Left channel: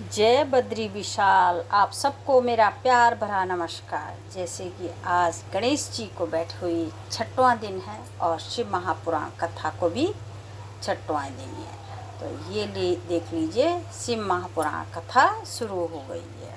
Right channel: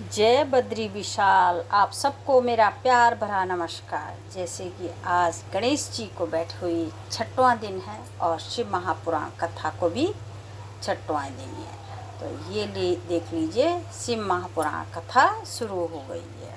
जय बद्री विशाल। आप सबको मेरा प्यार भरा नमस्कार। जैसे कि आज गणेश जी को बैठे हुई छठवां दिन है और शिव महापुराण कथा को भी छठवां दिन है, तो ये देख लीजिए शिव महापुराण कथा शुरू हो गई है।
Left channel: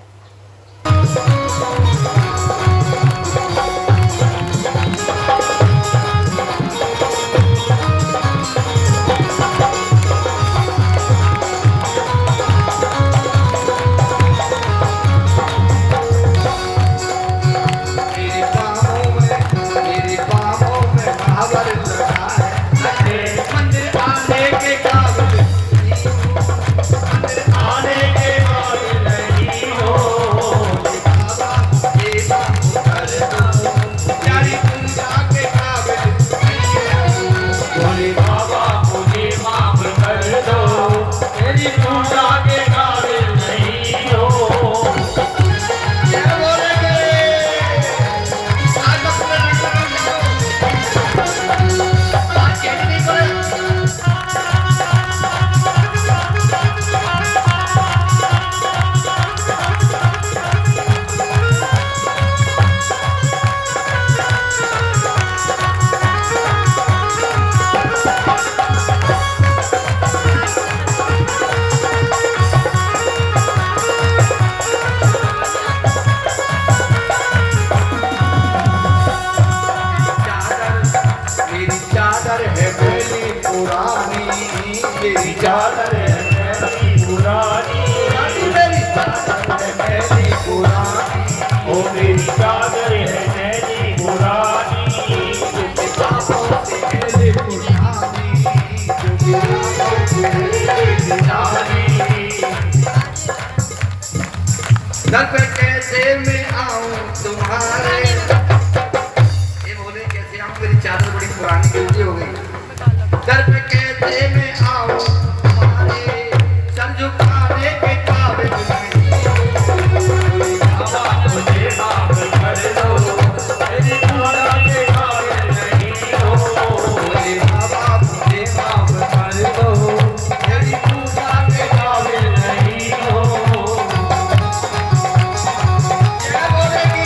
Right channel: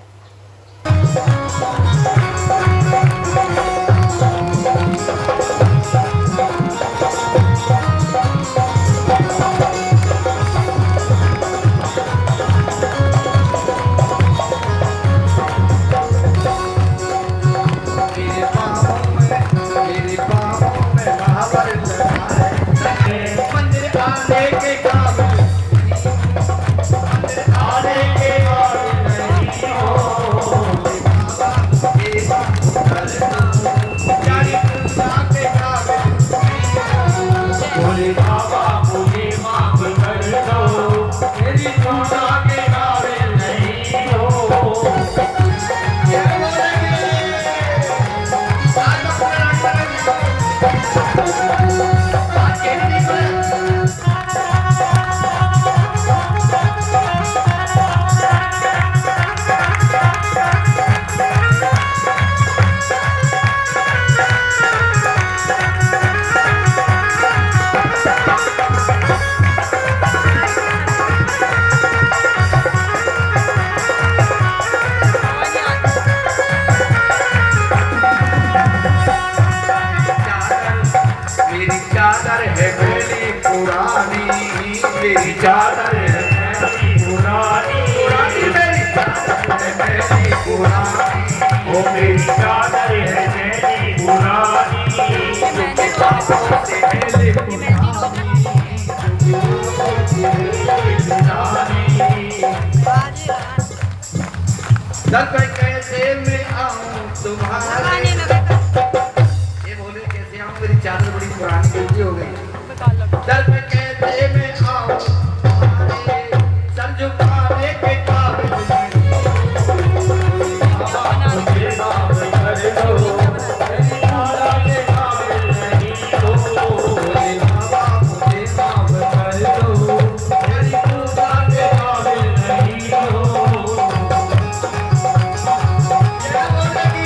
मेरी चादर है पुरानी, मेरी चादर है पुरानी, ओ मेरी चादर है पुरानी। कैसे मैं आऊं तुम्हारे, ये बोले कैसे आऊं, मेरी चादर बड़ी पुरानी गलती हो गई। दर पे कैसे मैं आऊं तुम्हारे, समझो खाने के काबिल नहीं। मुझे माफ कर दो, मेरी माला के काबिल नहीं हो। मेरे बाबा मुझे माफ कर दो, मेरी पूजा के काबिल नहीं हो। क्या बोलेगी?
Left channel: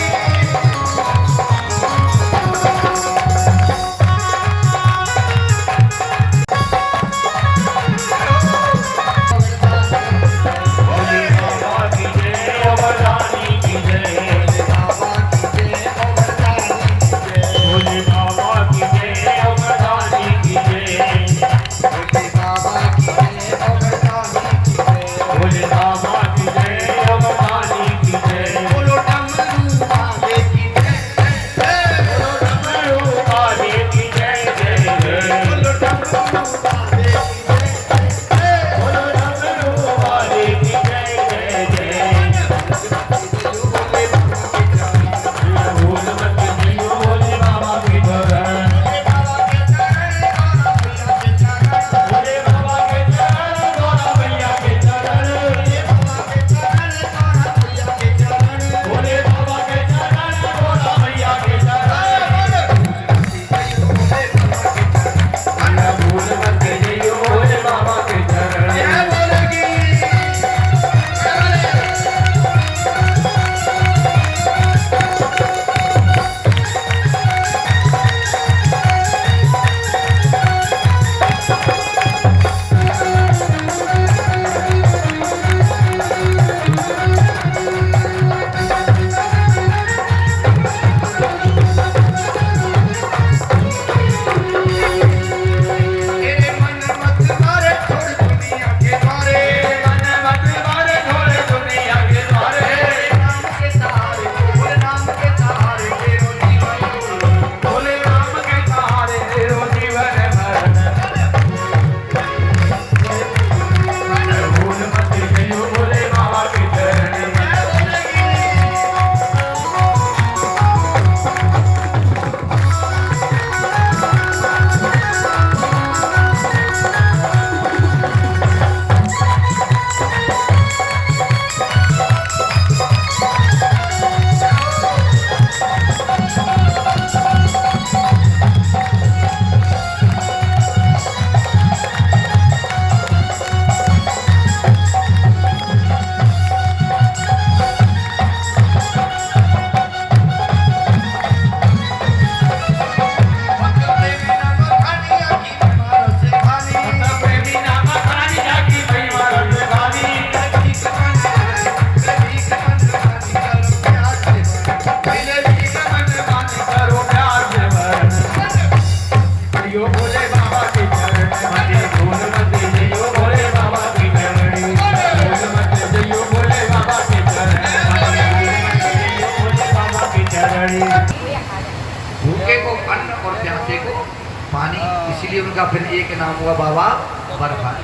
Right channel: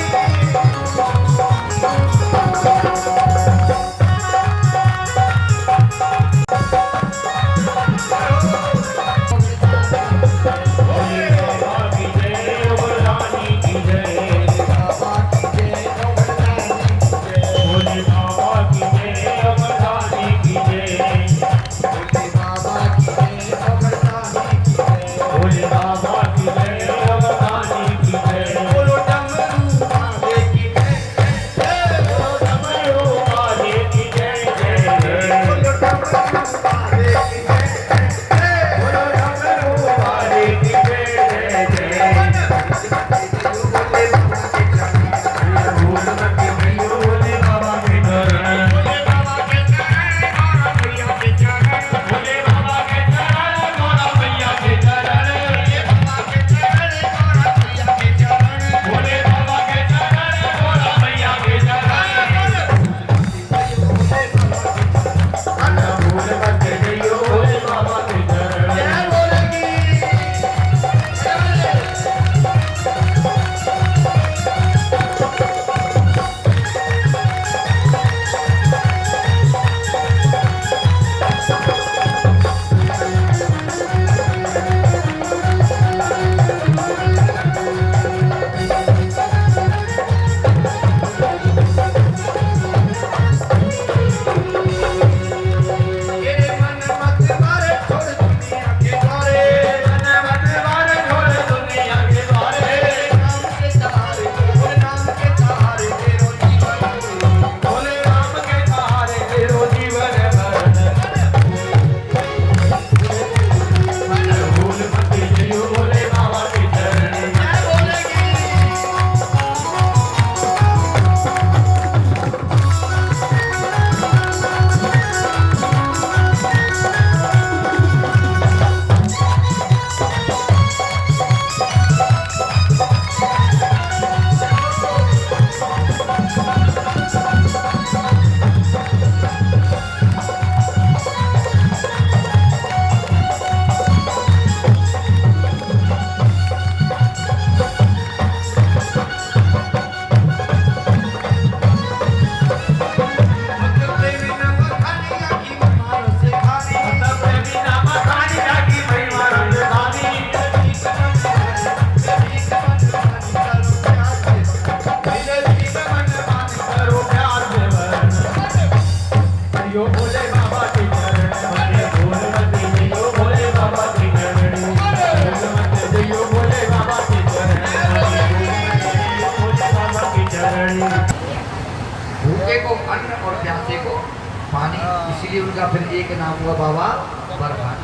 इसलिए उनका फिर एक नाम हुआ बाबा बर्फानी।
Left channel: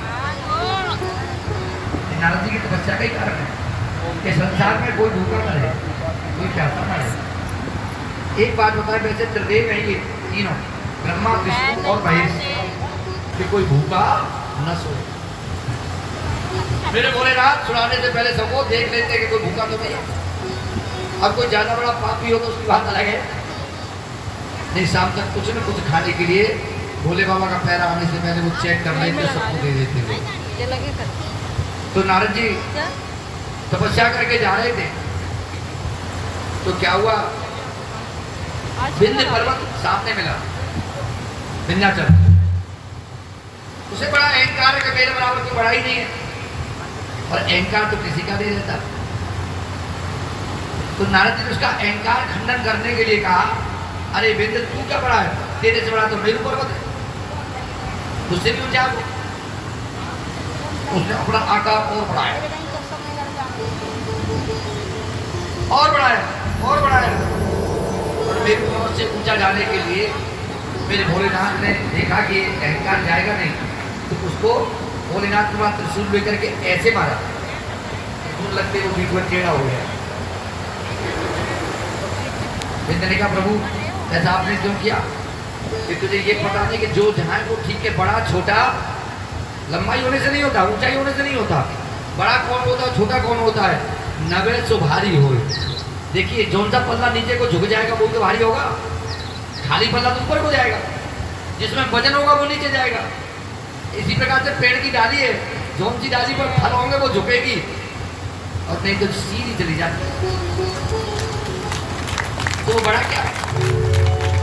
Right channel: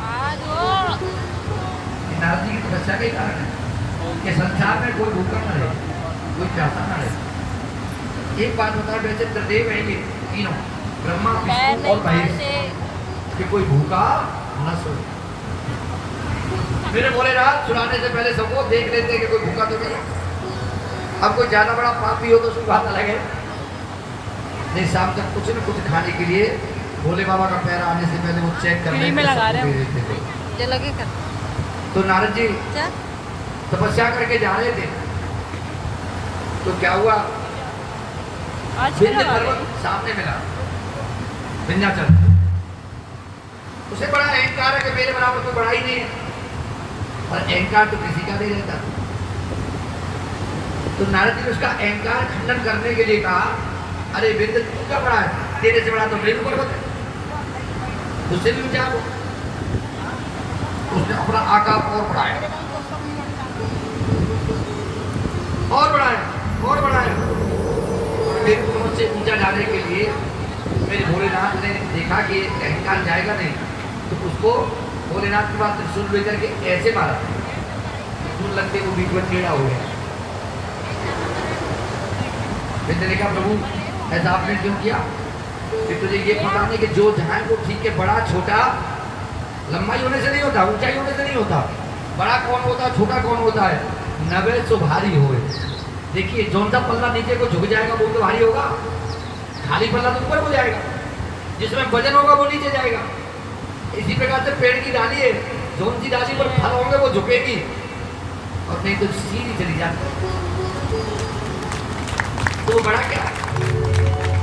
नारद जी की तपस्या का ही कारण है कि संसार में कोई भूखा न रहे, कोई प्यासा न रहे। एक बात बताएं, वैसे त्रिदेव हैं ये तीनों, ब्रह्मा विष्णु और महेश, कि कोई भूखा न सोए। मेरे भोलेनाथ सुनाने से पहले सबको देख लेते कि कोई भूखा तो नहीं है। अब कोई ज्यादा बड़ा पापी हो तो उसकी बात अलग है। नहीं, शाम तक कुछ न कुछ खाने के लिए भोले बाबा का पैर आने से पहले वो चेक कर लेते, दे देते थे। तो नारद जी तपस्या करके जा रहे थे, तो क्या हुआ, विंध्य पर्वत सामने मिला, विंध्याचल। उसे बड़ा अहंकार है कि मेरे बराबर तो बड़ा ही नहीं है, और अहंकार तो किसी का नहीं रहता। तो नारद जी ने उसका अहंकार खंडन करने के लिए कहा, अरे विंध्य तू क्या बड़ा है, तेरे से बड़ा तो मेरु पर्वत है, उससे भी ऊंचा। उसने अपना आकार और बढ़ाया, और बढ़ाया, और बढ़ाया। और मेरे पर्वत से ऊंचा जाने के लिए मेरे भोलेनाथ ने देखा कि अहंकार जाएगा नहीं, तो उसको भोलेनाथ के बाद त्रिशूल लेकर के ऐसे मारा, त्रिशूल लगते वो बीच में टेढ़ा हो गया। विंध्य ने कहा, प्रभु ऐसा आपने क्यों किया कि तुझे ये पता नहीं कि जो जहाँ वो ठीक है, बड़ा छोटा लंबाई होने से नहीं होता, ऊंचाई होने से नहीं होता। बड़ा कौन होता है, छोटा कौन होता है, नवे सो भारी हो। देखिए जौन सा पल्ला नीचे को झुक जाएगा वो तो भारी होगा, खाली पल्ला तो ऊपर हो जाएगा, जिसमें वजन होगा वो नीचे जाएगा। इसी प्रकार से पेड़ की डाली है, जौन सी डाली पर फल होंगे वो झुकेगी, और नहीं तो सीधी चली जाती। तो बड़ा क्या है,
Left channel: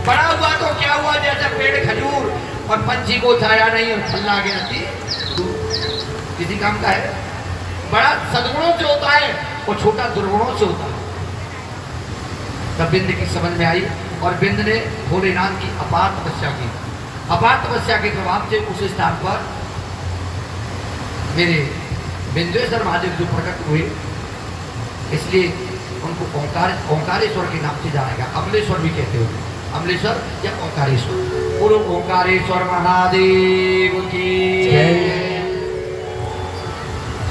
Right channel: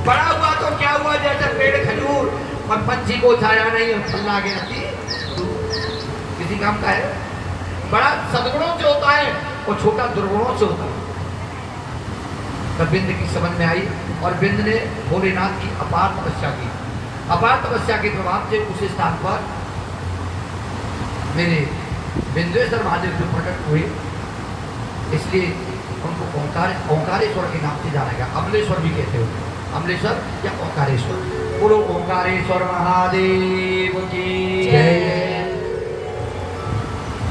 बड़ा हुआ तो क्या हुआ, जैसे पेड़ खजूर और पंछी को छाया नहीं और फल आगे रखती तो किसी काम का है। बड़ा सदगुणों से होता है और छोटा दुर्गुणों से होता है। तब बिंद की समझ में आई, और बिंद ने भोलेनाथ की अपार तपस्या की। अपार तपस्या के प्रभाव से उस स्थान पर मेरे बिंदेश्वर महादेव जो प्रकट हुए, इसलिए उनको ओंकारेश्वर के नाम से जाना गया। अमलेश्वर भी कहते होते, अमलेश्वर या ओंकारेश्वर। बोलो ओंकारेश्वर महादेव की जय।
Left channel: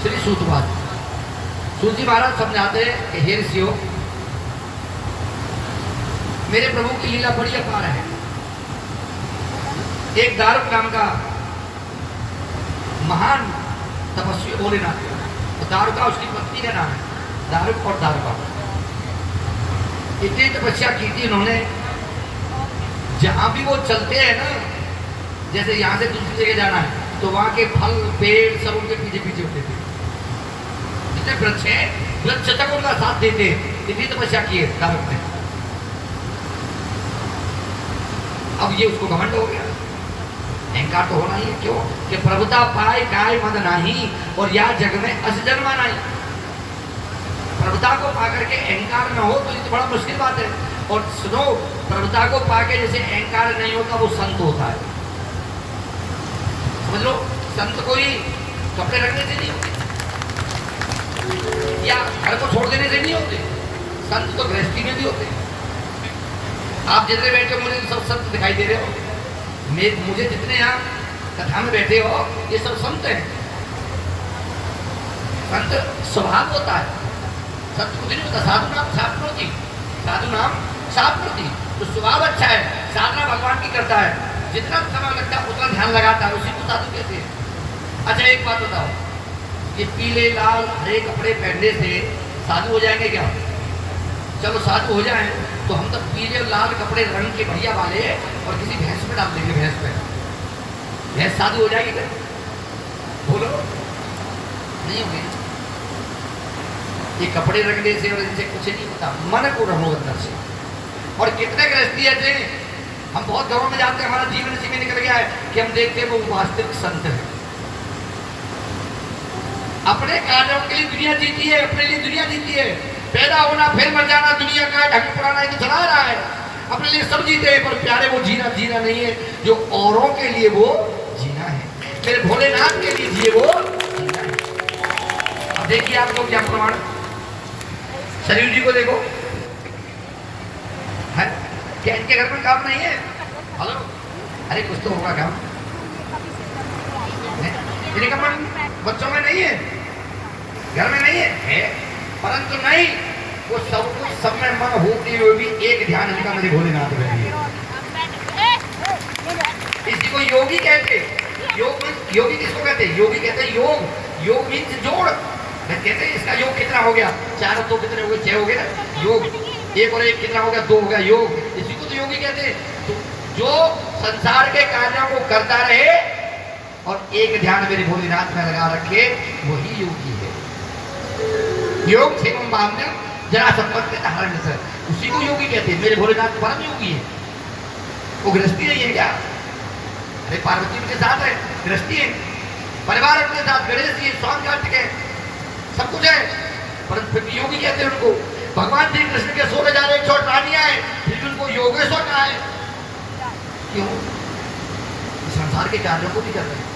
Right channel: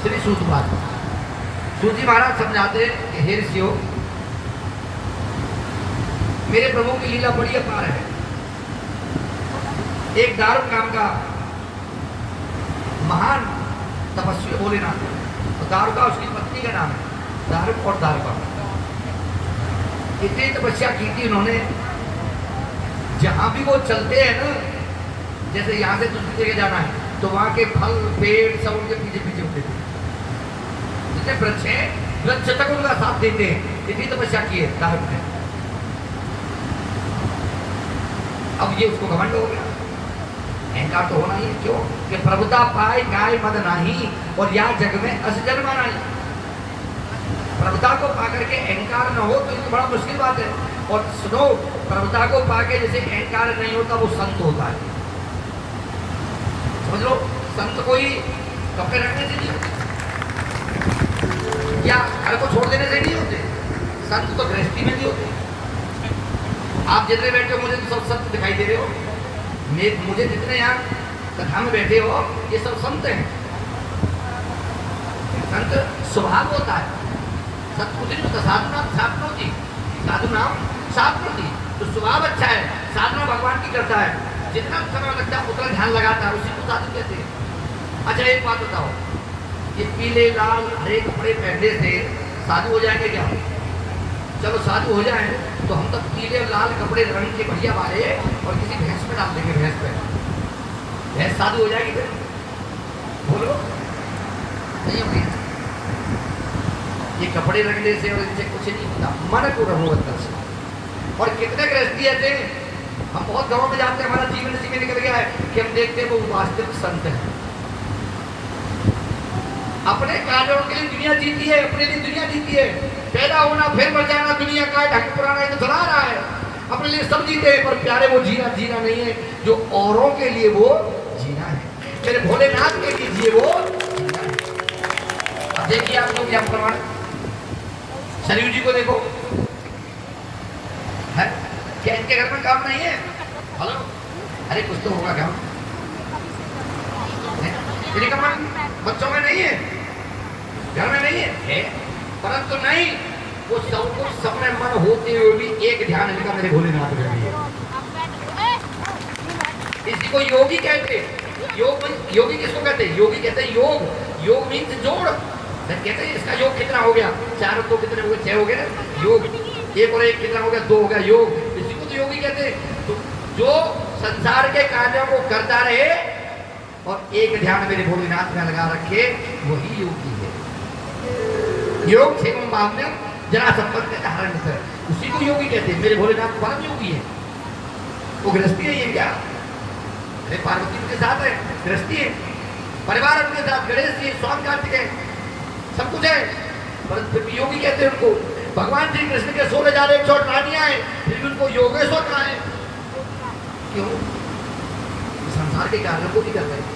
श्री सूत जी महाराज समझाते हैं कि हे ऋषियों, मेरे प्रभु की लीला बड़ी अपार है। एक दारुक नाम का महान तपस्वी भोलेनाथ, तो दारुका उसकी पत्नी का नाम है, दारुक और दारुका। इतनी तपस्या की थी उन्होंने, जहां भी वो चलते हैं ना, जैसे यहाँ से दूसरी जगह जाना है तो वहां के फल पेड़ सब उनके पीछे पीछे होते थे। जितने वृक्ष हैं, वृक्ष तक उनका साथ देते हैं। इतनी तपस्या की है दारुक ने। अब ये उसको घमंड हो गया, अहंकार तो होना ही है। क्यों कि प्रभुता पाए गाय मद नाही, और या जग में असजन्मा नहीं। प्रभुता को पाकर के अहंकार न हो तो ये तो बड़ा मुश्किल बात है। और सुनो, प्रभुता को पाके जैसे अहंकार नहीं होता वो संत होता है। समझ लो, संत कोई कपड़े रखने से नहीं होते या घर को छोड़ देने से नहीं होते, संत तो गृहस्थी में भी होते। आप जितने बैठे हो, मुझे सब संत दिखाई दे रहे हो। मुझे जितने यहाँ कथा में बैठे हो, ये सब संत हैं। संत स्वभाव होता है, संत कुछ नहीं होता। साधु नाम साधुनोती, साधु नाम साधुनोती। तो स्वभाव अच्छा है, साधना भगवान की करता है, जितना समय लगता है उतना ध्यान लगाता है, उसी को साधु कहते हैं। अच्छा एक बात बताओ, ये पीले लाल हरे कपड़े पहनने से साधु हो जाएंगे क्या? चलो साधु हो जाए तो हम तब पीले और लाल कपड़े रंग के बढ़िया वाले और किसी भैंस पे डाल देंगे, भैंस पे, भैंस साधु हो जाएगी क्या? बोलो, नहीं हो गया। ये कपड़े रखने से और इनसे कुछ नहीं होता, मन को रहो अंदर से। और कितने गृहस्थी ऐसे, हम बहुत घरों में जाते हैं, हमारा जीवन इसी में निकल गया है कि हम देखते हैं वो वास्तविक संत है। अपने कार्यों के लिए दुनिया जीती है, अपने लिए दुनिया जीती है। पैदा होना फिर मर जाना, दुनिया का ढंग पुराना तो चला रहा है। अपने लिए सब जीते हैं, पर प्यारे वो जीना नहीं है जो औरों के लिए वो जीना है। मेरे भोलेनाथ के लिए जिए वो जीना है। अब देखिए आप लोग क्या प्रमाण, सरयू जी को देखो, है क्या इनके घर में काम नहीं है? हेलो, अरे कुछ तो होगा काम। इन्हीं का मन बच्चों में नहीं है, घर में नहीं है, परंतु नहीं, वो सब में मन होते हुए भी एक ध्यान इनका मेरे भोलेनाथ में है। इसी को योगी कहते हैं। योगी किसको कहते हैं? योगी कहते हैं योग मीन्स जोड़। कहते हैं इसका योग कितना हो गया, 4 तो कितने हो गए, 6 हो गए ना योग, 1 और 1 कितना हो गया, 2 हो गया योग। इसी को तो योगी कहते हैं। तो जो संसार के कार्यों को करता रहे और एक ध्यान मेरे भोलेनाथ में लगा रखे, वही योगी है। योग क्षेम भावना जरा संपत्ति का हरण से, उसी को योगी कहते हैं। मेरे भोलेनाथ परम योगी है। वो गृहस्थी नहीं है क्या? अरे पार्वती के साथ है, गृहस्थी है, परिवार अपने साथ, गणेश जी, स्वामी कार्तिकेय, सब कुछ है, परंतु फिर योगी कहते हैं उनको। भगवान श्री कृष्ण के 16,108 रानियां हैं, फिर भी उनको योगेश्वर कहा है। क्यों? संसार के कार्यों को भी कर रहे हैं।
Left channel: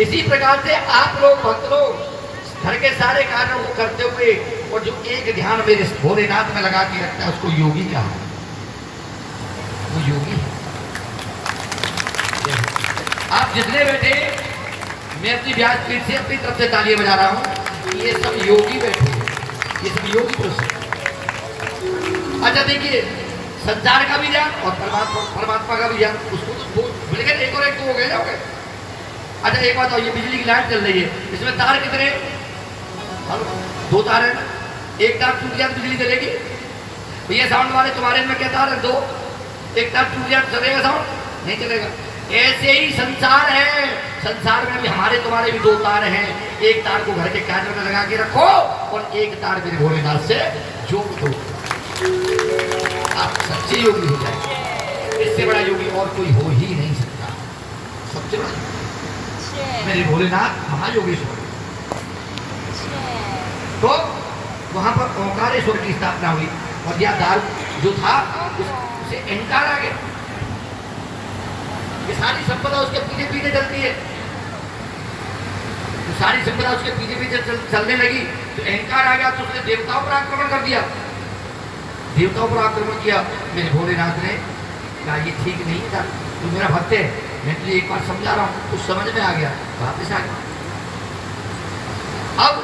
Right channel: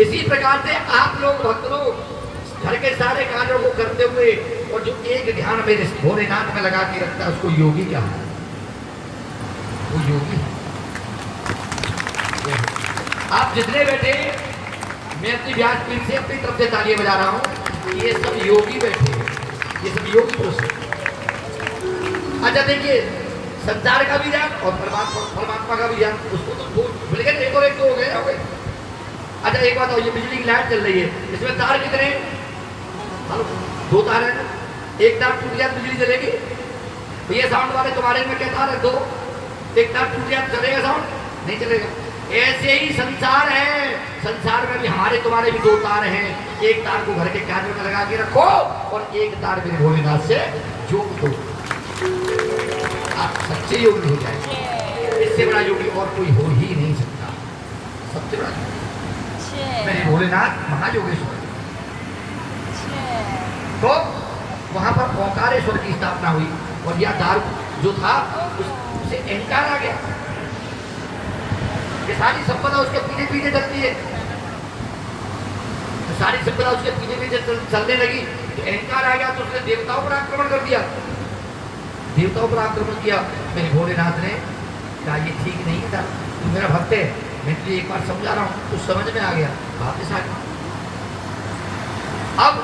इसी प्रकार से आप लोग भक्त लोग घर के सारे कार्यों को करते हुए और जो एक ध्यान मेरे भोलेनाथ में लगा के रखता है, उसको योगी कहा है। वो योगी है। आप जितने बैठे, मैं अपनी व्यासपीठ से अपनी तरफ से तालियां बजा रहा हूं, ये सब योगी बैठे हैं, ये सब योगी पुरुष हैं। अच्छा देखिए, संसार का भी ज्ञान और परमात्मा का भी ज्ञान, उसको तो भूल गए, 1 और 1 तो हो गए। अच्छा एक बात, ये बिजली की लाइट चल रही है, इसमें तार कितने हैं? 2 तार है ना, एक तार टूट जाए बिजली चलेगी? भैया साउंड वाले, तुम्हारे में क्या तार है? 2, एक तार टूट जाए चलेगा साउंड? नहीं चलेगा। ऐसे ही संसार है, संसार में भी हमारे तुम्हारे भी 2 तार हैं। एक तार को घर के कार्यों में लगा के रखो और एक तार मेरे भोलेनाथ से जोड़ दो, आप सच्चे योगी हो जाए। इससे बड़ा योगी और कोई हो ही नहीं सकता। सबसे बड़ा मेरे भोलेनाथ महायोगेश्वर। तो वहां पर ओंकारेश्वर की स्थापना हुई और यह द्वार जो था उसे अहंकार आ गया। ये सारी संपदा उसके पीछे पीछे चलती है, तो सारी संपदा उसके पीछे पीछे चलने लगी, तो अहंकार आ गया, तो उसने देवताओं पर आक्रमण कर दिया। देवताओं पर आक्रमण किया। मेरे भोलेनाथ ने कहा ये ठीक नहीं था, तू मेरा भक्त है, मैं तुझे एक बार समझा रहा हूँ, कुछ समझ में आ गया, वापिस आ गया। अब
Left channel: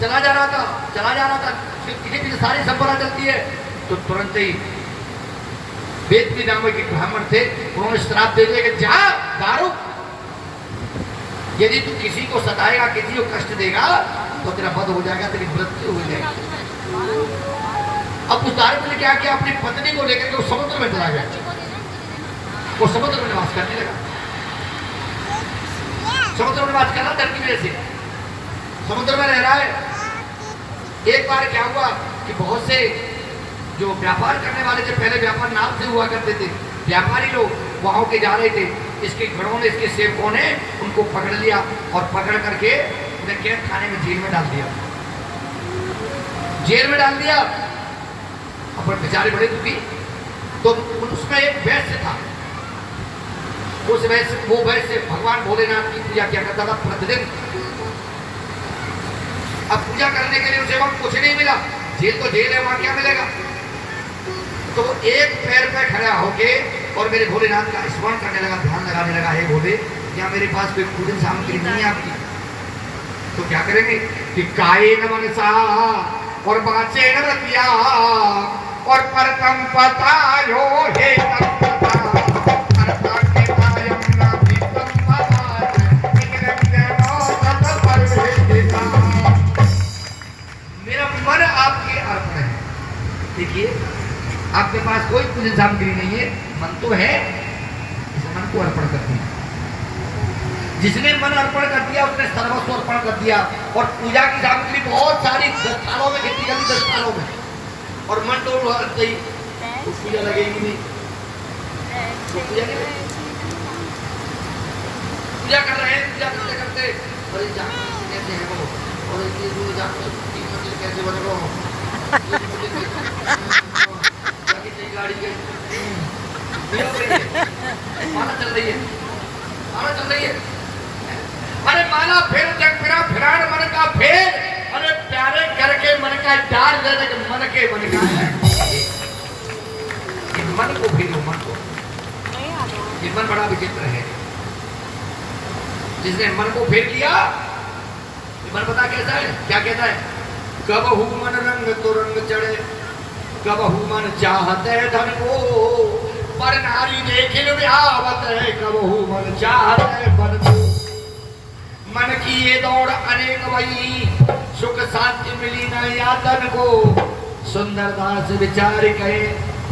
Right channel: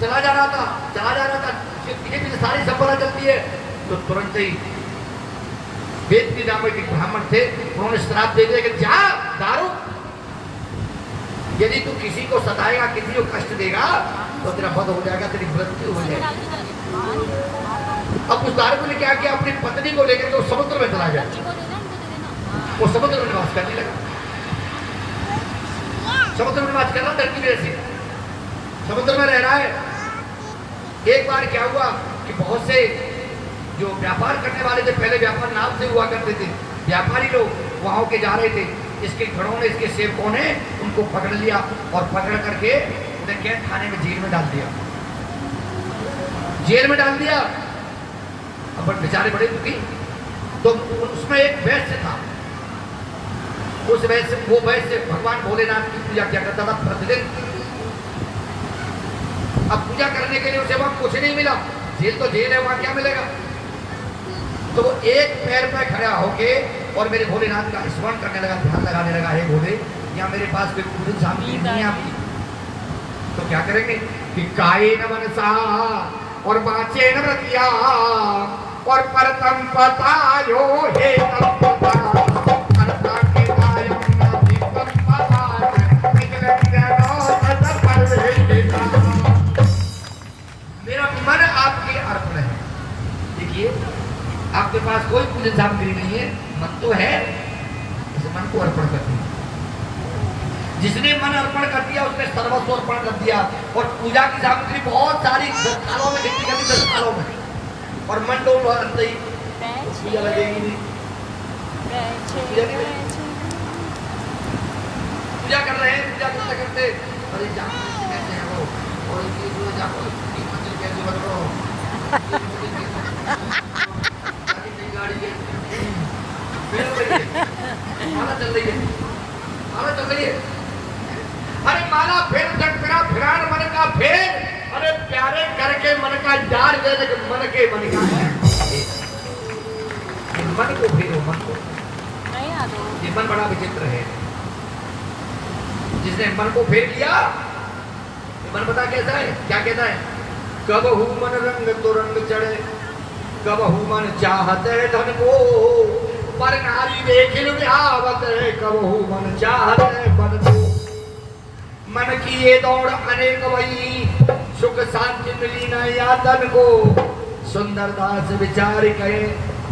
चला जा रहा था, पीछे पीछे सारी संपदा चलती है, तो तुरंत ही वेद के नाम के ब्राह्मण थे, उन्होंने श्राप दे दिया कि जा दारू, यदि तू किसी को सताएगा, किसी को कष्ट देगा, तो तेरा वध हो जाएगा, तेरी मृत्यु हो जाएगी। अब उस दारू ने क्या किया, अपनी पत्नी को लेकर के वो समुद्र में चला गया। वो समुद्र में निवास करने लगा। समुद्र में निवास करना धरती में, ऐसे समुद्र में रह रहा है। एक बार क्या हुआ कि बहुत से जो व्यापार करने वाले थे, पहले व्यापार नाम से हुआ करते थे, व्यापारी लोग वहां के जा रहे थे, इसके घरों ने, इसके सेवकों ने उनको पकड़ लिया और पकड़ करके उन्हें कैद खाने में, जेल में डाल दिया। जेल में डाल दिया। अब बेचारे बड़े दुखी। तो उसमें एक वैश्य था, वो वैश्य भगवान भोलेनाथ की पूजा किया करता था प्रतिदिन। अब पूजा करने के लिए उसे वहां कुछ नहीं मिला, जेल तो जेल है, वहां क्या मिलेगा? तो वो एक पैर पे खड़ा होके और मेरे भोलेनाथ का स्मरण करने लगा, ध्यान लगाने लगा, हे भोले, या मेरे पास कोई पूजन सामग्री नहीं है आपकी, तो क्या करेंगे कि कायेन मनसा और वाचेन रतिया और परतम पतायो हे तम पता परता के पायम अभितम पताज विज्ञानो तत परवेशिता। मेरा मन आपके अर्पण है। देखिए, आपके पास कोई पूजन सामग्री नहीं है, मन तो है, इस मन को अर्पण कर दिया। जिसने मन अर्पण कर दिया उसने सर्वस्व अर्पण कर दिया। और पूजा की सामग्री बहुत सारी 10 थालों में कितनी करनी, 10 थालों में, और मन तो नहीं, तो पूजा लगेगी नहीं। पूजा कर रहे हैं, पूजा करते करते अरे कहते हैं वो, और कैसे बन रहा हो, गाड़ी माला चल रही है, माला चल रही है। अरे माला फिर जग फिरा फिरान मन का फेर, अरे प्यारे करके मन का डाल दे दे, मन के मन का मन को फेरो, मन को। ये मन बड़ा विचित्र है। जिसने मन को फेर लिया, मन पता कैसा है, क्या कहता है, कब हूँ मन रंग तो रंग चढ़े, कब हूँ मन चाहते धन को, पर नारी देखिल ब्यावत है, कब हूँ मन चाहते बन को। मन की ये दौड़ अनेक वही, सुख शांति मिली न यातन को, सुंदरता से विचार कहे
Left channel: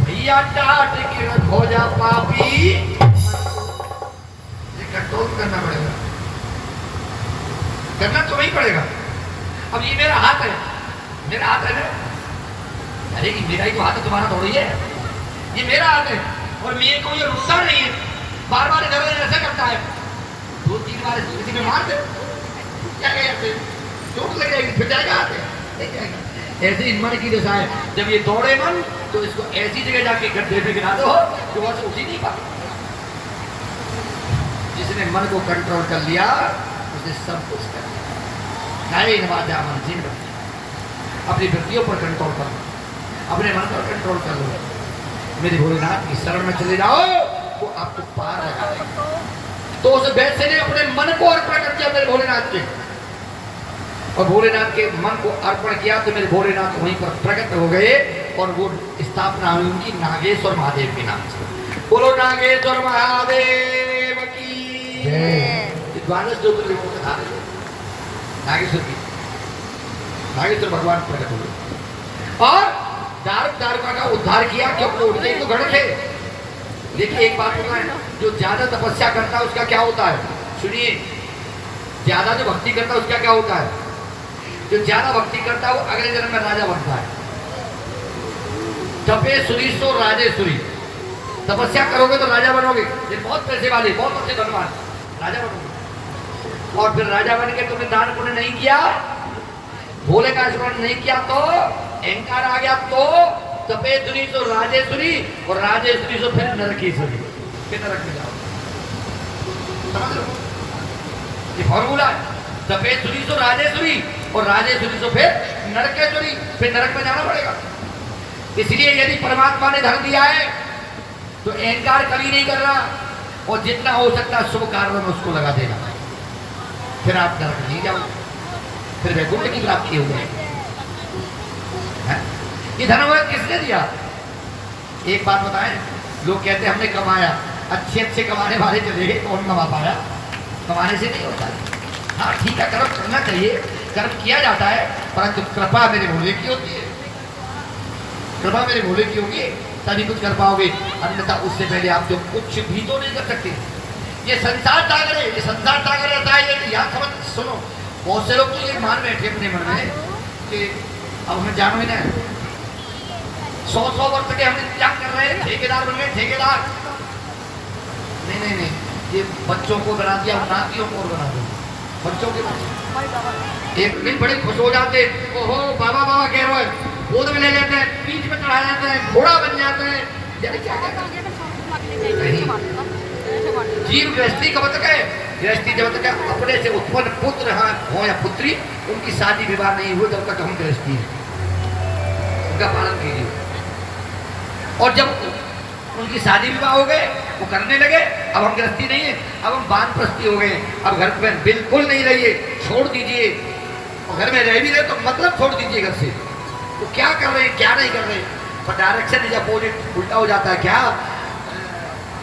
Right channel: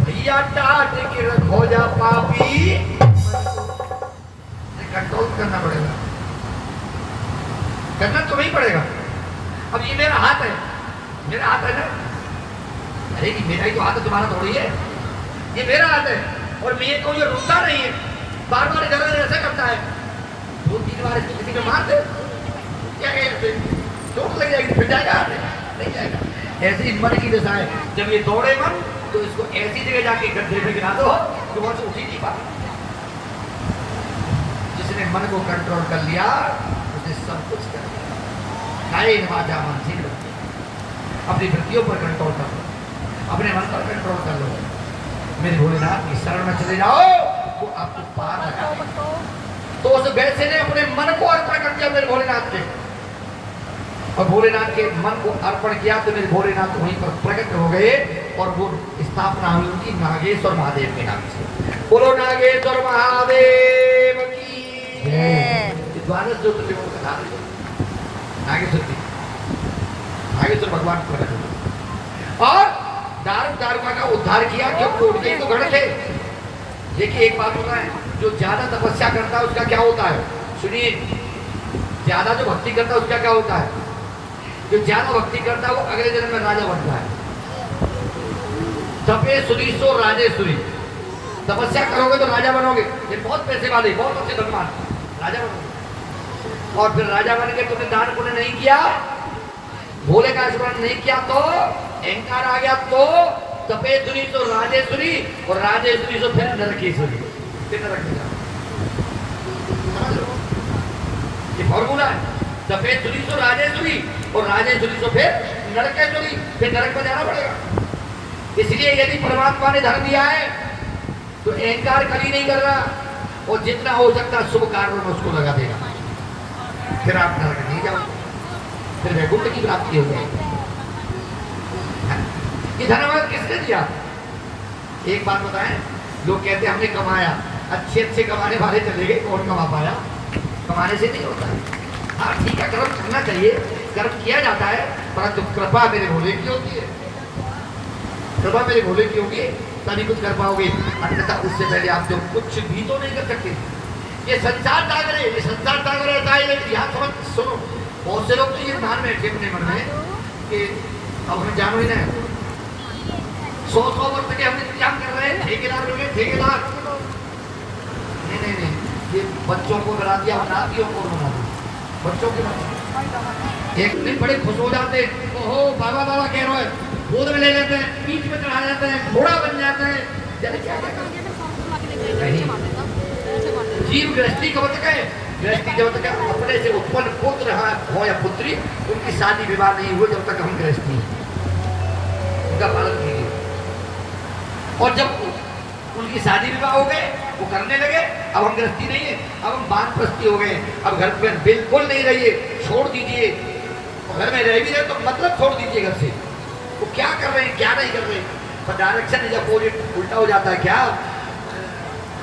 भैया डांट के रखो जा पापी। कंट्रोल करना पड़ेगा, करना तो नहीं पड़ेगा। अब ये मेरा हाथ है, मेरा हाथ है ना, अरे ये मेरा ही तो हाथ है, तुम्हारा थोड़ी है, ये मेरा हाथ है। और मेरे को ये रोता नहीं है, बार बार इधर उधर ऐसे करता है, 2-3 बार इसको किसी में मार दे, क्या कहते चोट लग जाएगी, फिर जाएगा हाथ नहीं जाएगा। ऐसे ही मन की दशा है, जब ये दौड़े मन तो इसको ऐसी जगह जाके गड्ढे में गिरा दो कि वो उठ ही नहीं पाए। जिसने मन को कंट्रोल कर लिया उसने सब कुछ कर लिया। मन जीव अपनी वृत्तियों पर कंट्रोल कर लो, अपने मन पर कंट्रोल कर लो, मेरे भोलेनाथ की शरण में चले जाओ, वो आपको पार लगाएगा। तो उस वैसे ने अपने मन को अर्पण कर दिया मेरे भोलेनाथ के, और भोलेनाथ के मन को अर्पण किया तो मेरे भोलेनाथ वहीं पर प्रकट हो गए, और वो स्थापना हुई उनकी नागेश्वर महादेव के नाम से। बोलो नागेश्वर महादेव की द्वादश ज्योतिर्लिंगों को बता दे, नागेश्वर की, नागेश्वर भगवान प्रकट हुए और दारुका का उद्धार किया, क्योंकि उनके तो गढ़ थे। देखिए एक बात होता है, जो ज्यादा तपस्या करता है उसका क्या होता है, सुनिए, ज्यादा जो भक्ति करता है उसका क्या होता है, जो ज्यादा भक्ति करता है वो अगले जन्म में राजा बनता है। तपे सुरीसो राजेश्वरी, तपस्या करोगे तो राजा बनोगे, ये बहुत पैसे वाले, बहुत अच्छे धनवान, राजा बनोगे। और फिर राजा बन के तुमने दान पुण्य नहीं किया, भोले का स्मरण नहीं किया, तो अहंकार आ गया, तो तपे सुरीसो राजेश्वरी, और राजेश्वरी से फिर नरकेश्वरी, कितना नरक में जाओ, समझ लो ये फॉर्मूला है। सफेद सुरी तो राजेश्वरी, और राजेश्वरी तो फिर नरकेश्वरी, फिर नरक में जाना पड़ेगा। इसलिए यदि परमात्मा ने धर्म दिया है तो अहंकार कभी नहीं करना, और जितना हो सकता है शुभ कार्यों में उसको लगा देगा, फिर आप नरक नहीं जाओगे, फिर वैकुंठ की प्राप्ति हो जाएगी। ये धर्म किसने दिया? एक बात बताएं, लोग कहते हैं हमने कमाया, अच्छे अच्छे कमाने वाले चले गए, कौन कमा पाया? कमाने से नहीं होता है। हाँ ठीक है, कर्म करना चाहिए, कर्म किया जाता है, परंतु कृपा मेरे भोले की होती है, कृपा मेरे भोले की होगी तभी कुछ कर पाओगे, अन्यथा उससे पहले आप जो कुछ भी तो नहीं कर सकते। ये संसार सागर है, ये संसार सागर रहता है, ये याद समझ सुनो। बहुत से लोग तो ये मान बैठे अपने मन में कि अब हमें जानो ही ना, 100 वर्ष के हम इंतजाम कर रहे हैं, ठेकेदार बन गए, ठेकेदार नहीं नहीं नहीं, ये बच्चों को बना दिया, नातियों को बना दिया, बच्चों के बच्चे एक दिन बड़े खुश हो जाते, ओहो बाबा बाबा कह रहे हैं, गोद में ले लेते हैं, पीठ में चढ़ाया जाता है, घोड़ा बन जाता है, क्या क्या जीव गृहस्थी कब तक है? गृहस्थी जब तक अपने से उत्पन्न पुत्र हो या पुत्री, उनकी शादी विवाह नहीं हुए जब तक हम गृहस्थी है, उनका पालन कीजिए। और जब उनकी शादी विवाह हो गए, वो करने लगे, अब हम गृहस्थी नहीं है, अब हम वानप्रस्थी हो गए, अब घर में बिल्कुल नहीं रहिए, छोड़ दीजिए, घर में रह भी रहे तो मतलब छोड़ दीजिए घर से। वो क्या कर रहे हैं, क्या नहीं कर रहे, पर डायरेक्शन इज अपोजिट, उल्टा हो जाता है। क्या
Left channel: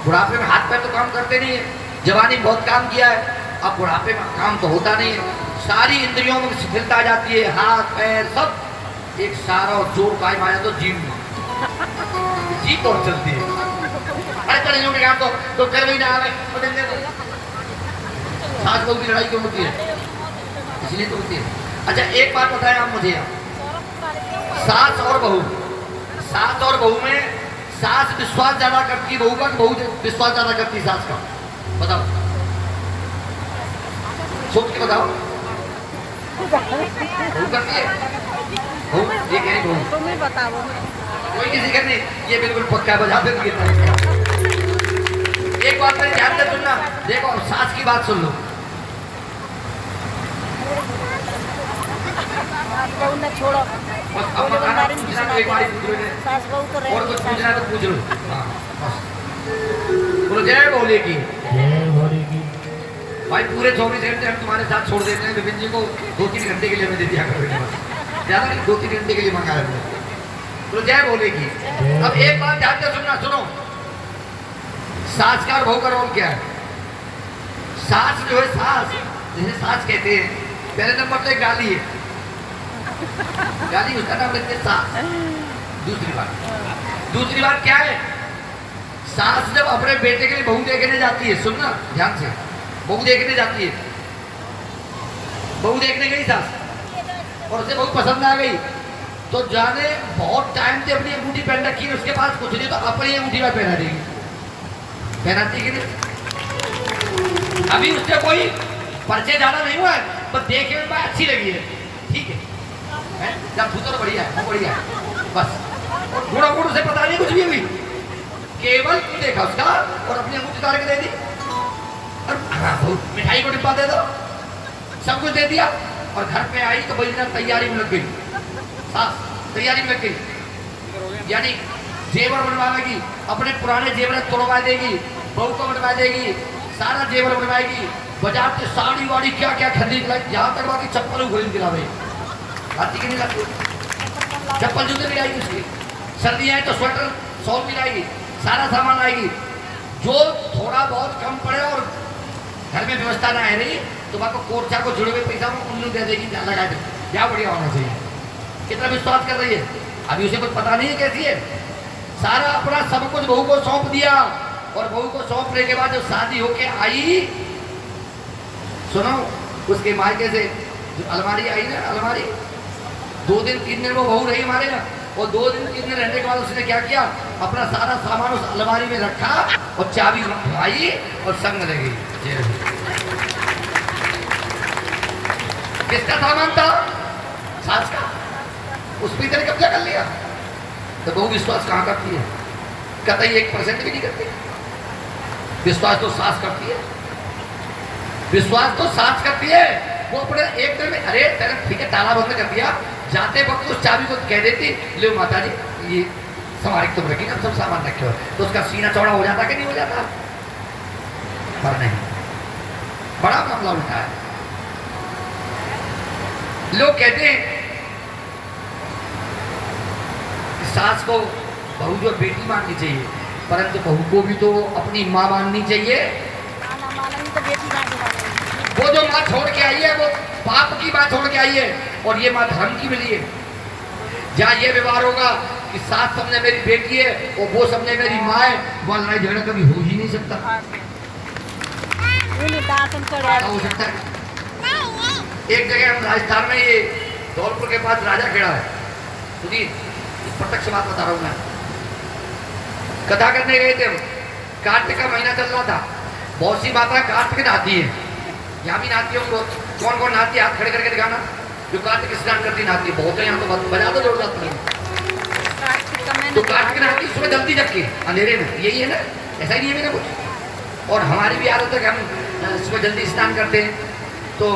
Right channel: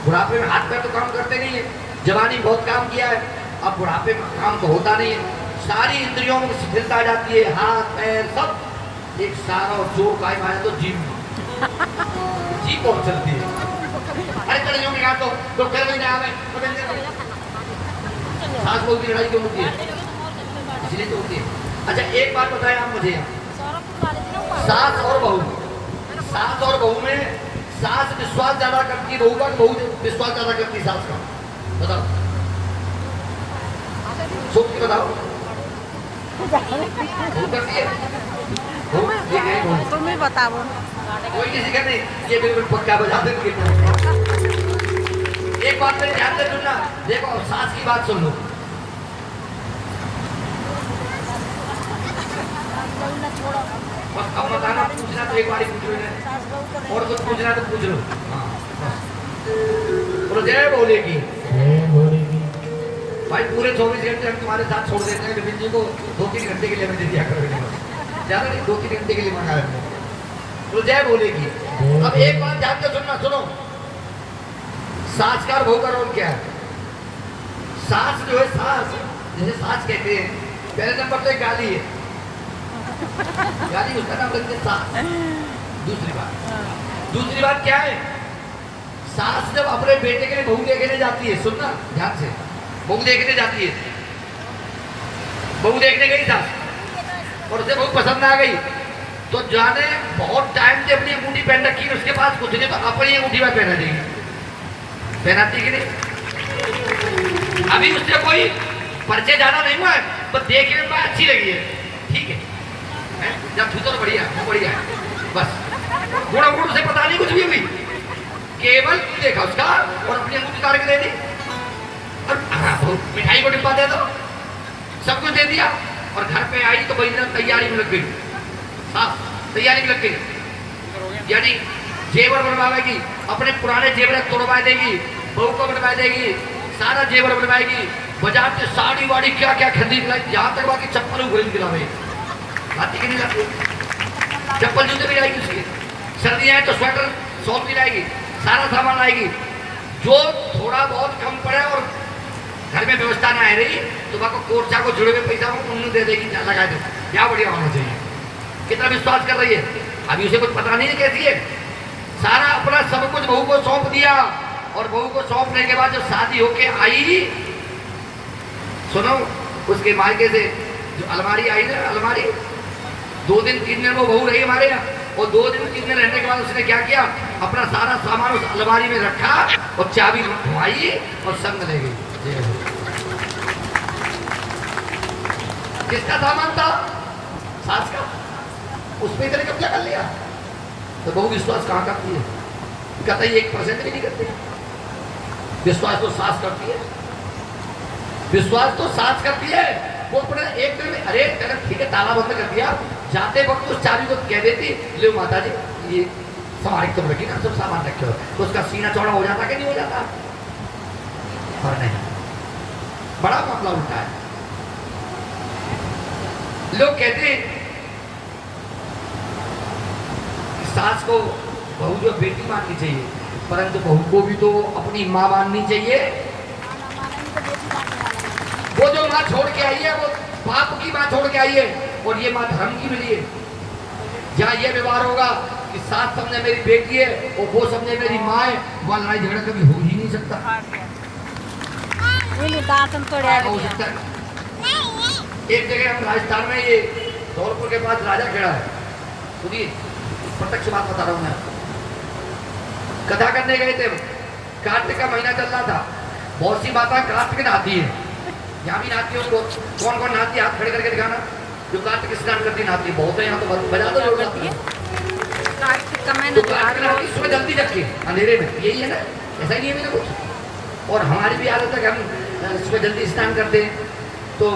बुढ़ापे में हाथ पैर तो काम करते नहीं है, जवानी में बहुत काम किया है, अब बुढ़ापे में काम तो होता नहीं है, सारी इंद्रियों में शिथिलता आ जाती है, हाथ पैर सब एक सारा और जोर कायम आ जाता है, जीभ और चलती है। अरे चलिए में आप तो कर भी ना आवे, सास बहू की लड़ाई क्यों होती है? इसलिए तो होती है। अच्छा एक बात बताएं आप मुझे, सास और बहू में सास विश्वास ज्यादा करती है बहू का, बहू विश्वास ज्यादा करती है सास का? बताओ, सोच के बताओ। बहू करती है, ये कह रही तुम ही बताओ। कोई किसी का नहीं, ये बिल्कुल पक्का बजा देती है। एक बात मेरे ध्यान से सुनना, देखो सास की बात सुन लो, अब बताना, पूछना तो एक बार पूछ लो, और कुछ पूछना तो पूछ लो। बोलो जय भोले की। भाई पूरे 24 घंटे हम तुम्हारे साथ छोड़ देते हैं, विपिन जी को 2-3 घंटे के लिए मैं दे दिया करो, ज्यादा नहीं 2-3 घंटे के लिए मंगा रहे हैं। तो जय बोलेगी। अब एक बात ध्यान से सुनना, सुनो, सास का और बहू का रोल क्या है? सास जो है, सास जिसे सास कहते हैं, पहले नंबर तो एक गाली है, गाली उसका नाम रखते हैं सास। दूसरी बात क्या है? सास जब अपने बेटे के लिए बहू देखने जाती है, सुनना ध्यान से, बहू देखने जाती है, बहू देखने गई सास और उसे बहू पसंद आ गई, तो जाने बहुत टाइम से अपनी अंगूठी पहन रखी है, उसके पास कुछ नहीं, तो अपनी अंगूठी में पहना देगी, पहनाती कि नहीं? अभी उससे कोई परिचय ज्यादा नहीं हुआ है, तो देखने में अच्छी लगी है, ठीक है, जब तो बढ़िया है, बढ़िया है, बस गुड़ उसे पता नहीं कुछ भी हुई, केवल देखा उसका और अपनी अंगूठी काट के दे दी, और मिठाई को डिब्बा दे दो, सब कुछ दे दिया, और घर पे आई तो वही तैयारी में लग गई, सास तैयारी में लग गई, यानी जेवर बनवाएगी, अपने पुराने जेवर तोड़वा देगी, बहू को बनवा देगी, सारा जेवर बनवाएगी, बाजार से साड़ी वाड़ी क्या क्या खरीद लाई, यहाँ तक बाकी चप्पल खरीद दिला रहे, लाती कि नहीं लाती? चप्पल जूते भी लाएगी उसकी, सर्दियाँ है तो स्वेटर शॉल भी लाएगी, सारा सामान लाएगी, जो थोड़ा बहुत कम पड़े और घर में व्यवस्था ना आ रही तो वहाँ को कोर्चा को जुड़े हुए पैसा को उन्नू दे देगी, लगा दे, क्या बढ़िया होना चाहिए। कितना विश्वास कर रही है, अभी उसे कुछ पता नहीं है कैसी है, सारा अपना सब कुछ बहू को सौंप दिया, और बहू को सौंपने के बाद जब शादी होके आई, सुनो, उसके मायके से जो अलमारी आई ना, अलमारी 2 दिन 3 दिन वो बहू रही हमारे ना, और 2 दिन 3 दिन रहने के बाद उसने क्या किया, अपना सारा सामान उस अलमारी में रखा और चाबी घुमाई और संग रह गई। किसका सामान था? सास का, उस पे इधर कब्जा कर लिया, तो बहू विश्वास कहाँ करती है? कहता है 1% भी नहीं करती, विश्वास तो सास करती है, विश्वास तो सास करती है, वो अपने एक दिन में, अरे ठीक है ताला बंद कर दिया, जाते वक्त उस चाबी को कह देती, ले माता जी ये संभाल तुम रखी ना, सब सामान रखे हो, तो उसका सीना चौड़ा हो जाता कि नहीं हो जाता? पर नहीं, बड़ा मामला उल्टा है। लोग कहते हैं सास को बहू जो बेटी माननी चाहिए, परंतु बहू को भी तो अपनी माँ माननी चाहिए। वो जो माँ छोड़ के आई है वो पाप की माँ छोड़ के आई है, और ये माँ धर्म की मिली है। जहाँ ये व्यवहार होगा कि सास समझे मेरी बेटी है और वो समझे मेरी माँ है, वो लड़ाई झगड़ा कभी हो ही नहीं सकता। हो सकता है। एक जगह हम राजस्थान में, ये धौलपुर के पास राजा खेड़ा है, सुनिए प्रत्यक्ष बात बता रहा हूँ मैं, कथा करने गए थे, कार्तिक का महीना चल रहा था, बहुत सी बातें कार्तिक नहाती है, यहाँ भी नहाती है, कौन कौन नहाती है हाथ खड़े करके दिखाना, जो कार्तिक स्नान करती नहाती है, बहुत है यहाँ तो बजा दो जोड़ जाती है, तो कार्तिक नहाती सुबह जल्दी जग के अंधेरे में, यही है ना, ऐसा ही नहीं है मेरा कुछ, और हमारी भी आदत है कि हम सुबह जल्दी स्नान करते हैं, तो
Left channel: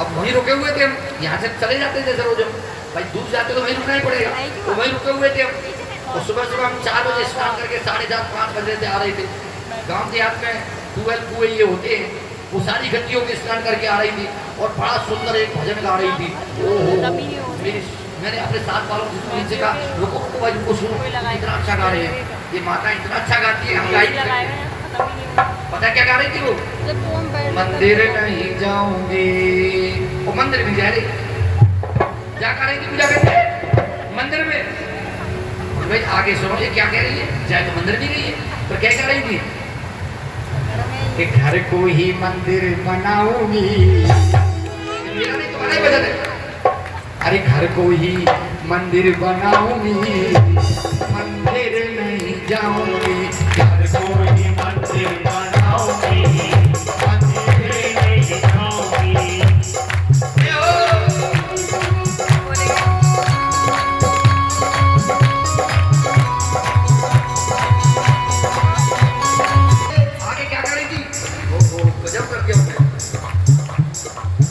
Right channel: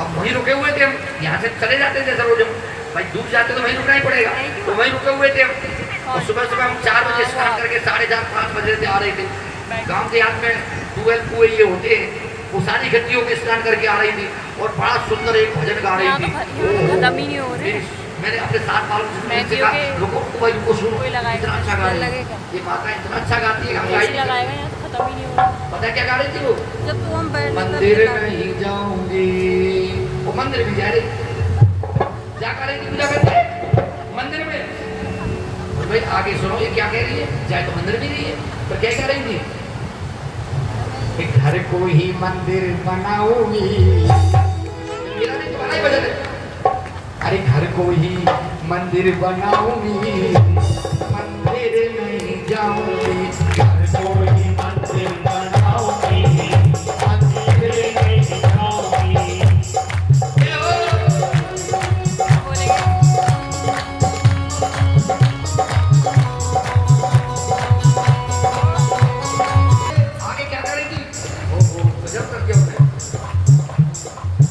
अब वहीं रुके हुए थे हम, यहाँ से चले जाते थे रोज हम, भाई दूर जाते तो वहीं रुकना ही पड़ेगा, तो वहीं रुके हुए थे हम, और सुबह सुबह हम 4 बजे स्नान करके 4:30-5 बजे से आ रहे थे, गांव के याद में 12 कुएं ये होते हैं, वो सारी गतियों में स्नान करके आ रही थी, और बड़ा सुंदर एक भजन गा रही थी, मैंने अपने साथ वालों से कहा रुको भाई रुको, सुनो इतना अच्छा गा रही है ये माता, इतना अच्छा गाती है, हम गाई, पता क्या गा रही थी वो, मंदिर नहीं जाऊंगी, वो मंदिर में जा रही, क्या कर रही थी, पूजा करते मंदिर में, तो भाई आगे सुनो ये क्या कह रही है, जाए तो मंदिर भी नहीं है, तो क्या कह रही थी, कि घर को ही मंदिर बनाऊंगी, मेरा नहीं तुम्हारा ही वजन है, अरे घर को ही मंदिर बनाऊंगी, मंदिर नहीं जाऊंगी, घर को ही मंदिर बनाऊंगी, मंदिर नहीं जाऊंगी। आगे क्या कर रही थी, गजब कर दिया उसने,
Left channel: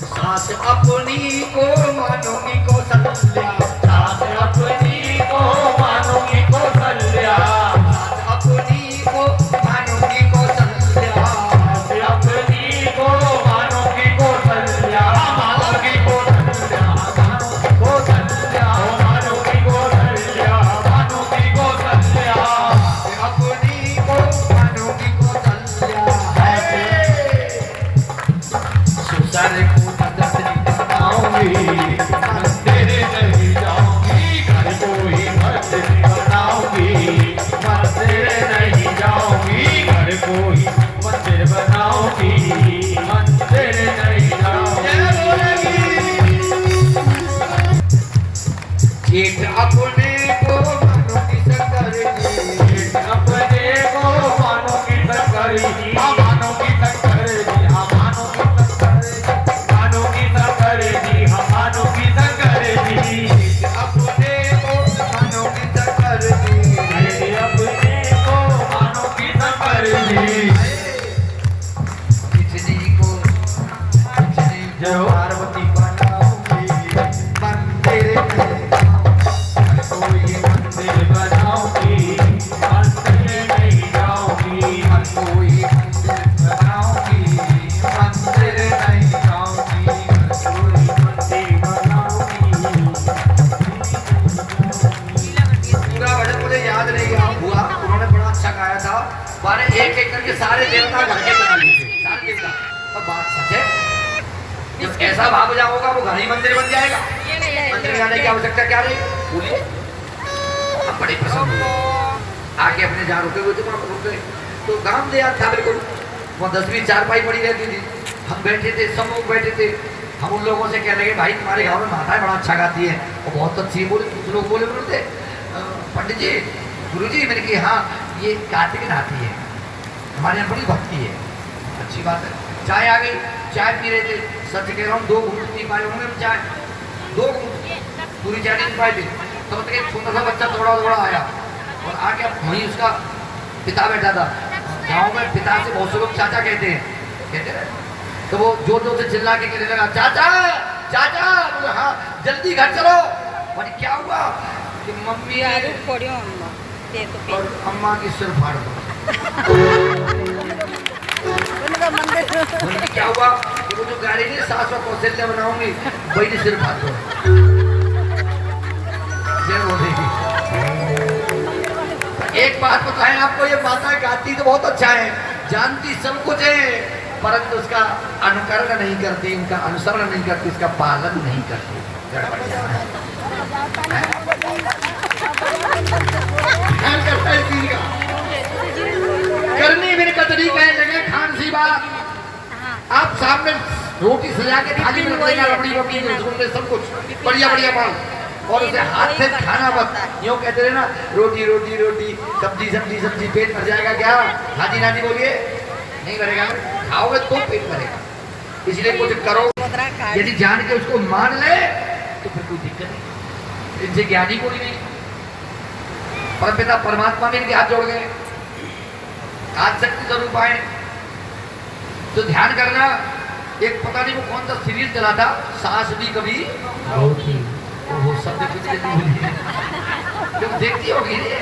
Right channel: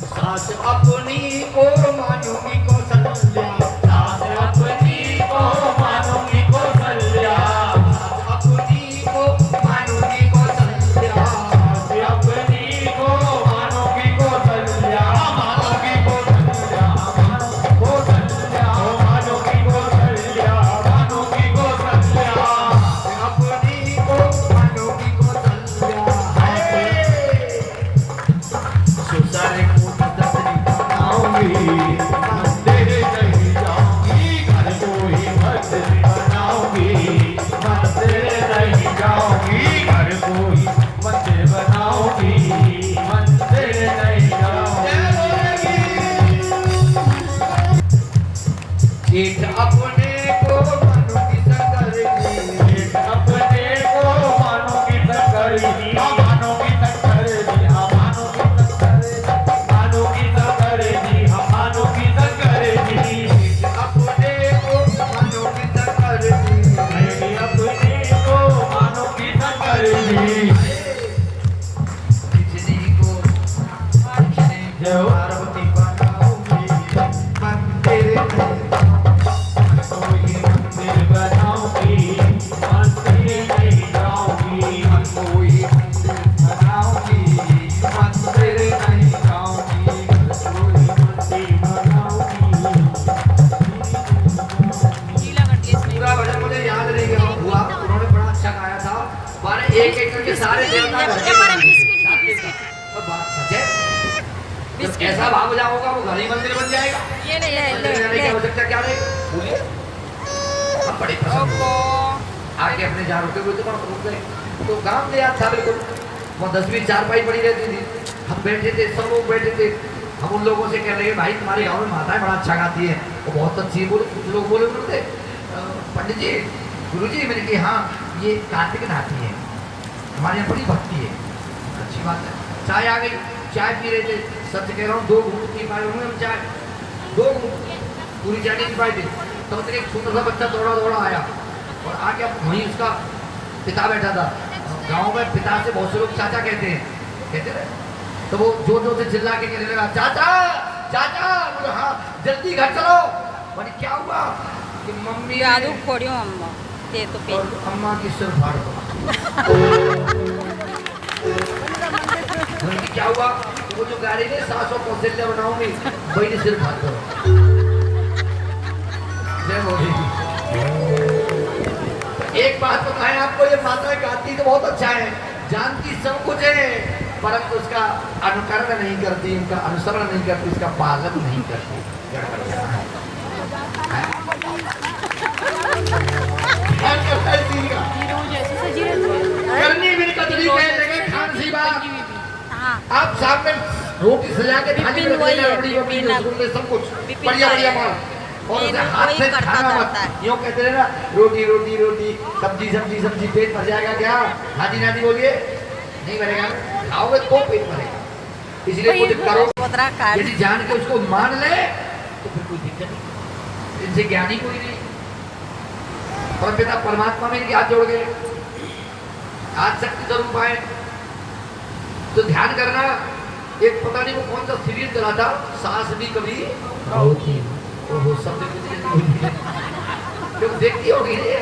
सास अपनी को मानूंगी कौशल्या, सास अपनी को मानूंगी कौशल्या, सास जेठ अपने को मानो की शंकर जी, जेठ अपने को मानो की शंकर जी, हाँ मानो की शंकर जी, हाँ मानो की शंकर जी, मानो की शंकर जी, हाँ मानो की शंकर जी। जेठ अपने को मानो की शंकर जी, जेठ अपने को मानो की शंकर जी। खिचड़ी को खिचड़ी जय हो। पार्वती बनाओगी मंदिर में कोई मंदिर बनाओगी, मंदिर नहीं जाओगी, कोई मंदिर बनाओगी मंदिर नहीं जाऊंगी कोई मंदिर बनाओगी। पूरा भजन मुझे याद नहीं हुआ, उन्होंने बड़ा अच्छा गाया था। माने एक एक करके सारे देवता घर के बना दिए थे, सारे देवता। और बात सच है, जब ऐसा भाव जाओगा वो घर ही मंदिर बन जाएगा। मंदिर जाने की आवश्यकता क्या रहेगी? बोलिए। हम बड़े प्रसन्न हुए, आगे अपने जहाँ रुके हुए थे वहाँ रुक गए। तो गाँव में याद था बिल्कुल, वो 10वीं चारपाई पड़ी रहती थी, हम बैठे थे, सब लोग बैठे थे। हम उन लोगों से कह रहे भाई तुम्हारे गाँव में माताएं बड़ा अच्छा गाती है और बहुत अच्छी है। बोले कुछ लोग बोले बोलते पंडित जी, गुरु जी, मैंने कहा हाँ ये कार्तिक नाती है, हमारे यहाँ बड़ी भक्ति है। अच्छी बात है। चाय आ गई, चाय पी रहे थे, सच कह रहा हूँ 2 घूंट पी पाए होंगे हम चाय, 2 घूंट, पूरी चाय नहीं पी पाए थे। तो एक सुंदर सा बच्चा दौड़ा दौड़ा आया और आके वहीं उसका पिता बैठा था। गाँव में पिता से बहुत से लोग चाचा कहते हैं, तो वो जोर जोर से चिल्ला के कहने लगा चाचा चाचा। बोले हाँ जल्दी घर चलो। बोले क्या हुआ? कि मम्मी यादू फोड़ियो अम्मा ते तो और अम्मा की सिर फाड़ दो। बोले क्या हुआ? कि वो जो गाड़ी ने सासों को कौशल्या बनाऊंगी वही ने सिर फाड़ दो। जय बोली। एक बात बताएं आपको, ये माता गाती तो बहुत अच्छा है, जानती सब कुछ है, परंतु उसका अनुकरण नहीं करती, उनका अनुसरण नहीं करती, उसका पालन नहीं करती। गड़बड़ है। करनी मेरे कतरी कहने लगे खान सी बात। आप सामने रोटी सजा के थाली में बड़ी रोटी रसगुल्ले सब कुछ बढ़िया बढ़िया माल, और उसे हाथ से खाना मत। यूँ कहते रहे ना रोटी रोटी रोटी सब्जी सब्जी सब्जी, पेट भर जाएगा क्या? नादी नादी बोलिए, नहीं भरेगा। खाओगे तो पेट भरेगा, इसलिए कुछ करो। यदि जान के उसको मान ले तो फिर कोई दिक्कत नहीं। इनसे ज्ञानी कोई नहीं। परमपिता परमात्मा में इनके हाथ जोड़ गए, आज शक्ति स्वरूप पाए। तो ध्यान करना। एक पता नहीं वो कौन सा सीरीज चला था, सास भी कभी बहू थी। ओहो शब्द जो देखती होगी रे।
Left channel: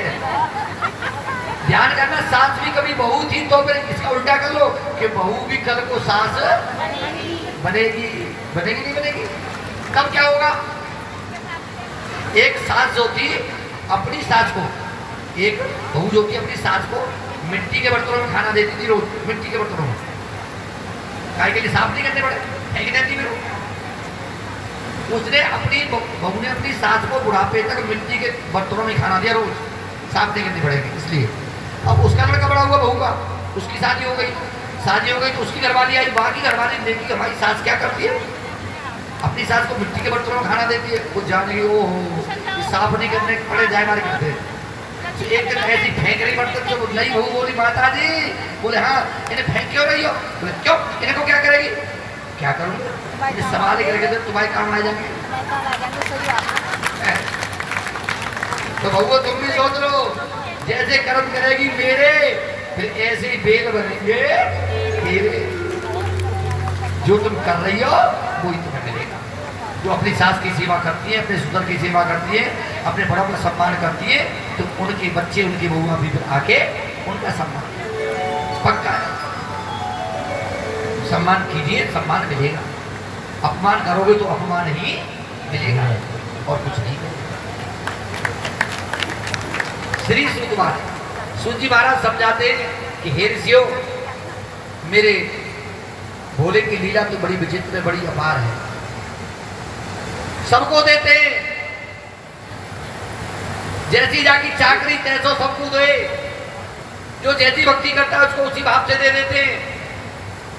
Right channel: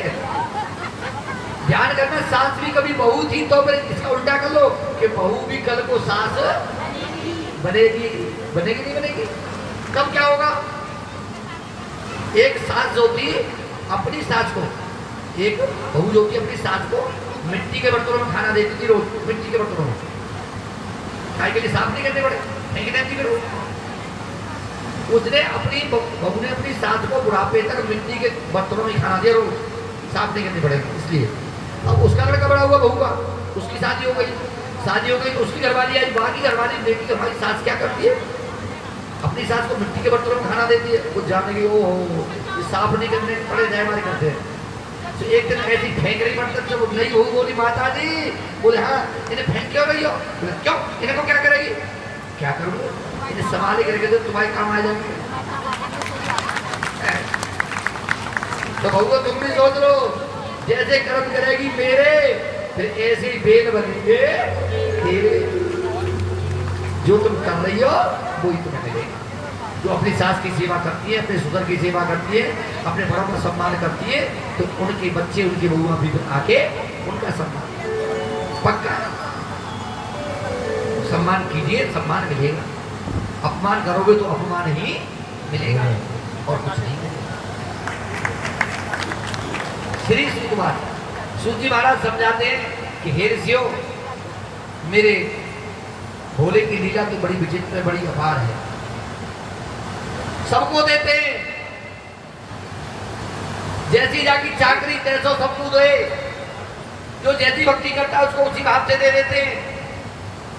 ध्यान करना, सास भी कभी बहू थी, तो फिर इसका उल्टा कर लो कि बहू भी कल को सास बनेगी। बनेगी नहीं बनेगी? तब क्या होगा? एक सास जो थी अपनी सास को, एक बहू जो थी अपनी सास को मिट्टी के बर्तनों में खाना देती थी, रोज मिट्टी के बर्तनों में। खाए के लिए साफ नहीं करने पड़े, फेंक देती फिर वो। उसने अपनी बहू ने अपनी सास को बुढ़ापे तक मिट्टी के बर्तनों में खाना दिया, रोज साफ नहीं करनी पड़ेगी इसलिए। अब उसका लड़का बड़ा हुआ, बहू का, उसकी शादी हो गई। शादी हो गई तो उसकी घरवाली आई, वहाँ की घरवाली देखी कि हमारी सास क्या करती है, अपनी सास को मिट्टी के बर्तनों में खाना देती है। कुछ जाने की ओ साफ नहीं करने पड़े जाए हमारे करते। तो एक दिन ऐसी फेंक रही बर्तन, जब नई बहू बोली माता जी, बोले हाँ इन्हें फेंक क्यों रही हो? बोले क्यों, इन्हें को क्या करेगी? क्या करूँ, इन्हें संभाल के रखे थे, तुम्हारे काम आ जाएंगे। तो बहू तुम भी सोच लो, जैसे कर्म करेगी मेरे, फिर ऐसे ही बेल बनेंगे तेरे। जो तुम कर रही हो वही तुम्हें मिलेगा। जो अपनी सास की सेवा करती है, अपने ससुर की सेवा करती है, अपने बड़ों का सम्मान करती है, तो उनके बच्चे उनकी बहुआ भी आके उनका सम्मान पक्का है। सम्मान कीजिए, सम्मान मिलेगा। अपमान करोगे तो अपमान ही मिलेगा और कुछ नहीं मिलेगा। श्री सुकुमार सूत जी महाराज समझाते हैं कि हे ऋषियों, मेरे भोले की लीला की बड़ी विचित्र, बड़ी अपार है। सबको देते हैं, जैसी जाकी चाकरी तैसो सबको दे। जो जैसी भक्ति करता है उसको उसी भाव से दे देते हैं।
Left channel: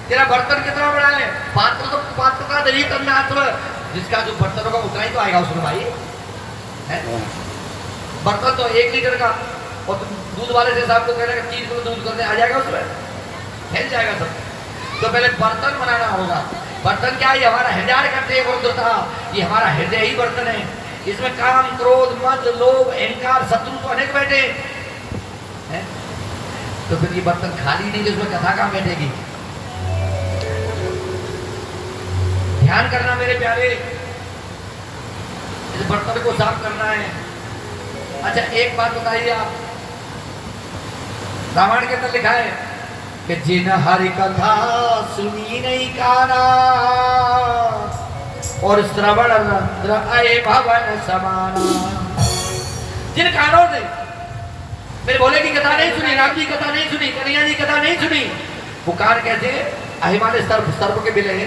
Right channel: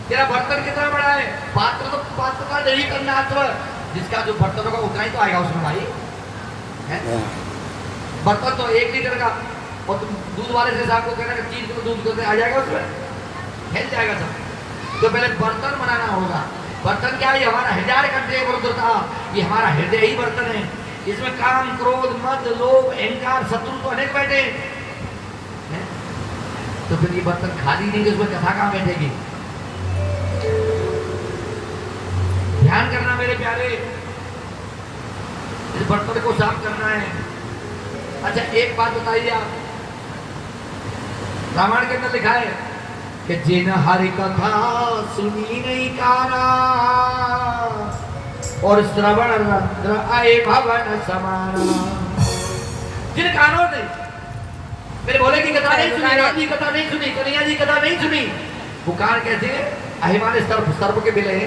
तेरा बर्तन कितना बड़ा है, पात्र तो पात्र का नहीं करना। जिसका जो बर्तन होगा उतना ही तो आएगा उसमें भाई। है? बर्तन तो 1 लीटर का, और तुम दूध वाले से साहब को कह रहे 3 किलो दूध करने आ जाएगा, उसमें फैल जाएगा सब। तो पहले बर्तन बनाना होगा। बर्तन क्या है? ये हमारा हृदय करते था, ये हमारा हृदय ही बर्तन है। इसमें काम, क्रोध, मद, लोभ, अहंकार, शत्रु तो अनेक बैठे हैं। तो फिर ये बर्तन खाली नहीं, इसमें कथा कहाँ बैठेगी? ध्यान करना मेरे प्यारे, इस बर्तन को साफ करना है। अच्छा एक बात बताइए आप, रामायण के अंदर लिखा है कि जिन हरि कथा सुनी नहीं काना और श्रवण रंध्र आए भवन समाना। जिन कानों ने मेरे भोले की कथा नहीं सुनी, राम जी कथा नहीं सुनी, कन्हैया जी कथा नहीं सुनी, पुकार कैसे? अहिमाने सर्प के बिल है।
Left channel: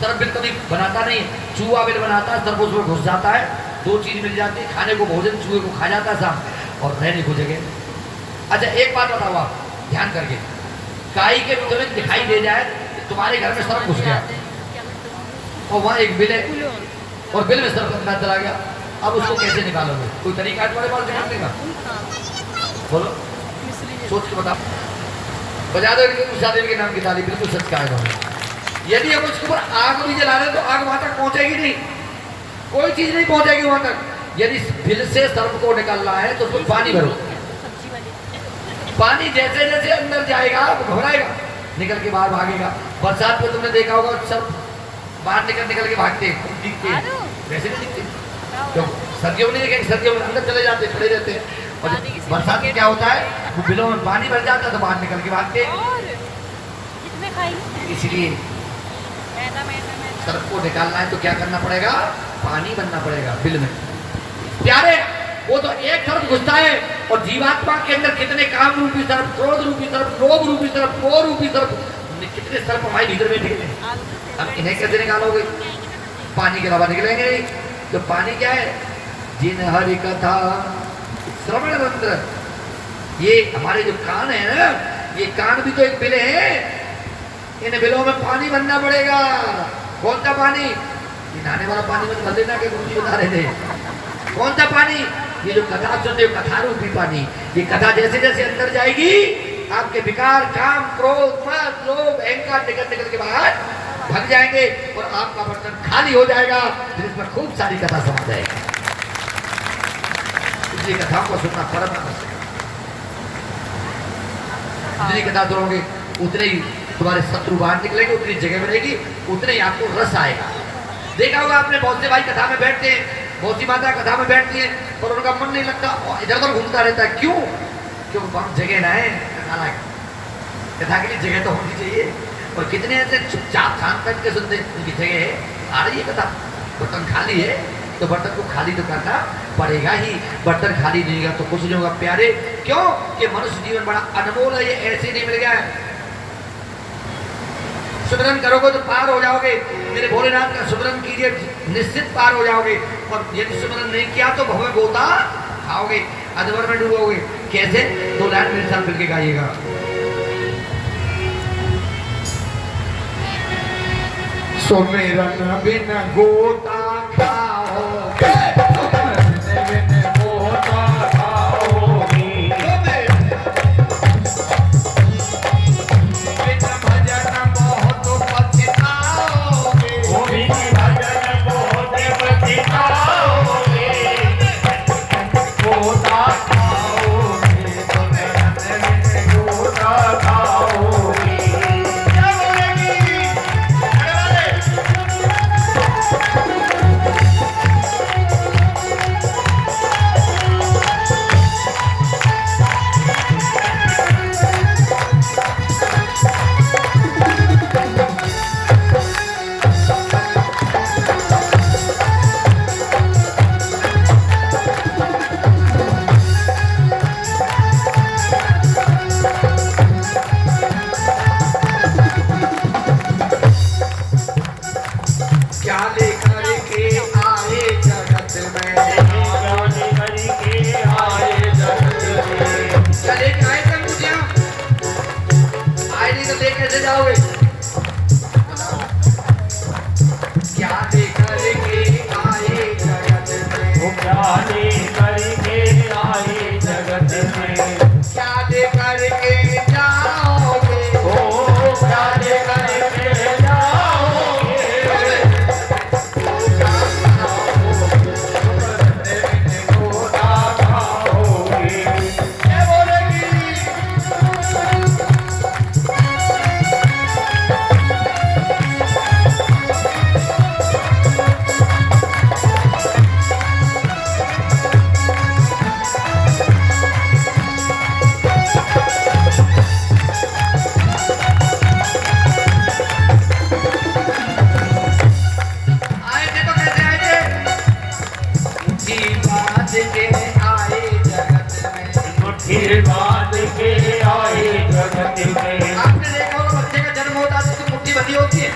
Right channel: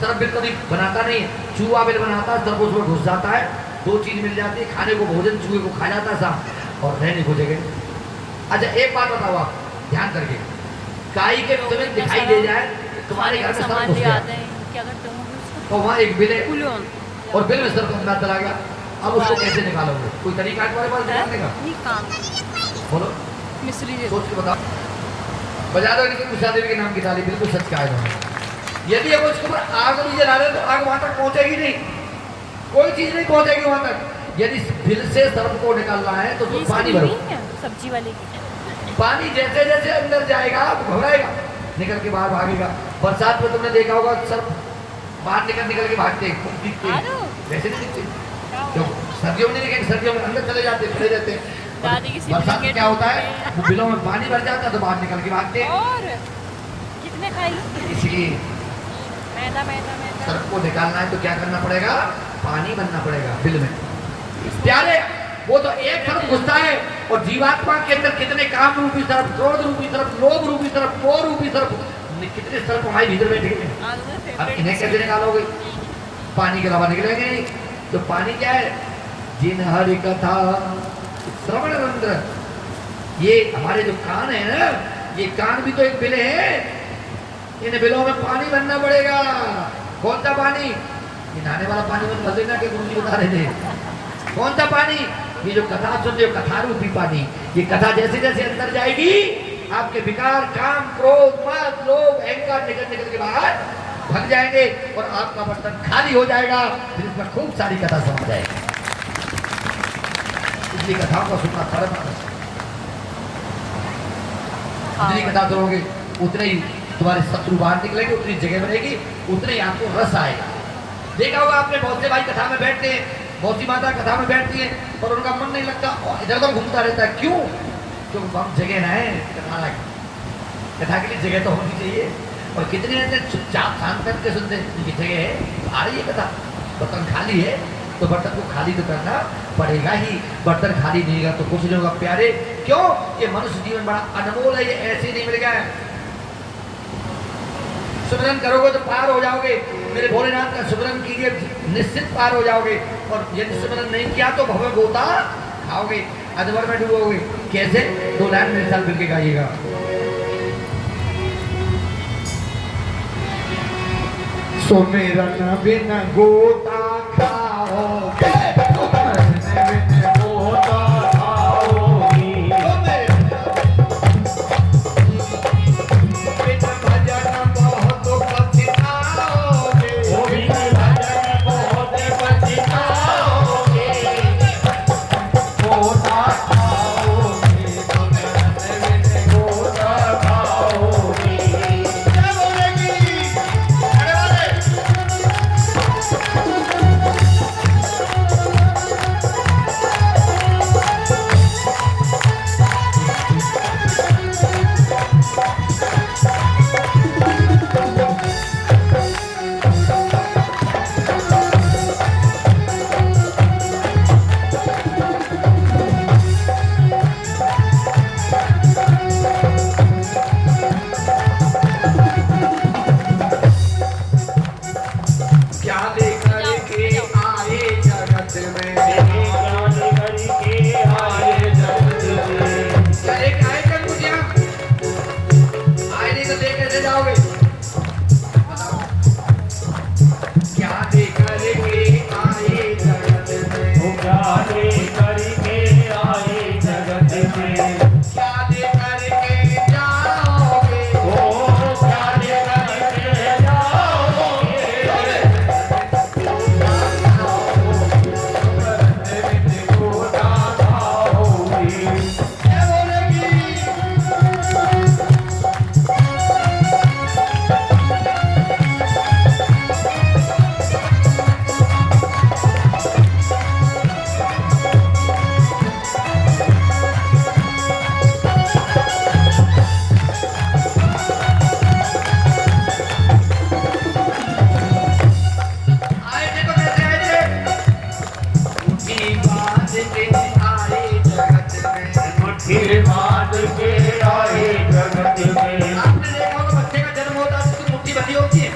सर्प बिल कभी बनाता नहीं, चूहा बिल बनाता है, सर्प उसमें घुस जाता है, 2 चीज मिल जाती है, खाने को भोजन, चूहे को खा जाता है सांप, और रहने को जगह। अच्छा एक बात बताओ आप ध्यान करके, गाय के तुम्हें दिखाई दे जाए तुम्हारे घर में सर्प घुस गया और वहाँ एक बिल है और बिल में सर्प अंदर चला गया, अब उसको कैसे निकालोगे? कोई तरीका है तुम्हारे पास निकालने का? बोलो, सोच के बताओ। बजा दो इनको उषा देवी के नाम की ताली, बिल्कुल सच कहा है। यदि अब उसके ऊपर आग नहीं जला रहे तो आग वहां तक पहुंचेगी नहीं, कोई चीज नहीं पहुंचेगी वहां तक। यदि बिल से सर्प को निकालना है तो तुम पानी भरो, सब्जी वाली पानी जैसे जैसे अंदर जाएगा घबराएगा, निकल के बाहर भागेगा। बरसात में तुमने देखा होगा सब बाहर निकल के भागते हैं, दिखते हैं, वैसे नहीं दिखते। क्यों? सर्दियों में नहीं देखेंगे, सर्दियों में अंदर चले जाते, खड़े रहते हैं। और बरसात में क्या होता है, वो बिलों में पानी भर जाता है तो बाहर निकल के भागते हैं। इसलिए सर्प को निकालना है तो क्या करना पड़ेगा? पानी बनना पड़ेगा बिल में। प्यारे वो तो एक सर्प घुसता है और जीवात्मा के अंदर कितने काम रूपी सर्प, क्रोध रूपी सर्प, लोभ रूपी सर्प, मोह रूपी सर्प, कितने सर्प हमारे भीतर बैठे हैं। अब इन्हें कैसे निकालोगे? पानी के अलावा निकलेंगे नहीं। तो पानी क्या है? जिन हरि कथा श्रवण रंध्र, ये हमारे जो कान है ना, ये कान भी तो एक बिल है, इन बिलों में पानी बनना पड़ेगा। कौन सा पानी? ये नहाने वाला पानी मत भर देना, कि गुरुजी बता रहे थे। कौन सा पानी? ये जो कथा सुनते हो, कथा रूपी पानी। ये कथा जैसे जैसे अंदर जाएगी, आपके विकार, काम, क्रोध, मद, लोभ, अहंकार निकल के बाहर भग जाएंगे और आपका बर्तन खाली हो जाएगा, फिर इसमें खूब सारी कथा समझ जाएगी। इसलिए कथा को सुनना परम आवश्यक है। जितनी कथा सुनोगे उतने ही तुम्हारे शत्रु बाहर निकलेंगे, उतनी जगह बनेगी, उतने ही आपको रस आएगा। देखा होगा आपने, बहुत से भाई कथा में बैठते हैं, बहुत सी माता कथा में बैठती है पर उनका मन नहीं लगता, इधर उधर घूमता रहता है। क्यों? क्योंकि हम जगह ना है कथा के लिए, जगह तो होनी चाहिए। और कितने ऐसे चुपचाप शांत करके सुनते, उनकी जगह है, आ रही है कथा, बर्तन खाली है तो बर्तन को खाली तो करना पड़ेगा ही। बर्तन खाली नहीं होगा तो कुछ नहीं होगा प्यारे। क्यों? कि मनुष्य जीवन बड़ा अनमोल है, ये ऐसे नहीं मिल गया है। सुमिरन करोगे तो पार हो जाओगे, मेरे भोलेनाथ का सुमिरन कीजिए, निश्चित पार हो जाओगे। और यदि सुमिरन नहीं किया तो भव गोता खाओगे, अधवर में डूबोगे। कैसे? 2 लाइन मेरे साथ मिलके गाइएगा। सुमिरन बिन गोता खाओगे, करके आए जगत में क्या लेकर के जाओगे ओ क्या लेकर के जाओगे गोदा खाओगे ये बोलेगी आए थे तो कैसे आए थे मुट्ठी बांध के आए जगत में मुट्ठी बांध के आए जगत में आपने देखा होगा बच्चे का जन्म होता है तो मुट्ठी बंधी होती है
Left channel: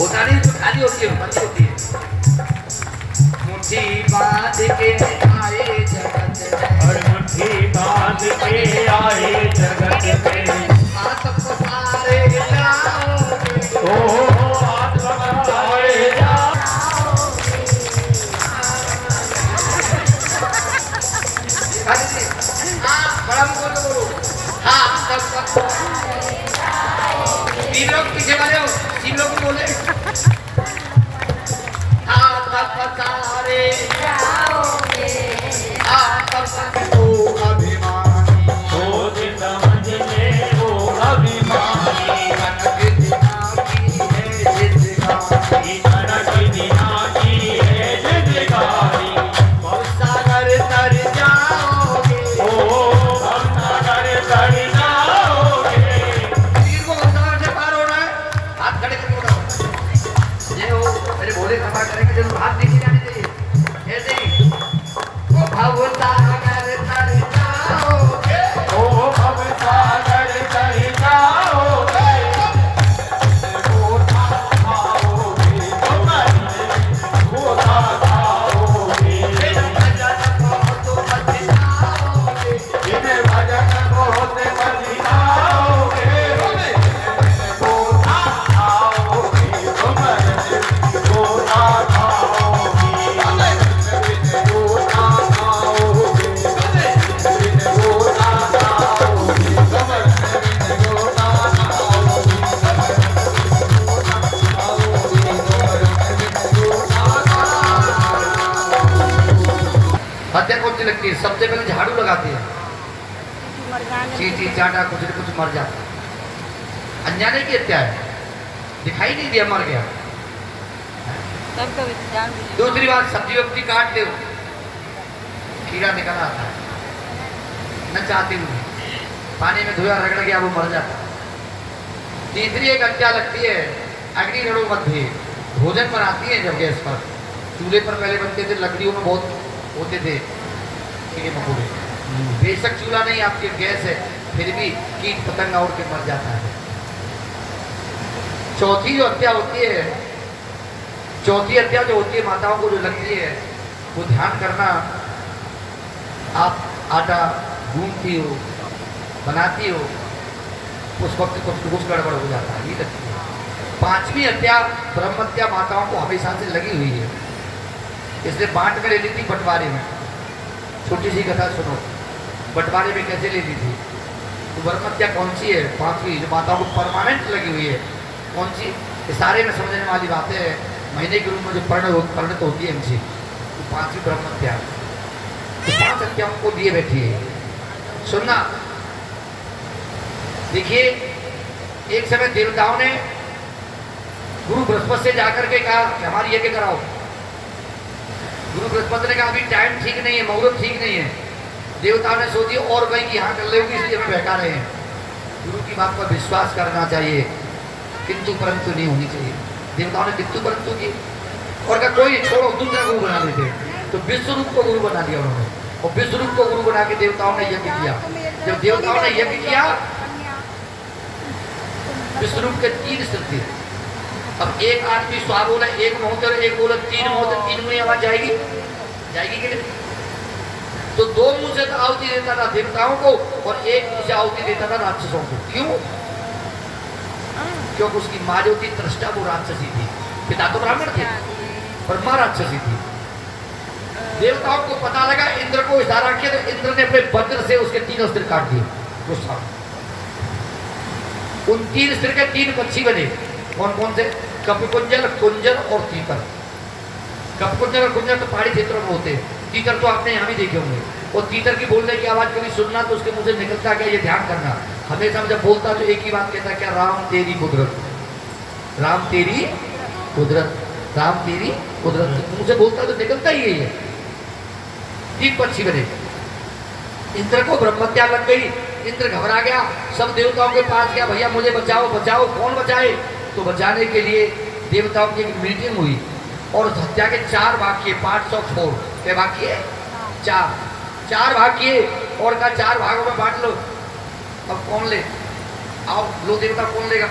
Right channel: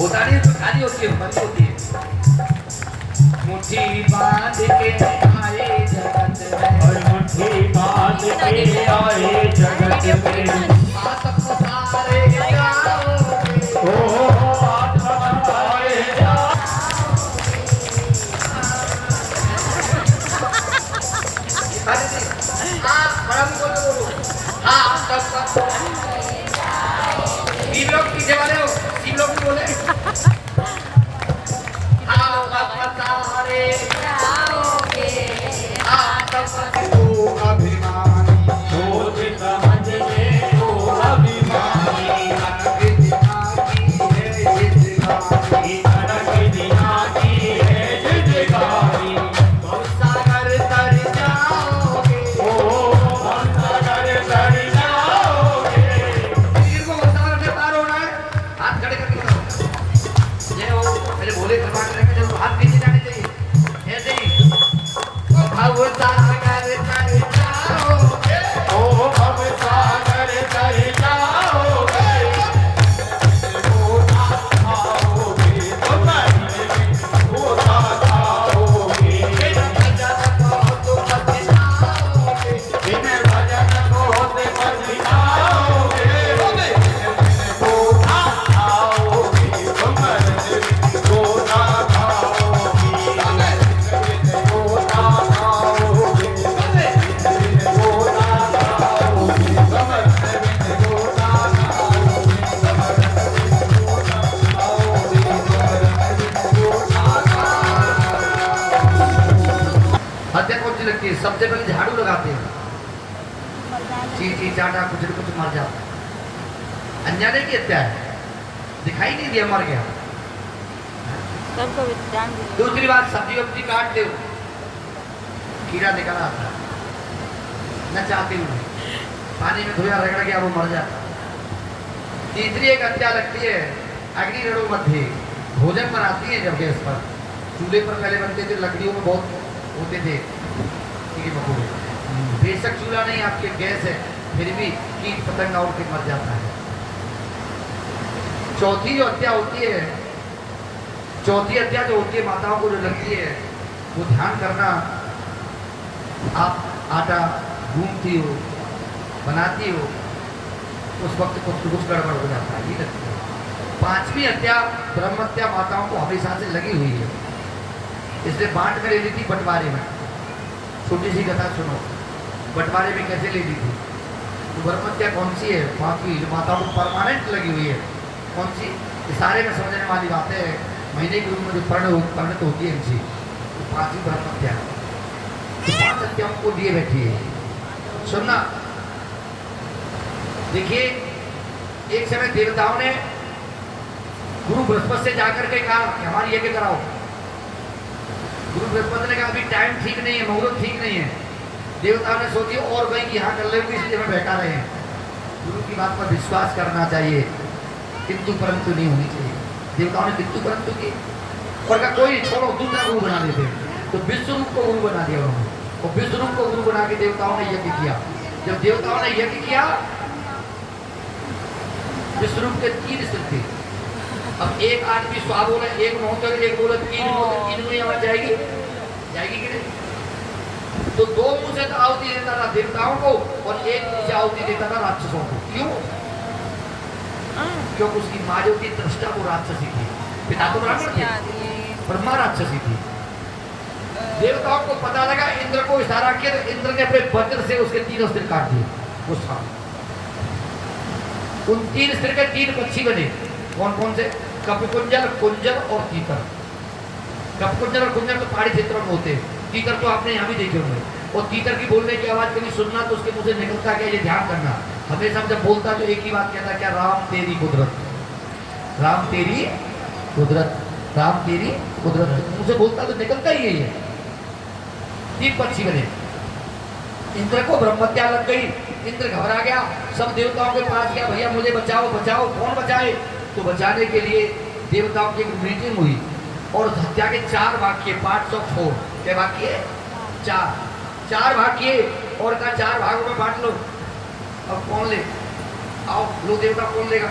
होता नहीं तो खाली होती है बंधी होती है मुट्ठी बांध के आए जगत में और मुट्ठी बांध के आए जगत में आतप सारे गाओ ओ आत्मकारे जा अरे जी हाँ बड़ा मुंह बोलो हाँ सब तीन लोग पीछे वाले हो तीन लोग भी बोले हाँ सब सारे हाँ सब तो अभिमानी सोच समझ ले ओ अभिमानी इतना की दिना की है जिदगारी ओ सागर तर जाओगे ओ अब सागर तर जाओगे गोदा खाओगे गोदा खाओगे इन भजन बहुत बचिताओगे गोदा खाओगे गोदा हत्या कौन सी लगती है सबसे पहले झाड़ू लगाते हैं चींटी चाटा कुछ न कुछ मर जाता है अनजाने की हत्या है दिखाई नहीं दिया मर गया दूसरी बात सब्जी वब्जी काट दो कीड़ा निकल आता है न चाहती हूँ पानी में धोया रगड़ गया वो मर जाता तीसरी एक हत्या लगती है अग्नि रणों मध्य भोजन बनाती है जब गैस पर चूल्हे पर पहले बनते थे लकड़ियों में बहुत होते थे कीड़े मकोड़े बेशक चूल्हा नहीं आपके गैस है फिर भी कीट पतंग और के मर जाता है चौथी जो हत्या होती है चौथी हत्या जो होती है माताओं को जो लगती है वो ध्यान करना आप आटा गूंथती हो बनाती हो उस वक्त कुछ गड़बड़ हो जाता है ये लगती है पांचवी हत्या ब्रह्म हत्या माताओं को हमेशा से लगी हुई है इसलिए बांट में ले ली थी बंटवारे में छोटी सी कथा सुनो बंटवारे में कैसे ले ली थी तो ब्रह्म हत्या कौन सी है पांचवी जो माताओं को परमानेंट लगी हुई है कौन सी इशारे में समझने वाली बातें है महीने के रूप में जो परिणत होती है इनसे तो पांचवी ब्रह्म हत्या तो पांच हत्याओं को लिए बैठी है सुनना देखिए एक समय देवताओं ने गुरु बृहस्पति से जाकर के कहा कि हमारी यज्ञ कराओ गुरु बृहस्पति ने कहा अभी टाइम ठीक नहीं है मुहूर्त ठीक नहीं है देवताओं ने सोची और कहीं कि यहाँ कर लेंगे इसलिए हमें बहका रहे हैं गुरु की बात पर विश्वास करना चाहिए किंतु परंतु नहीं होनी चाहिए देवताओं ने किंतु परंतु की और का कोई छोड़ो दूसरा गुरु बना देते तो विश्व रूप को गुरु बना दिया उन्होंने और विश्व रूप को गुरु बना के देवताओं ने यज्ञ किया जब देवताओं ने यज्ञ किया विश्व रूप के तीन स्थित थे अब एक आदमी स्वा बोला एक मोहतर एक बोला तीन मोहतर तीन में आवाज जाएगी जाएगी कि नहीं तो दो मुंह से आहुति देता था देवताओं को और एक मुंह से आहुति देता था राक्षसों को क्यों क्योंकि उसकी माँ जो थी दृष्टा वो राक्षसी थी पिता तो ब्राह्मण थे ब्रह्मा राक्षसी थी देवताओं को पता लगा, इंद्र को इशारा किया तो इंद्र ने अपने वज्र से उसके तीनों सिर काट दिए। गुस्सा, उन 3 सिर के 3 पक्षी बने। कौन कौन से? कपिकुंजल, कुंजल और तीतर। कपिकुंजल और कुंजल तो पहाड़ी क्षेत्रों में होते हैं, तीतर तो आपने यहाँ भी देखे होंगे। और तीतर की बोलने की आवाज कभी सुनना तो उसके मुंह से निकलता क्या, ये ध्यान करना। हमेशा जब बोलता तो एक ही बात कहता, क्या? राम तेरी कुदरत, राम तेरी कुदरत, राम तेरी कुदरत। मुंह से बोलता तो निकलता ही है। 3 पक्षी बने। इंद्र को ब्रह्मत्या लग गई, इंद्र घबरा गया, सब देवताओं के पास गया, भैया मुझे बचाओ बचाओ। कौन बचाए? तो बचाने के लिए देवताओं की एक मीटिंग हुई और हत्या के 4 भाग किए, पार्ट्स ऑफ 4। क्या भाग किए? 4 भाग किए और कहा 4 भागों में बांट लो। अब कौन ले? आओ लो, देवता कौन लेगा?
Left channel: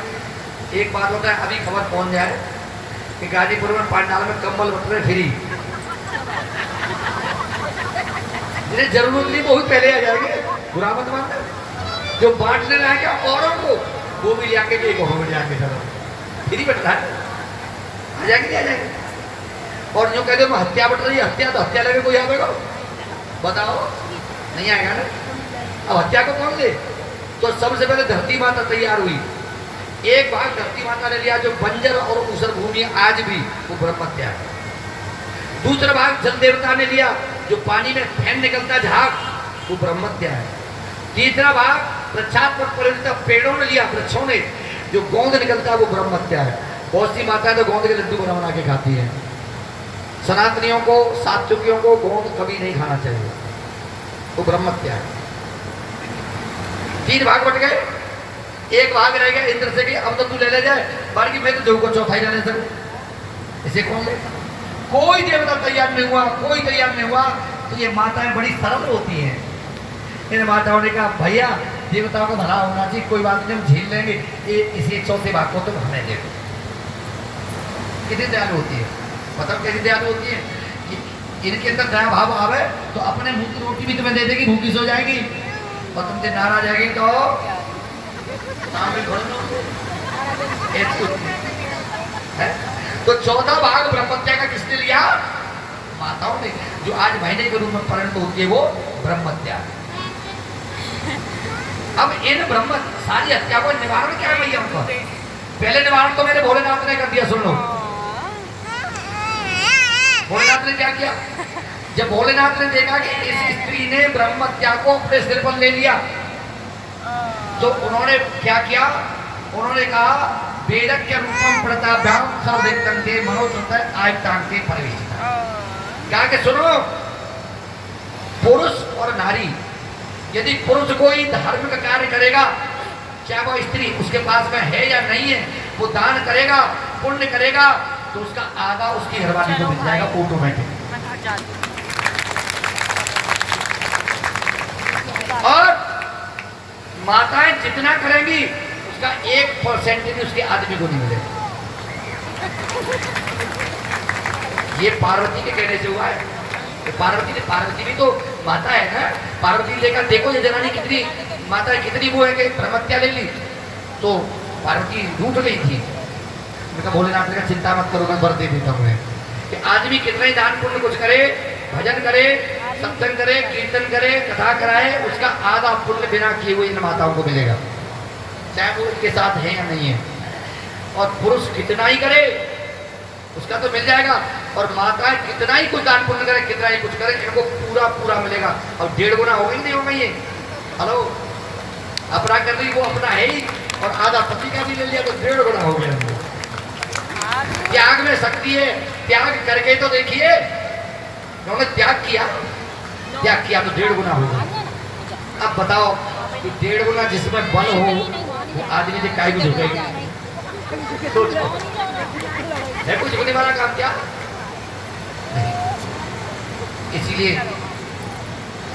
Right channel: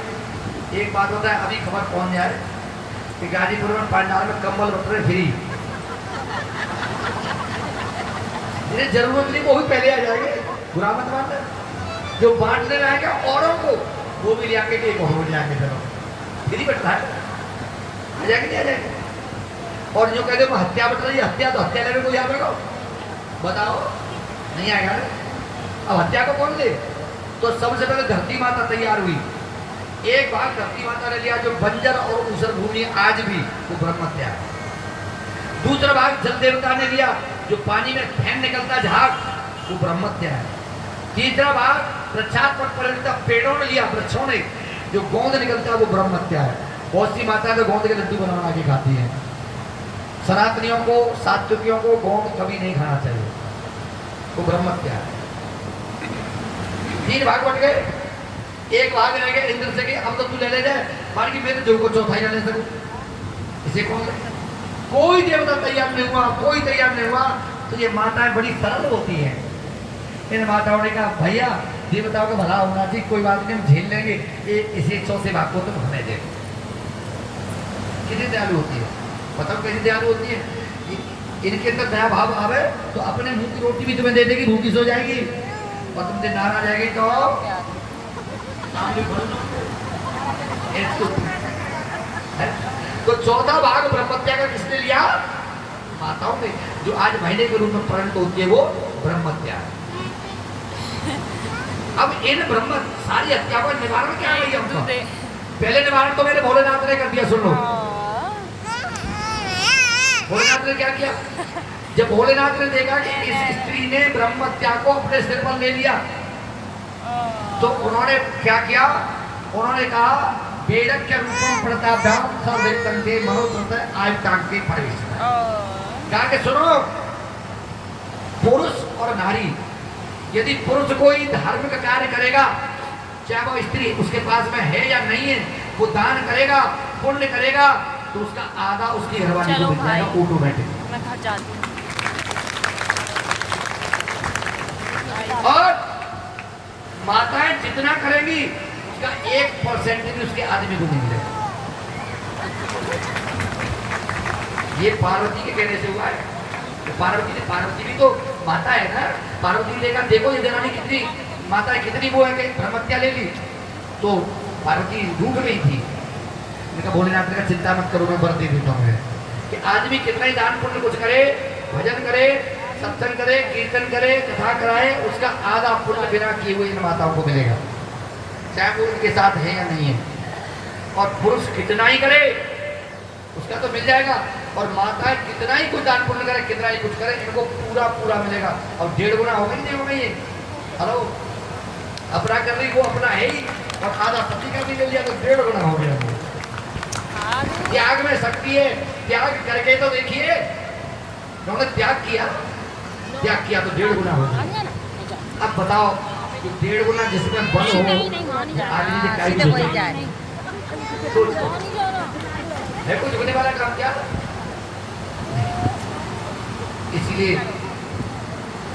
एक बात होता है, अभी खबर पहुंच जाए कि गाजीपुर में पंडाल में कंबल बट रहे फ्री, जिन्हें जरूरत नहीं वो भी पहले आ जाएंगे। बुरा मत मानना, जो बांटने लाएंगे औरों को वो भी ले आके एक और ले आके चलो फ्री बटना है, आ जाएंगे नहीं आ जाएंगे। और जो कहते हैं हत्या बट रही है, हत्या तो हत्या लेने को आएगा, बताओ नहीं आएगा ना। अब हत्या को कौन ले? तो सबसे पहले धरती माता तैयार हुई। एक भाग धरती माता ने लिया जो बंजर और ऊसर भूमि आज भी वो ब्रह्मत्या है। दूसरा भाग जल देवता ने लिया, जो पानी में फैन निकलता झाग, वो ब्रह्मत्या है। तीसरा भाग वृक्षात्मक परिवर्तित पेड़ों ने लिया, वृक्षों ने, जो गोंद निकलता है वो ब्रह्मत्या है। बहुत सी माता तो गोंद के लड्डू बना के खाती है। सनातनियों को, सात्विकियों को गोंद कभी नहीं खाना चाहिए, तो ब्रह्मत्या है। 3 भाग बट गए, एक भाग रह गया इंद्र से कि अब तो तू ले ले जाए, बाकी मैं तो देव को चौथाई ना ले सकूं। इसे कौन ले? कोई देवता तैयार नहीं हुआ, कोई तैयार नहीं हुआ। तो ये माताएं बड़ी सरल होती हैं। इन माताओं ने कहा भैया देवताओं को भला होना चाहिए, कोई बात नहीं, हम झेल लेंगे, इसे चौथे भाग को तुम हमें दे। कितनी दयालु होती है, बताओ कैसी दयालु होती है। इनके अंदर दया भाव आवे तो अपने मुंह की रोटी भी तुम्हें दे देगी, भूखी सो जाएगी, और तुमसे नाराज जाएगी तो तो चौथा भाग ब्रह्मत्या का किसने लिया? माताओं ने, जो आज महीने के रूप में परिणत होती है वो ब्रह्मत्या। अब इन ब्रह्म सारी हत्या का निवारण क्या है हमको? पहले निवारण तो मेरे भोलेनाथ ने कर दिया, सुन लो। भोलेनाथ ने क्या किया? जब भोलेनाथ ने देखा कि इस स्त्री ने ब्रह्मत्या को अपने सिर पर ले लिया, तो उन्होंने क्या किया? उन्होंने कहा वेदक के रूपम प्रताभ्याम सर्ववेदं के मनोसुत आयतांके प्रवेश। क्या के सुनो, पुरुष और नारी, यदि पुरुष कोई धार्मिक कार्य करेगा, चाहे वह स्त्री उसके पास में है या नहीं है, वो दान करेगा, पुण्य करेगा, तो उसका आधा उसकी घरवाली को मिल जाएगा ऑटोमेटिक। और माताएं जितना करेंगी उसका 1% भी उसके आदमी को नहीं मिलेगा। ये पार्वती के कहने से हुआ है। तो पार्वती भी तो माता है ना। पार्वती लेकर देखो ये जनानी कितनी माता है, कितनी वो है कि ब्रह्मत्या ले ली, तो पार्वती रूठ गई थी। मैं भोलेनाथ का चिंता मत करो, मैं बढ़ते देता हूँ कि आदमी कितना ही दान पुण्य कुछ करे, भजन करे, सत्संग करे, कीर्तन करे, कथा कराए, उसका आधा पुण्य बिना किए हुए इन माताओं को मिलेगा, चाहे वो उनके साथ है या नहीं है। और पुरुष कितना ही करे उसका तो मिल जाएगा, और माताएं कितना ही कुछ दान पुण्य करे, कितना ही कुछ करे, इनको पूरा पूरा मिलेगा। और 1.5 गुना होगा ही नहीं होगा ये। हेलो, अपना कर रही वो अपना है ही, और आधा पति का भी ले लिया तो 1.5 गुना हो गया। त्याग में शक्ति है, त्याग करके तो देखिए, उन्होंने त्याग किया तो 1.5 गुना होगा। अब बताओ, तो 1.5 गुना जिसमें बल हो वो आदमी से काय भी झुकेगा? है कुछ झुकने वाला काम क्या? इसीलिए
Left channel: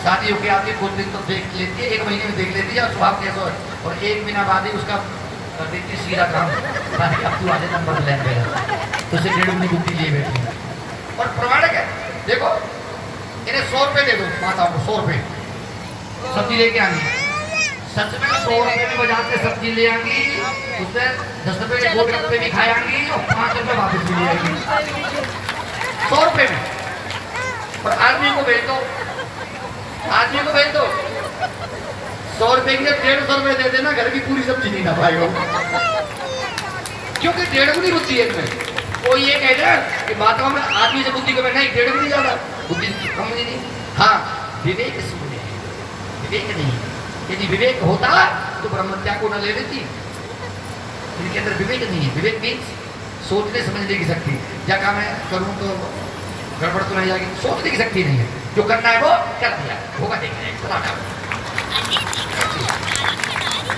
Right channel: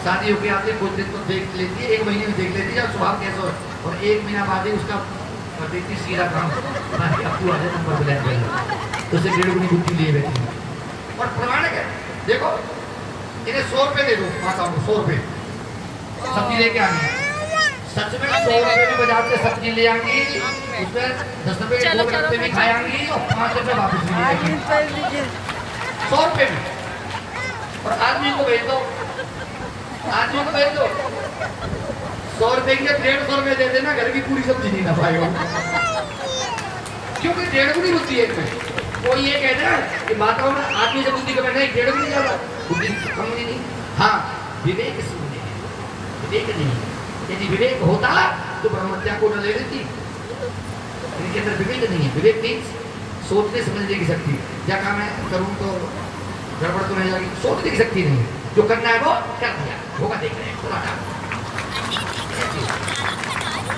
शादी होके आती है, कुछ दिन तो देख लेती है, 1 महीने में देख लेती है स्वभाव कैसा है, और 1 महीना बाद ही उसका कर देती सीधा काम। अब तू आधे नंबर ले तो उसे 1.5 गुनी बुद्धि लिए बैठी। और प्रमाणिक है, देखो इन्हें 100 रुपए दे दो, माताओं को 100 रुपए सब्जी लेके आएंगी, सच में 100 रुपए की बाजार से सब्जी ले आएंगी, उसमें 10 रुपए के गोलगप्पे भी खाएंगी और 5 रुपए वापस भी ले आएंगी 100 रुपए में। और को भेज दो, आदमी को भेज दो। 100 रुपए के लिए 150 रुपए दे देना, घर की पूरी सब्जी नहीं ना पाएगा, क्योंकि 1.5 गुनी बुद्धि है इसमें। कोई ये कहता है कि महात्मा में आदमी से बुद्धि का बैठा 1.5 गुनी ज्यादा बुद्धि कम नहीं। हाँ, विवेक इसमें है, विवेक नहीं। यदि विवेक होता तो ब्रह्मत्या को न ले लेती। इनके अंदर विवेक नहीं है। विवेक मीन्स सोचने समझने की शक्ति। क्या काम है करूं तो गड़बड़ तो नहीं जाएगी, सोचने की शक्ति नहीं है। जो करना है वो कर दिया, होगा देख रहे हैं।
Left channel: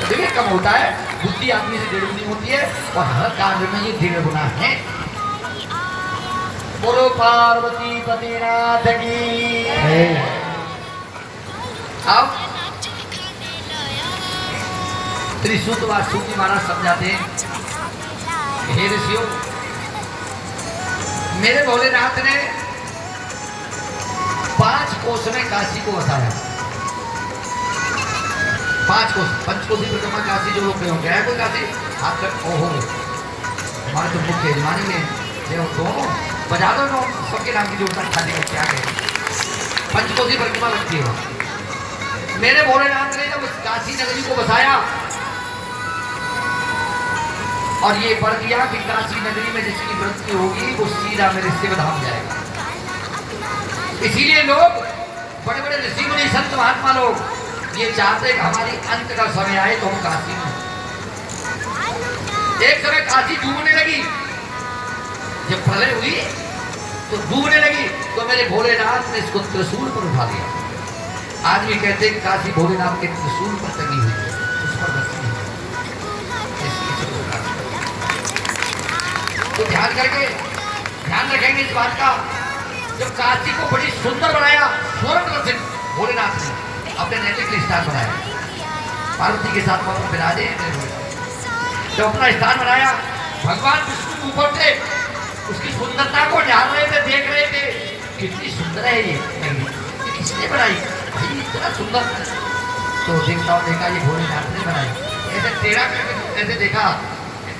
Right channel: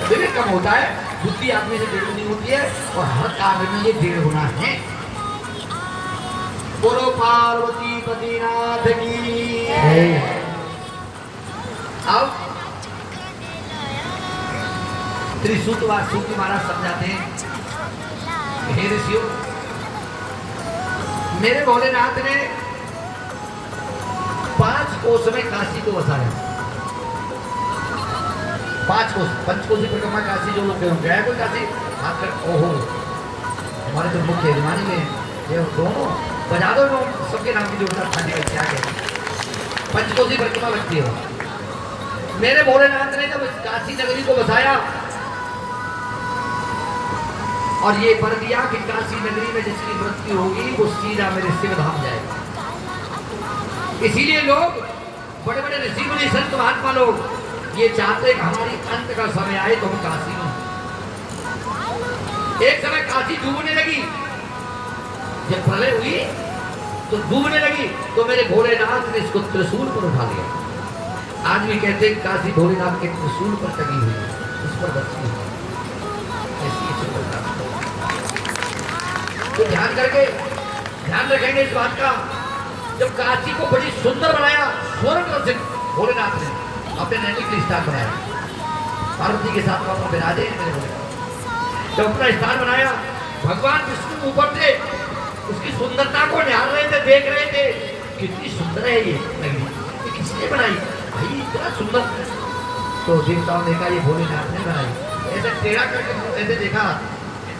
विवेक कम होता है, बुद्धि आदमी से 1.5 गुनी होती है और हर कार्य में ये 1.5 गुना है। बोलो पार्वती पतिनाथ की। अब त्रिसूत्र सूत्र महाराज समझाते हैं, हे ऋषियों, मेरे भोलेनाथ ने 5 कोस में काशी को बसाया। 5 कोस, पंचकोशी परिक्रमा काशी जो लोग गए हैं कोई काशी आप ओहो हमारे तो मुख्य यजमानी में देखो दोनों बजा दो सबके नाम की जो खाने का क्या है। पंचकोशी परिक्रमा लगती है। मेरे भोलेनाथ ने जब उस काशी नगरी को बसाया और ये पढ़ दिया कि काशी नगरी में जिसकी वृत्ति होगी वो सीधा मेरे शिव धाम जाएगा। इसीलिए लोग बड़े बड़े ऋषि मुनि संत महात्मा लोग ये चाहते हैं कि हमारी अंत का समय आए तो हम काशी में। एक समय काशी डूबने लगी, जब प्रलय हुई तो डूबने लगी तो मेरे भोलेनाथ ने इसको त्रिशूल पर उठा लिया। आदमी कहते हैं काशी भोलेनाथ के त्रिशूल पर टंगी हुई है, उस पर बसी है। तो ध्यान रखेंगे इस बात का। जब काशी को बड़ी सुंदर बनाया स्वर्ण से भोलेनाथ ने अपने नैतिक स्थान बनाया, पार्वती के साथ विराजे। जब अपना स्थान बनाया भगवान विष्णु ऊपर से उसकी सुंदरता को ध्यान रहे थे, देख रहे थे कितनी सुंदर है ये किसने बनाई भाई इतना सुंदर। तो देवताओं ने कहा ये भोलेनाथ ने बनाई। ऐसे टेढ़ा करके ऐसे देखा,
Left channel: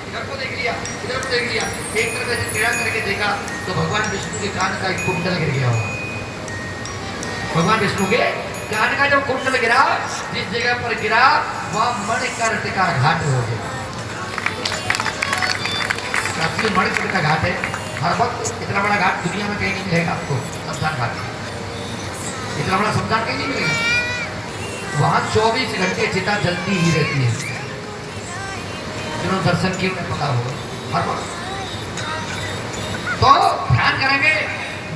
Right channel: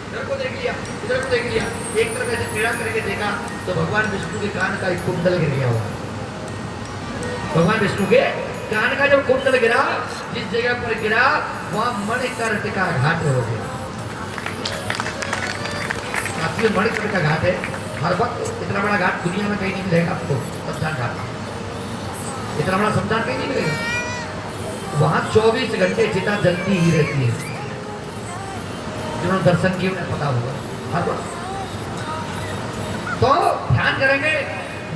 इधर को देख लिया, इधर को देख लिया, एक तरफ ऐसे टेढ़ा करके देखा तो भगवान विष्णु के कान का एक कुंडल गिर गया हुआ। भगवान विष्णु के कान का जब कुंडल गिरा, जिस जगह पर गिरा वह मणिकर्णिका घाट हो गया। मणिकर्णिका घाट है, हर वक्त इतना बड़ा घाट दुनिया में कहीं नहीं मिलेगा आपको। शमशान घाट इतना बड़ा शमशान कहीं नहीं मिलेगा। वहां 24 घंटे चिता जलती ही रहती है। जिन्होंने दर्शन किए उन्हें पता होगा हर वक्त। तो ध्यान करेंगे,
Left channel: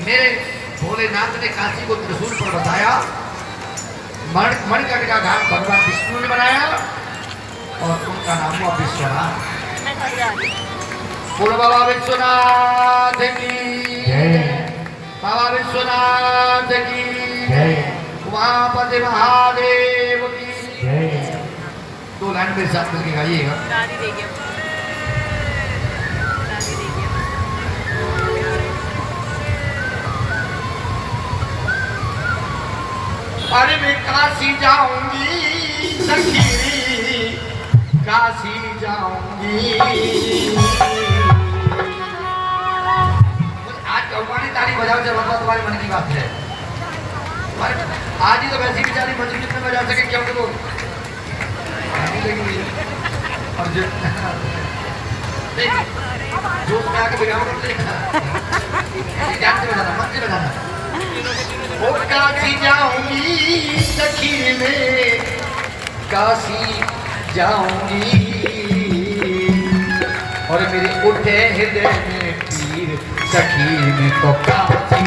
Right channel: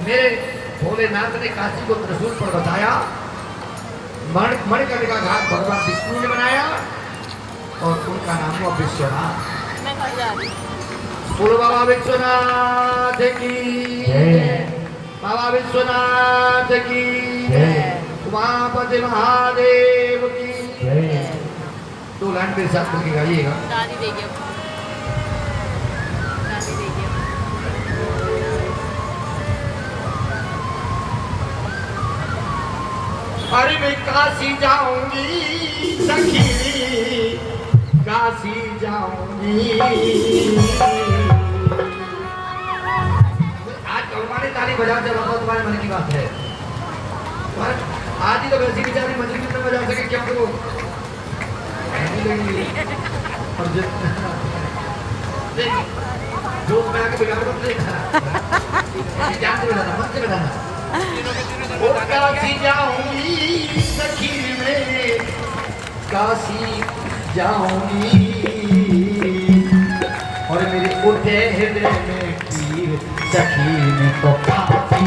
मेरे भोलेनाथ ने काशी को त्रिशूल पर बताया। मणिकर्णिका घाट भगवान विष्णु ने बनाया और उनका नाम हुआ विश्वनाथ। बोलो बाबा विश्वनाथ की, बाबा विश्वनाथ की, उमापति महादेव की। 2 लाइन मेरे साथ मिलकर गाइएगा। अरे मैं काशी जाऊंगी सखी, काशी जाऊंगी। आज भगवान ने ताली बजा जब तुम्हारे मन की बात है। आज ही तो वैसी बेचारी मजबूरी में बजा सके क्या करो। और जो मैं आके बिगाड़ मत लेना, ध्यान से बजाना, मन से बजाना। ओ काशी जाऊंगी सखी में, काशी जाऊंगी और मेरे उठे हृदय में तीर सखी में तो काशी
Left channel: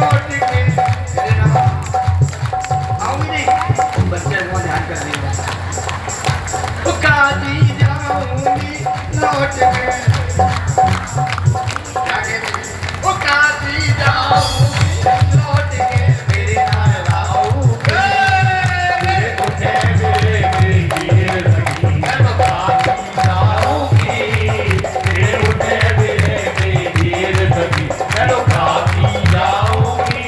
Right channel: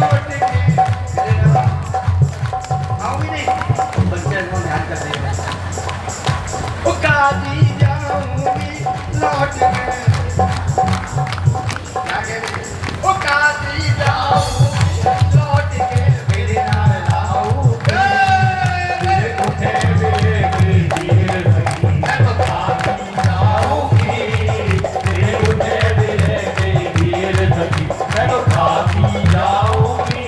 लौट के मेरे नाम आऊंगी नहीं बच्चे को ध्यान कर देगा ओ काजी जाऊंगी लौट के क्या कहते ओ काजी जाऊंगी लौट के मेरे नाम लाऊंगा मेरे उठे मेरे वीर सखी मैं तो काशी जाऊंगी मेरे उठे मेरे वीर सखी मैं तो काशी जाऊंगी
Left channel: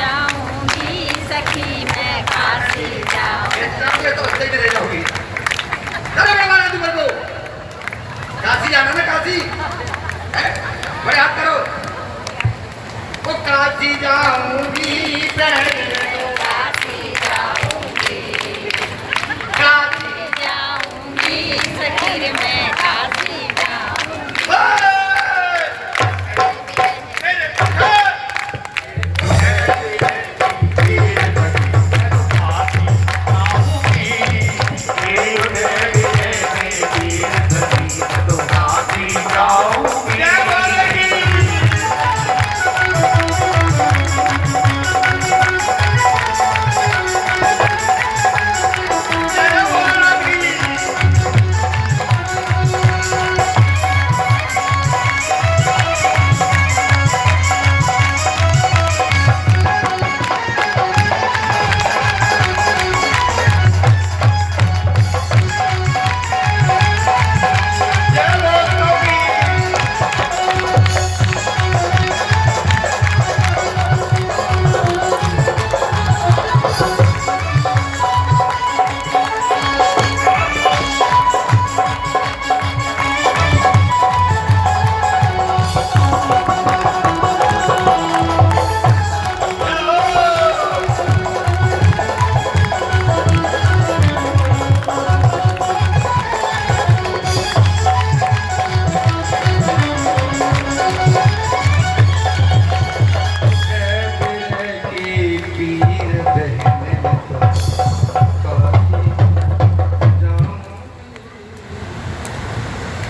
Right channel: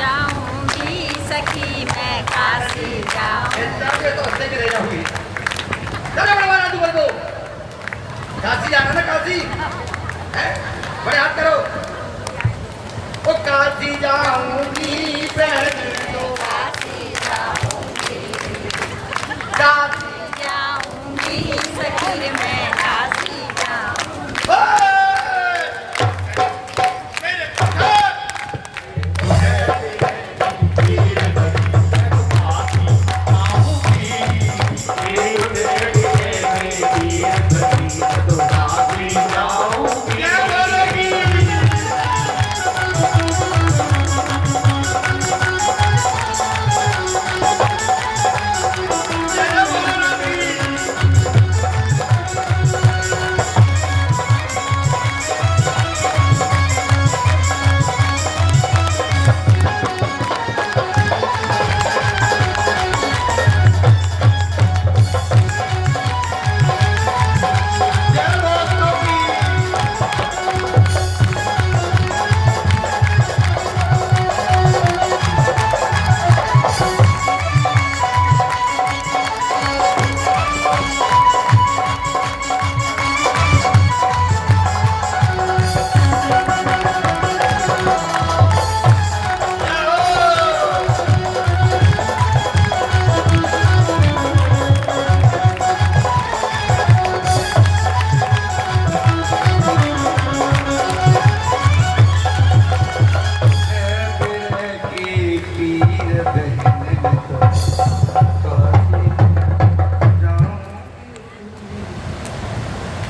जाऊंगी सखी मैं काशी जाऊंगी। काशी जाना ना काशी बड़े हाथ करो ओ काशी जाऊंगी काशी जाऊंगी सखी रे मैं काशी जाऊंगी।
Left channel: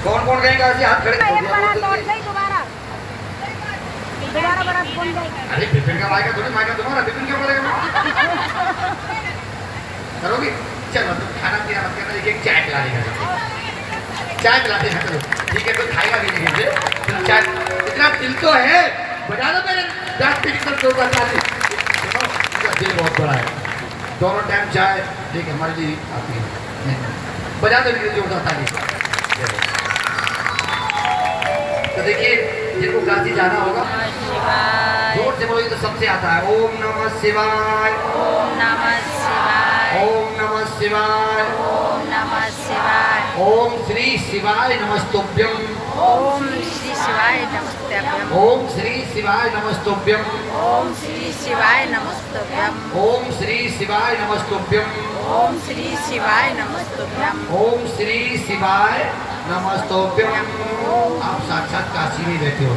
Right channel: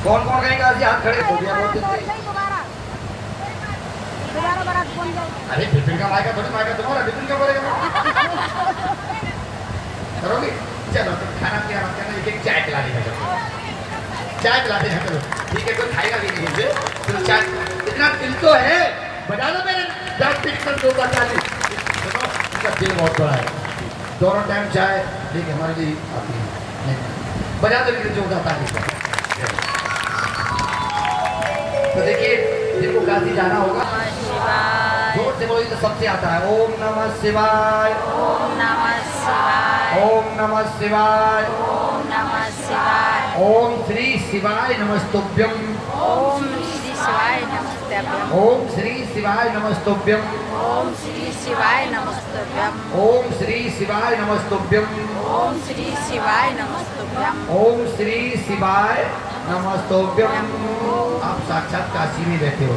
कौन कौन गए काशी हाथ खड़े हो गया बोल दो अरे बिपिन का मायका तुम्हारा बिपिन क्यों बोलेगा करोगे चलो तुम खाना पीना मत करना एक चाय पिला देगा चाय पिला देगा चलो ठीक है कोई खाएगा भी नहीं तुम चाय इतना दिल तो है बजा दो मेरे 10 पिट कर दो बजा दो सुनो इसका दिल बहुत बड़ा है दोनों टाइम चाय ठीक है हमारे लिए आती है बजा दो मेरे जोरदार ताली तो देखिए जिनको काशी जाना होगा नमः शिवाय जोर से बोलो ये तो सबसे आता है ओम नमः शिवाय ओम नमः शिवाय ओम नमः शिवाय ओम नमः शिवाय ओम श्री शिवाय नमस्तुभ्यम ओम श्री शिवाय नमस्तुभ्यम ओम श्री शिवाय नमस्तुभ्यम ओम श्री शिवाय नमस्तुभ्यम ओम श्री शिवाय नमस्तुभ्यम ओम श्री शिवाय नमस्तुभ्यम ओम श्री शिवाय नमस्तुभ्यम आप साक्षात काशी में बैठे हो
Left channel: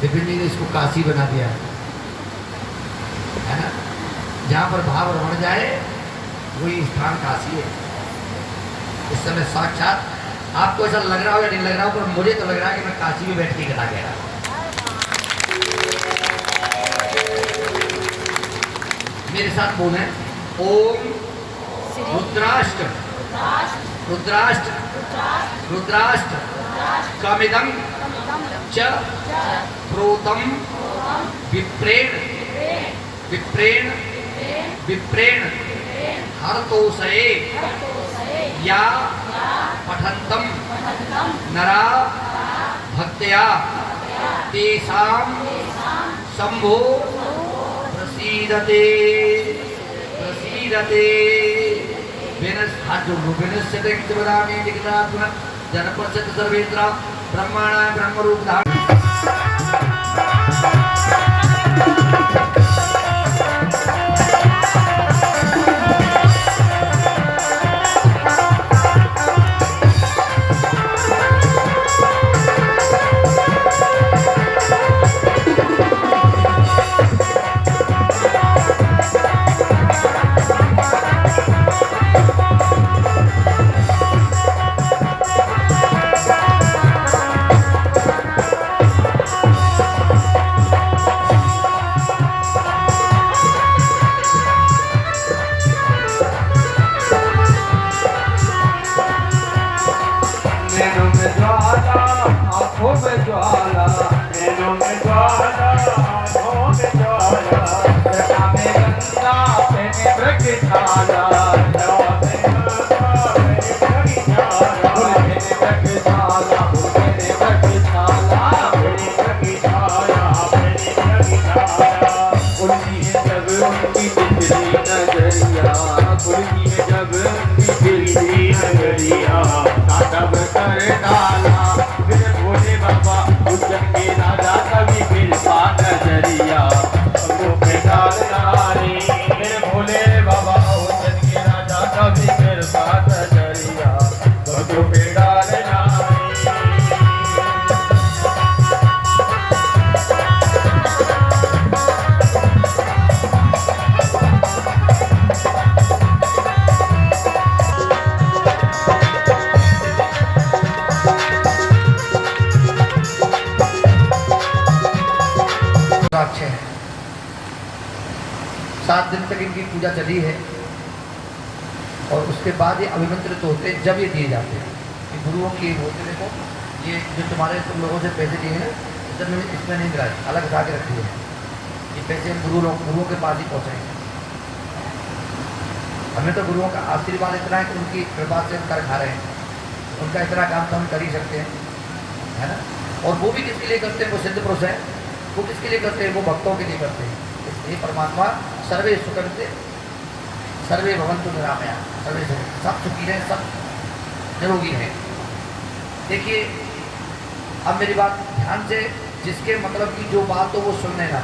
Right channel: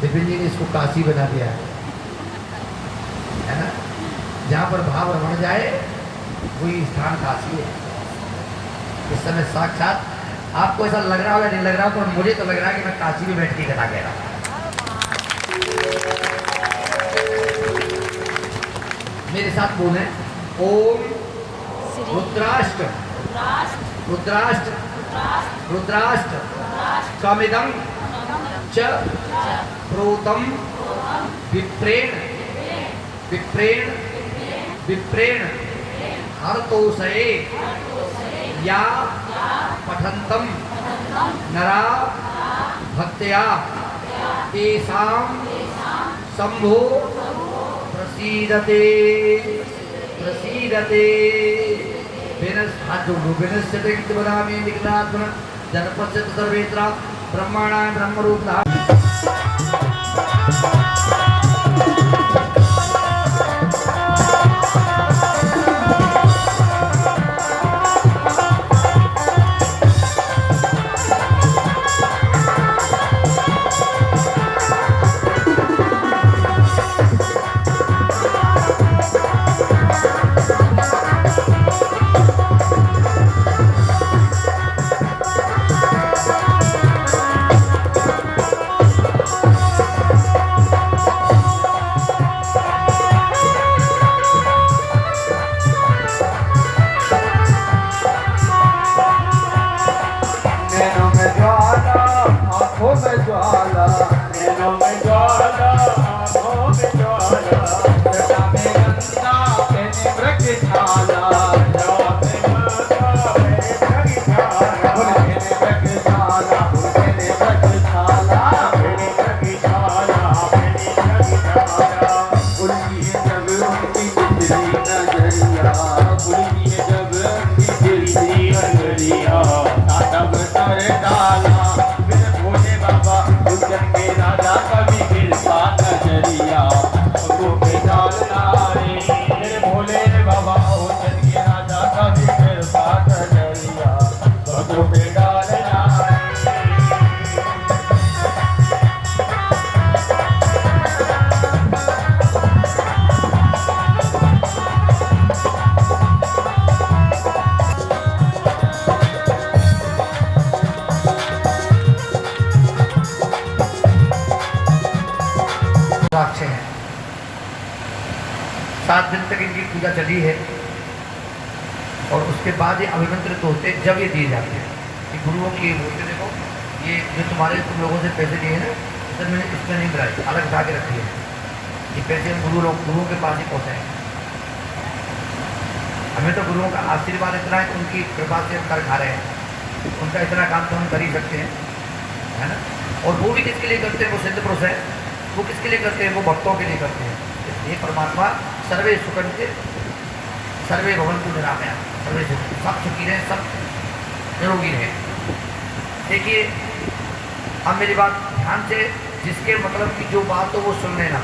विपिन जी ने इसको काशी बना दिया है ना जहाँ पर भाव रमण जाए वही स्थान काशी है इस समय साक्षात आपको ऐसा लग रहा हो या नहीं लग रहा हो पर मुझे तो लग रहा है कि मैं काशी में बैठ के कथा कह रहा हूँ मेरे साथ बोले ओम श्री रुद्राष्ट्र रुद्राष्ट्र रुद्राष्ट्र कमिदं च प्रोतम विप्रेण विप्रेण विप्रेण हरतोषये या पठन्तं नरा भक्त्या तेषां शंभो प्रसीदते प्रसीदते हाथ जोड़ दो विनश्यते वदामि लिखितात्मन जनपश्यत सर्वेत्र ब्रह्माणां ब्रह्मरूप धाम 7 दिन तक इनकी पूजा चली है और उसके बाद ये अभिमंत्रित होते जब ये दिए जाते हैं कि गुरुओं की बोलते देखो ये जो तुम्हारे तुम लोगों से पैसे लिए हैं सर मैंने इसमें नहीं गिराए अलग उठा के रखी है ये पैसे हम गुरुओं के पास ही पहुँचाएंगे। हमें तो गुरुओं का आशीर्वाद इतना है कि उनकी कृपा से हम कर खा रहे हैं, उनका इतना काम तो हम कर ही सकते हैं, है ना। और वो भी किसके लिए करते हैं, वो सिद्ध पुरुष है, वो किसके लिए करते हैं, वो भक्तों के लिए करते हैं। इसलिए परमात्मा सर्वे सुखन से सर्वे भवन्तु निरामया, सर्वे सब सुखी रहें, सब निरोगी रहें। देखिए अब मेरी बात ध्यान से, जिसके मतलब की जो बात हो वो सुन लेना,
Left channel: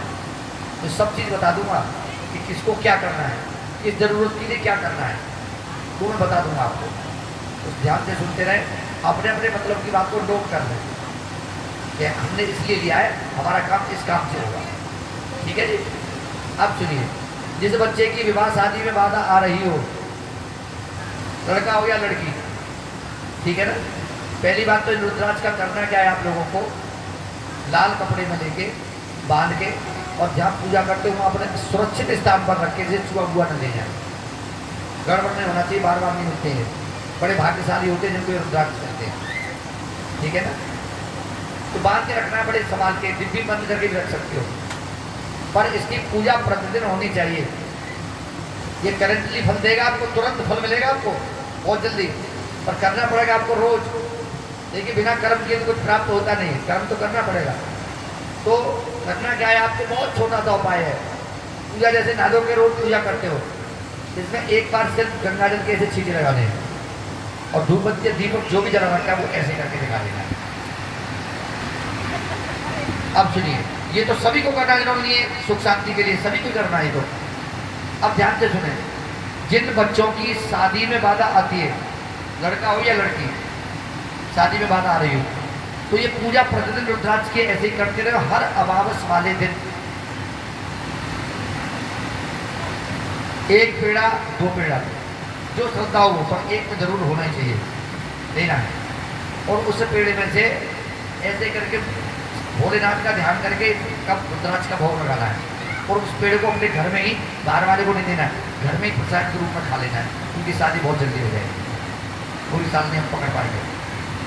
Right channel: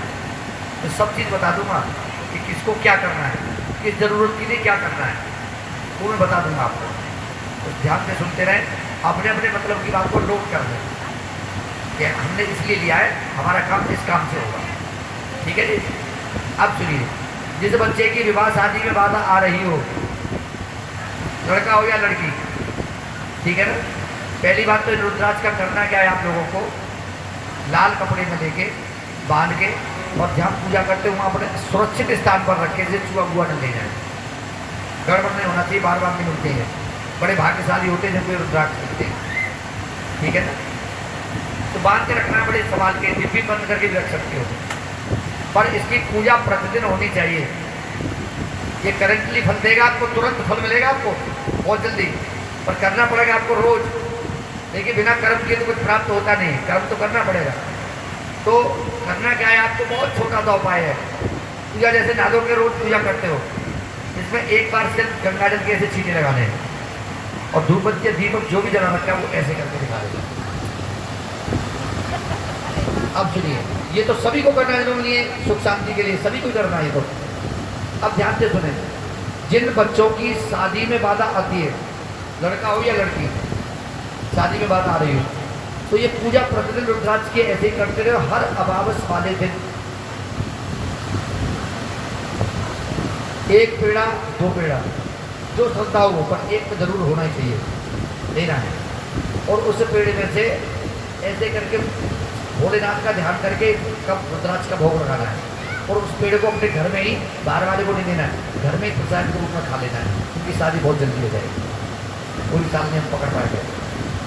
तो सब चीज़ बता दूंगा कि किसको क्या करना है, किस ज़रूरत के लिए क्या करना है, वो मैं बता दूंगा आपको। तो ध्यान से सुनते रहें, अपने अपने मतलब की बात को नोट कर लें कि हमने इसलिए लिया है, हमारा काम इस काम से होगा, ठीक है जी। अब सुनिए, जिस बच्चे की विवाह शादी में बाधा आ रही हो, लड़का हो या लड़की, ठीक है ना। पहली बात तो रुद्राक्ष का करना क्या है, आप लोगों को लाल कपड़े में लेके बांध के और जहाँ पूजा करते हुए अपने सुरक्षित स्थान पर रखे, जिसे छुआ हुआ न ले जाए, गड़बड़ नहीं होना चाहिए, बार बार नहीं मिलते हैं, बड़े भाग्यशाली होते हैं जिनको रुद्राक्ष मिलते हैं, ठीक है ना। तो बांध के रखना, बड़े संभाल के, डिब्बी बंद करके भी रख सकते हो, पर इसकी पूजा प्रतिदिन होनी चाहिए। ये करेंटली फल देगा आपको, तुरंत फल मिलेगा आपको बहुत जल्दी, पर करना पड़ेगा आपको रोज। देखिए बिना कर्म के तो कुछ प्राप्त होता नहीं, कर्म तो करना पड़ेगा। तो करना क्या है, आपको बहुत छोटा सा उपाय है। पूजा जैसे नादों के रोज पूजा करते हो, इसमें एक बार सिर्फ गंगा जल के ऐसे छींटे लगाने हैं और धूप बत्ती दीपक जो भी जला रखा है वो ऐसे करके दिखा देगा। अब सुनिए, ये तो सभी को करना है, जिन्होंने लिए सुख शांति के लिए सभी को करना है। तो अब ध्यान से सुने, जिन बच्चों की शादी में बाधा आती है, लड़का हो या लड़की, शादी में बाधा आ रही हो, तो ये पूजा प्रतिदिन रुद्राक्ष के ऐसे ही करते रहे। हर अमावस वाले दिन एक पेड़ा 2 पेड़ा जो श्रद्धा हो, पर एक तो जरूर होना ही चाहिए, लेना है। और उस पेड़े में से ऐसे करके भोलेनाथ का ध्यान करके कब रुद्राक्ष का भोग लगाना है, और उस पेड़ को अपने घर में ही, बाहर वाले को नहीं देना है, घर में ही प्रसाद के रूप में खा लेना है, क्योंकि शादी बहुत जल्दी हो जाएगी। पूरी साल में हम पकड़ पाएंगे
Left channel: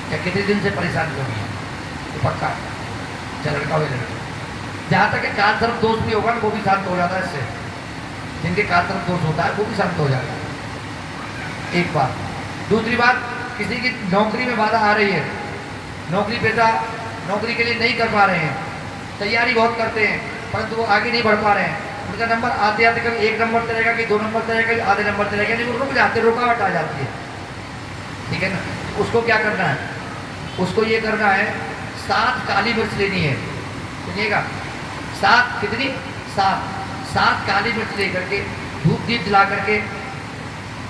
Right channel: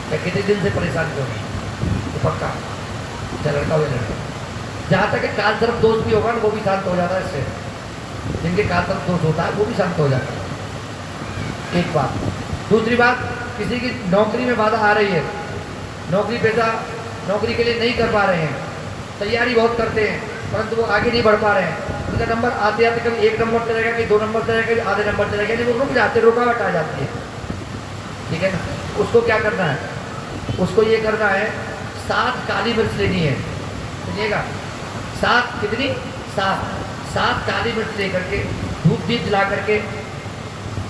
या कितने दिन से परेशान करूँगी, तो पक्का चाहे लड़का हो या लड़का। जहाँ तक काल तरफ दोष भी होगा ना, वो भी शांत हो जाता है इससे। जिनके काल तरफ दोष होता है वो भी शांत हो जाता है, एक बात। दूसरी बात, किसी की नौकरी में बाधा आ रही है, नौकरी पेशा नौकरी के लिए नहीं कर पा रहे हैं, तैयारी बहुत करते हैं परंतु वो आगे नहीं बढ़ पा रहे हैं। उनका नंबर आते आते कभी 1 नंबर से रहेगा, कि 2 नंबर से रहेगा, आधे नंबर से रहेगा, नहीं वो रुक जाते, रुकावट आ जाती है, ठीक है ना। उसको क्या करना है, उसको ये करना है, 7 काली मिर्च लेनी है, सुनिएगा, 7 कितनी, 7 काली मिर्च लेकर के धूप दीप जला करके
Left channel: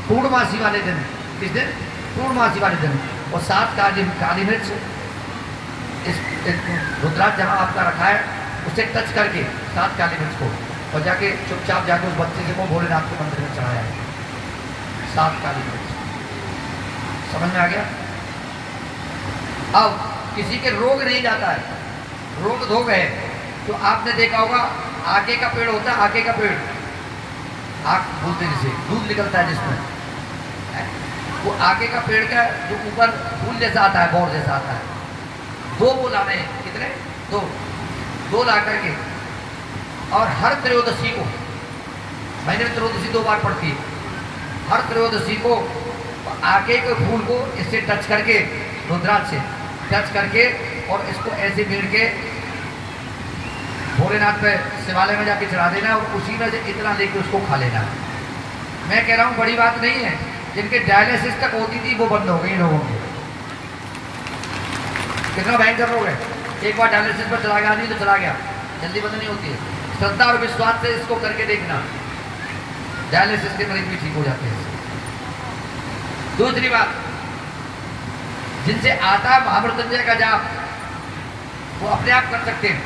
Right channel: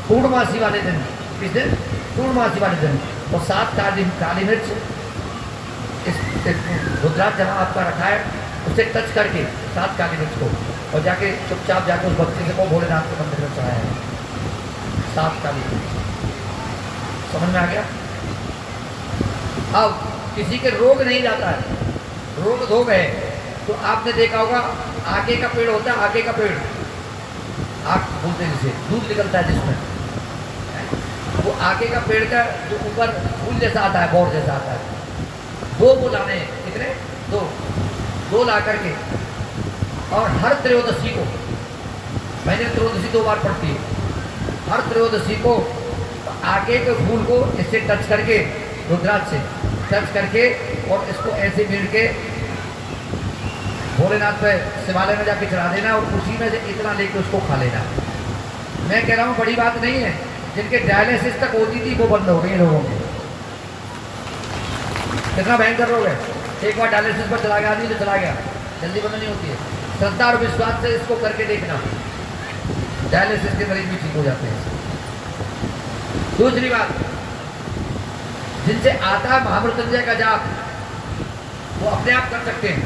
पूर्णमासी वाले दिन, किस दिन, पूर्णमासी वाले दिन, और 7 काली मिर्च इस रुद्राक्ष जहाँ आपका रखा है उसे टच करके 7 काली मिर्च को, और जाके चुपचाप जाके उस बच्चे से वो भोलेनाथ के मंदिर में चढ़ाया है 7 काली मिर्च। समझ में आ गया। अब किसी के रोग नहीं जाता है, रोग धोग है, तो आपने देखा होगा आगे का पेड़ होता है, आगे का पेड़ आग बोलते हैं जिसे, दूध निकलता है जिसमें, वो आगे का पेड़ का जो ऊपर फूल जैसा आता है, बोर जैसा आता है, 2 वो लाने हैं, कितने, 2 ला करके, और हर त्रयोदशी को, मैंने त्रयोदशी 2 बार पढ़ती है, हर त्रयोदशी को आगे के फूल को इससे टच करके, रुद्राक्ष से टच करके, और इसको ऐसे भीड़ के भोलेनाथ पे शिवालय में जाके चढ़ा देना, और उसी में से इतना लेके उसको खा लेना। मैं कह रहा हूँ बड़ी बात नहीं है, जिनके डायलिसिस तक होती थी वो बंद हो गई लोगों की। कितना भयंकर रोग है, एक बार डायलिसिस पर चला गया नहीं तो चला गया, जल्दी बंद नहीं होती है। श्रद्धा और विश्वास से इसको करके देखना, डायलिसिस के मरीज भी ठीक हो जाते हैं। दूसरी बात, जिनसे आता है महामृत्युंजय का जाप, वो अपने आप कर सकते हैं,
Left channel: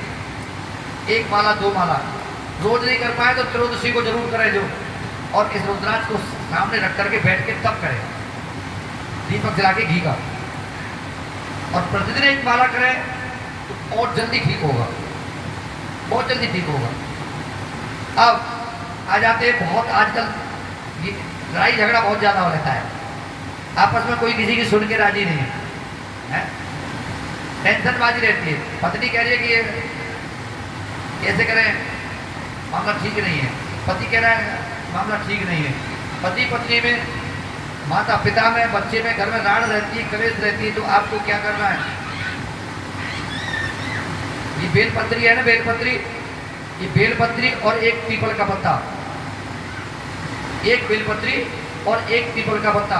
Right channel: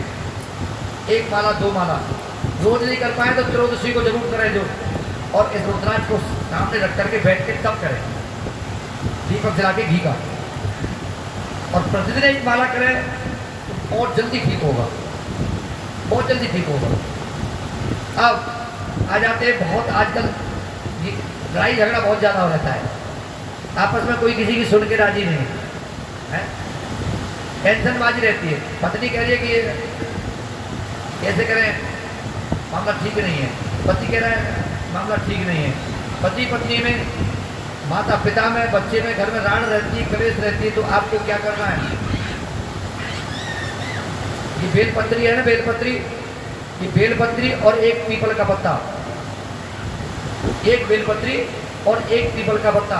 1 माला 2 माला, रोज नहीं कर पाए तो त्रयोदशी को जरूर करें जो, और इस रुद्राक्ष को सामने रख करके बैठ के तब करें, दीपक जला के घी का, और प्रतिदिन 1 माला करें तो बहुत जल्दी ठीक होगा, बहुत जल्दी ठीक होगा। अब आ जाते हैं। बहुत आजकल ये लड़ाई झगड़ा बहुत ज़्यादा हो रहता है, आपस में कोई किसी की सुन के राजी नहीं है, टेंशनबाजी रहती है। पत्नी कह रही है कि ये कैसे करें, मामला ठीक नहीं है, पति कह रहा है मामला ठीक नहीं है। पति पत्नी में, माता पिता में, बच्चे में, घर में राड़ रहती है, कलेश रहती है। तो आपको क्या करना है, ये बेलपत्री है ना, बेलपत्री, ये बेलपत्री और एक पीपल का पत्ता, एक बेलपत्री और एक पीपल का पत्ता,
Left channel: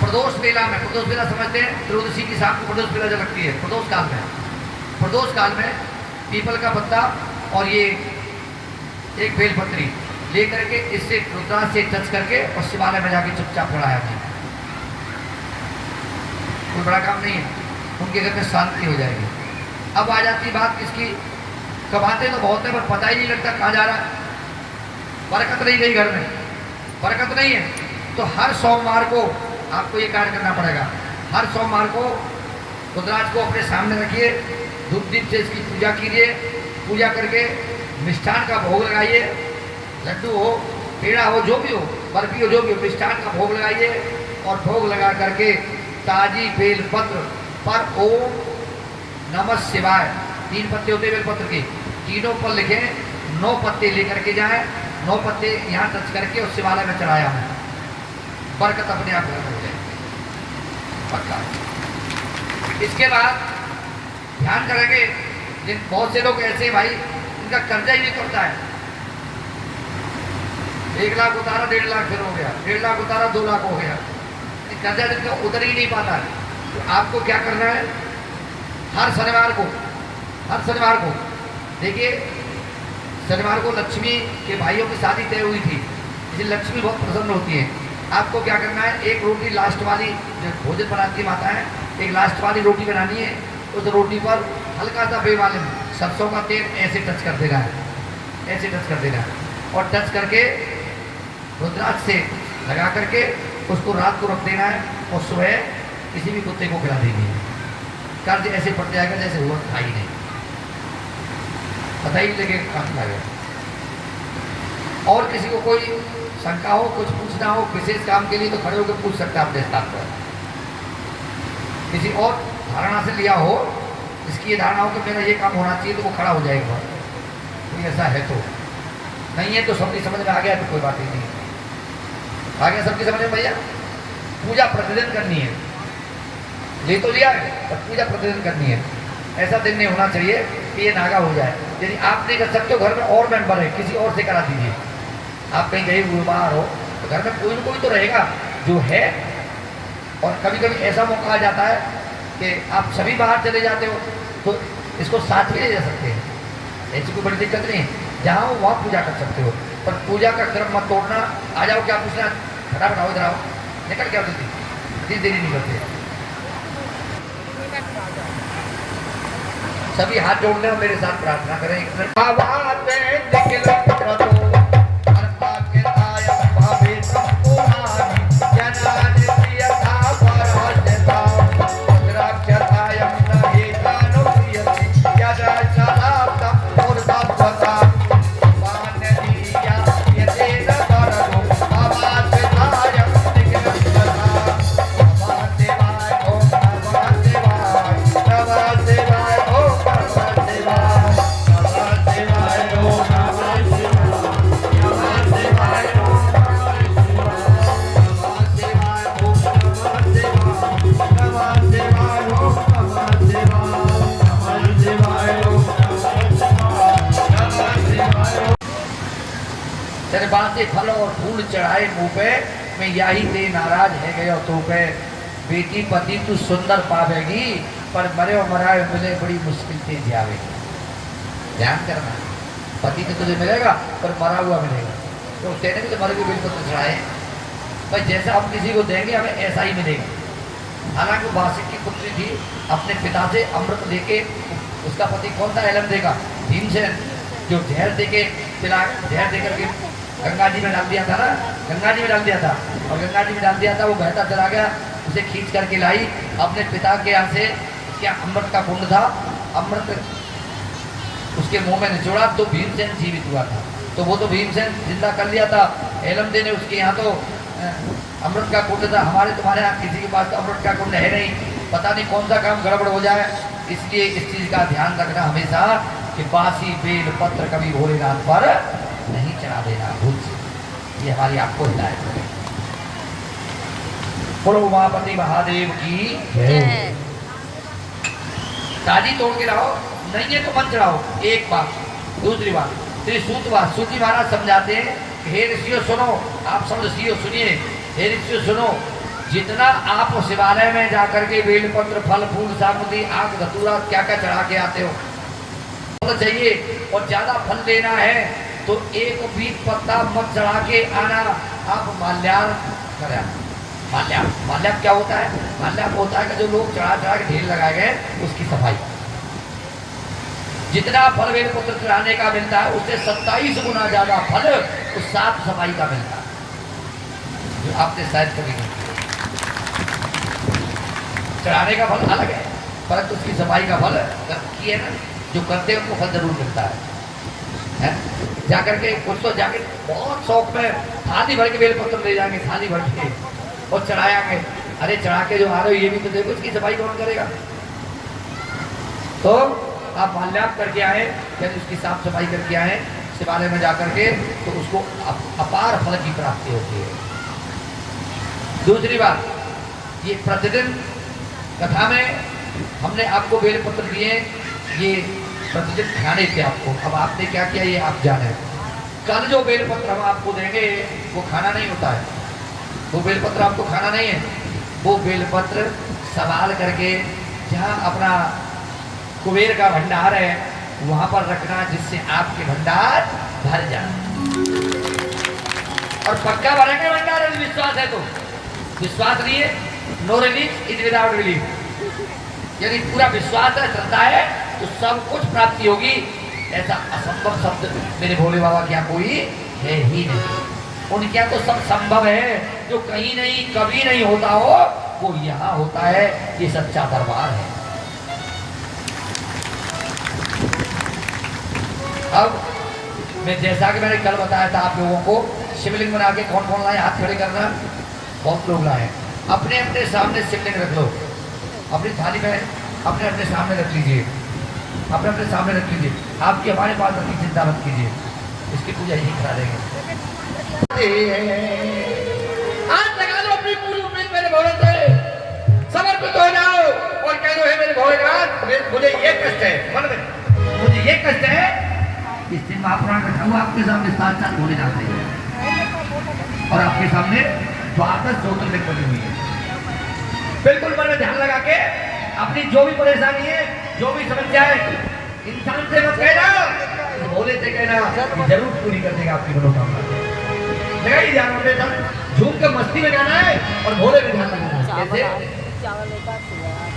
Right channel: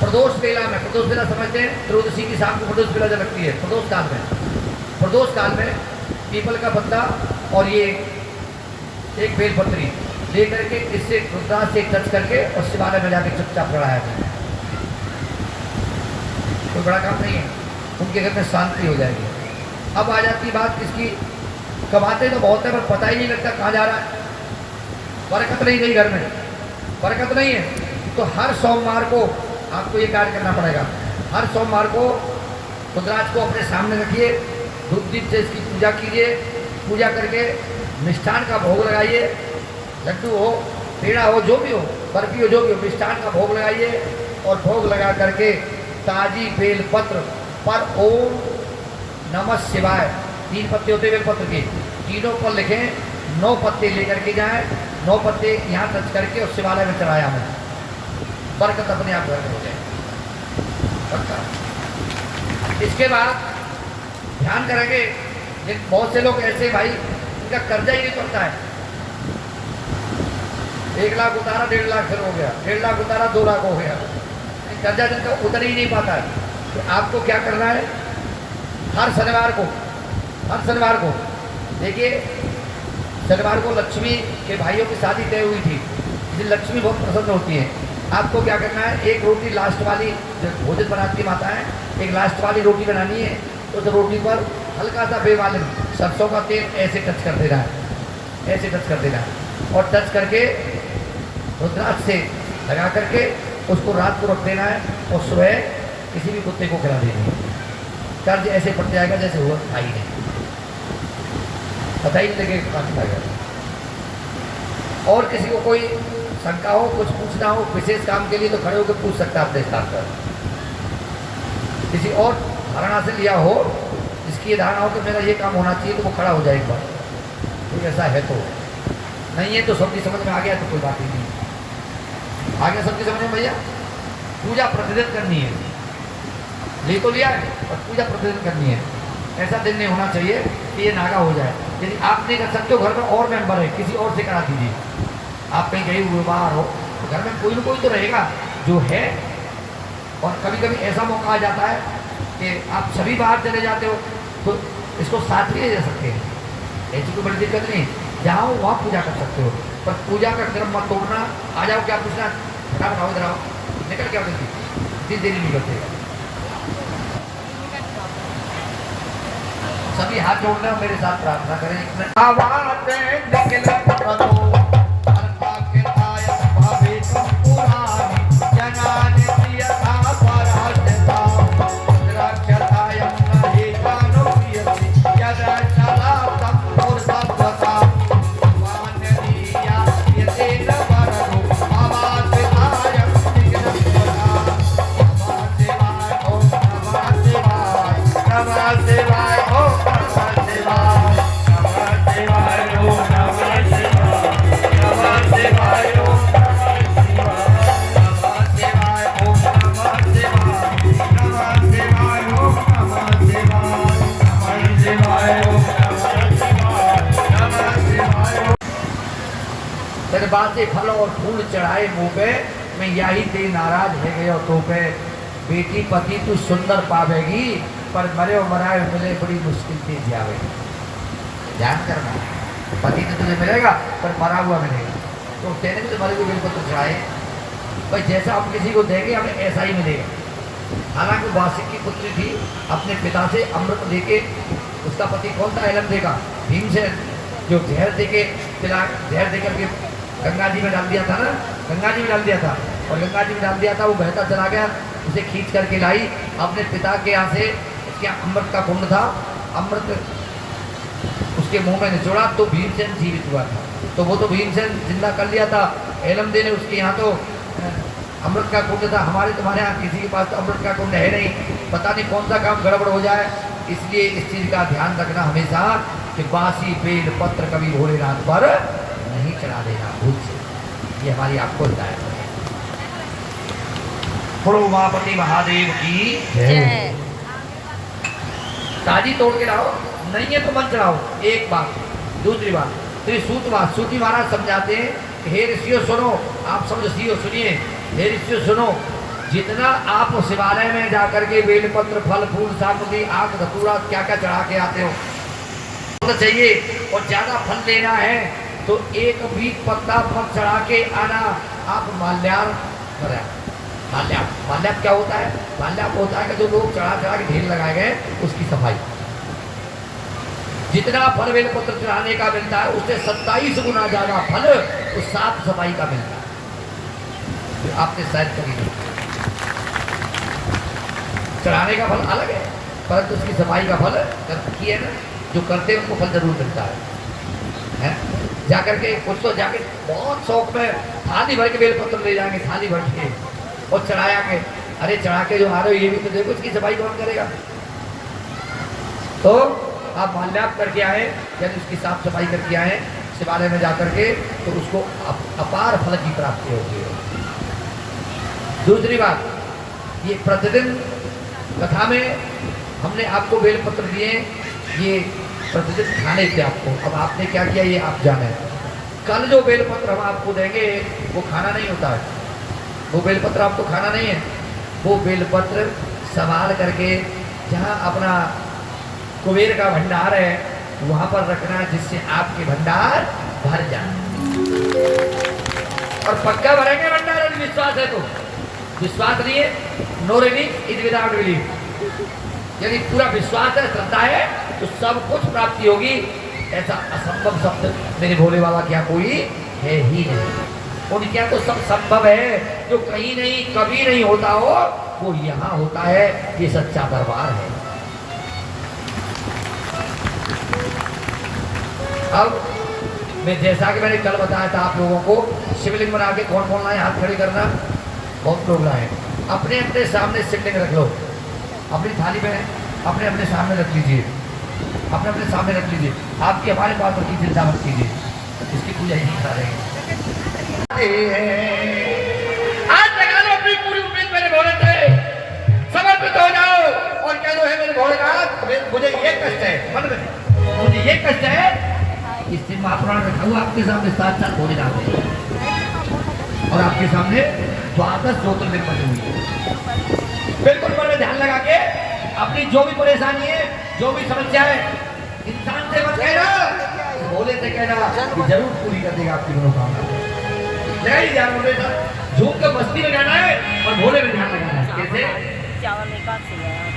प्रदोष बेला में, प्रदोष बेला समझते हैं, त्रयोदशी की शाम को प्रदोष बेला जो लगती है, प्रदोष काल में, प्रदोष काल में पीपल का पत्ता और ये एक बेलपत्री लेकर के इससे रुद्राक्ष से टच करके और शिवालय में जाके चुपचाप पढ़ाया जाए। कोई बड़ा काम नहीं है, उनके घर में शांति हो जाएगी। अब आ जाती बात किसकी, कमाते तो बहुत है पर पता ही नहीं लगता कहाँ जा रहा है, बरकत नहीं गई घर में, बरकत नहीं है। तो हर सोमवार को आपको ये कार्य करना पड़ेगा। हर सोमवार को रुद्राक्ष को अपने सामने रखिए, धूप दीप से इसकी पूजा कीजिए, पूजा करके मिष्ठान का भोग लगाइए, लड्डू हो, पेड़ा हो, जो भी हो, बर्फी हो, जो भी हो, मिष्ठान का भोग लगाइए और भोग लगा करके ताजी बेल पत्र पर ओम नमः शिवाय, 3 पत्ते होते बेल पत्र के, तीनों पर लिखें, 9 पत्ते लेकर के जाएं, 9 पत्ते यहाँ टच करके और शिवालय में चढ़ाया हूँ, बरकत अपने आप घर में हो जाए पक्का। इसके बाद ध्यान करेंगे, बहुत से लोग ऐसे भाई इनका कर्जा ही नहीं करता है, 1 लाख उतारा 1.5 लाख फिर हो गया, 1.5 लाख उतारा 2 लाख हो गया, कर्जा जिनका उतर ही नहीं पाता है। तो आपको क्या करना है, हर शनिवार को देखिए, शनिवार को लक्ष्मी के भाइयों की शादी तय हुई थी, इसलिए लक्ष्मी बहुत प्रसन्न होती है। आपको क्या करना है, एक रोटी लास्ट वाली, जो भोजन बनाती माता है, एक लास्ट वाली रोटी बनानी है, उस रोटी पर हल्का सा बेवालन सरसों का तेल ऐसे टच कर देना है, ऐसे टच कर देना है और टच करके रुद्राक्ष से लगा करके उसको रात को रख देना है और सुबह किसी भी कुत्ते को खिला देनी है। कर्ज ऐसे पड़ जाएगा जैसे हुआ था ही नहीं, पता ही नहीं लगेगा कहाँ लगेगा। और किसी को कोई शंका हो, कुछ पूछना हो विशेष काम के लिए तो खड़े होकर पूछ सकते हैं अपने स्टाफ पर। किसी और धारणा से लिया हो, इसकी ये धारणा हो कि मेरा ये काम होना चाहिए, तो वो खड़ा हो जाए एक बार, कोई ऐसा है तो, नहीं है तो सबकी समझ में आ गया तो कोई बात ही नहीं, आ गया सबकी समझ में भैया। पूजा प्रतिदिन करनी है, ले तो लिया है पर पूजा प्रतिदिन करनी है। ऐसा दिन नहीं होना चाहिए कि ये नागा हो जाए। यदि आप नहीं कर सकते हो, घर में और मेंबर है, किसी और से करा दीजिए। आप कहीं गए हुए बाहर हो तो घर में कोई न कोई तो रहेगा जो है। और कभी कभी ऐसा मौका आ जाता है कि आप सभी बाहर चले जाते हो तो इसको साथ में ले जा सकते हैं, ऐसी कोई बड़ी दिक्कत नहीं। जहाँ हो वहाँ पूजा कर सकते हो, पर पूजा का क्रम मत तोड़ना। आ जाओ, क्या पूछना, फटाफट आओ, इधर आओ, निकल क्या देती, इतनी देरी नहीं करते। सभी हाथ जोड़ने और मेरे साथ प्रार्थना करें। एक बाते फल और फूल चढ़ाए मुँह पे, मैं यही तेरी नाराज है गयो तो पे। बेटी पति तू सुंदर पावेगी, पर मरे और मराए मिले बड़ी मुश्किल से जावेगी। ध्यान करना, पति तो तुझे मिलेगा पर मरा हुआ मिलेगा। तो कहने भी तो मरे को बेलपत्र चढ़ाए भाई, जैसा हम किसी को देंगे हमें ऐसा ही मिलेगा। हालांकि वासिक की पुत्री थी, अपने पिता से अमृत लेके, उसका पति कौन था, एलम देगा भीमसेन, जो जहर देके जहर देकर के गंगा जी में डाल दिया था ना, गंगा जी में डाल दिया था, और गंगा जी में डाल दिया था, वो बहता चला गया, उसे खींच करके लाई अपने पिता के यहाँ से। उसके अमृत का कुंड था, अमृत उसके मुंह में निचोड़ा तो भीमसेन जीवित हुआ था। तो वो तो भीमसेन जिंदा कर लिया था। एलमदे ने उसके यहाँ तो अमृत का कुंड था, हमारे तुम्हारे यहाँ किसी के पास तो अमृत का कुंड है नहीं, पता नहीं कौन सा काम गड़बड़ हो जाए। इसलिए इस चीज का ध्यान रखना हमेशा कि बासी बेल पत्र कभी भोलेनाथ पर नहीं चढ़ा देना भूल से। ये हमारी आपको हिदायत है। बोलो उमापति महादेव की जय। ताजी तोड़ के रहो, नहीं है तो मन चढ़ाओ। एक बात। दूसरी बात, फिर सूती महाराज समझाते हैं कि हे ऋषियों सुनो, आप सब ऋषियों सुनिए, हे ऋषियों सुनो, जितना आप शिवालय में जाकर के बेलपत्र फल फूल सामग्री आग धतूरा क्या क्या चढ़ा के आते हो, फल चाहिए और ज्यादा फल लेना है तो एक भी पत्ता मत चढ़ा के आना, आप माल्यार्पण करें। माल्यार्पण क्या होता है? माल्यार्पण होता है कि जो लोग चढ़ा चढ़ा के ढेर लगाए गए उसकी सफाई। जितना फल बेलपत्र चढ़ाने का मिलता है उससे 27 गुना ज्यादा फल उस साफ सफाई का मिलता है जो आपने शायद कभी नहीं। चढ़ाने का फल अलग है परंतु उसकी सफाई का फल किए ना जो करते हैं उनको फल जरूर मिलता है? जाकर के कुछ तो जाके बहुत शौक में थाली भर के बेलपत्र ले जाएंगे, थाली भर के और चढ़ाएंगे। अरे चढ़ा के जो आ रहे हो ये भी तो देखो, इसकी सफाई कौन करेगा? तो आप माल्यार्पण करके आए, यानी उसकी साफ सफाई करके आए शिवालय में जाकर के, तो उसको अपार फल की प्राप्ति होती है। दूसरी बात, ये प्रतिदिन कथा में हमने आपको बेलपत्र दिए, ये प्रतिदिन खाने थे आपको। अब आपने क्या किया ये आप जाने। कल जो बेलपत्र हम आपको देंगे वो खाना नहीं होता है, वो बेलपत्र आपको खाना नहीं है। वो बेलपत्र संभाल करके जहाँ अपना कुबेर का भंडार है वहां पर रखना, जिससे आपके भंडार भर जाए। और पक्का भरेंगे भंडार यदि विश्वास है तो। विश्वास नहीं है, no release is without belief. यदि पूरा विश्वास है, श्रद्धा है तो सब कुछ प्राप्ति होगी। ऐसा असंभव शब्द मेरे भोले बाबा क्या कोई है ही नहीं। उनके यहाँ तो सब संभव है, जो कहीं नहीं कभी नहीं होता हो वो यहाँ होता है। ये सच्चा दरबार है। अब मैं जैसा कि मैंने कल बताया था आप लोगों को, शिवलिंग बना के कौन कौन लाए हाथ खड़े करना, बहुत लोग लाए। अपने अपने सामने शिवलिंग रख लो, अपनी थाली में अपने अपने सामने रख लीजिए, अपने अपने सामने रख लीजिए। आपकी हमारे पास रखी चिंता मत कीजिए, इसकी पूजा यही करा देंगे। आज लगा लो अपनी पूरी उम्मीद मेरे भोले से, समर्पित हो जाओ और कह दो है मेरे भोलेनाथ, मुझे ये कष्ट है मन में, मुझे ये कष्ट है। इस दिन महापुराण में था आपके सामने साथ साथ भोले जाते हैं और आपके सामने 12 ज्योतिर्लिंग बनी हुई है। बिल्कुल मन में ध्यान लगा के अपनी जो भी परेशानी है, जो भी समस्या है, इंसान से मत कहना, भोले से कहना कि जरूर पूरी कर देगा आपकी मनोकामना। लगा ही ध्यान होने का, झूम के मस्ती में जाना है और भोले में ध्यान लगाना है। कैसे?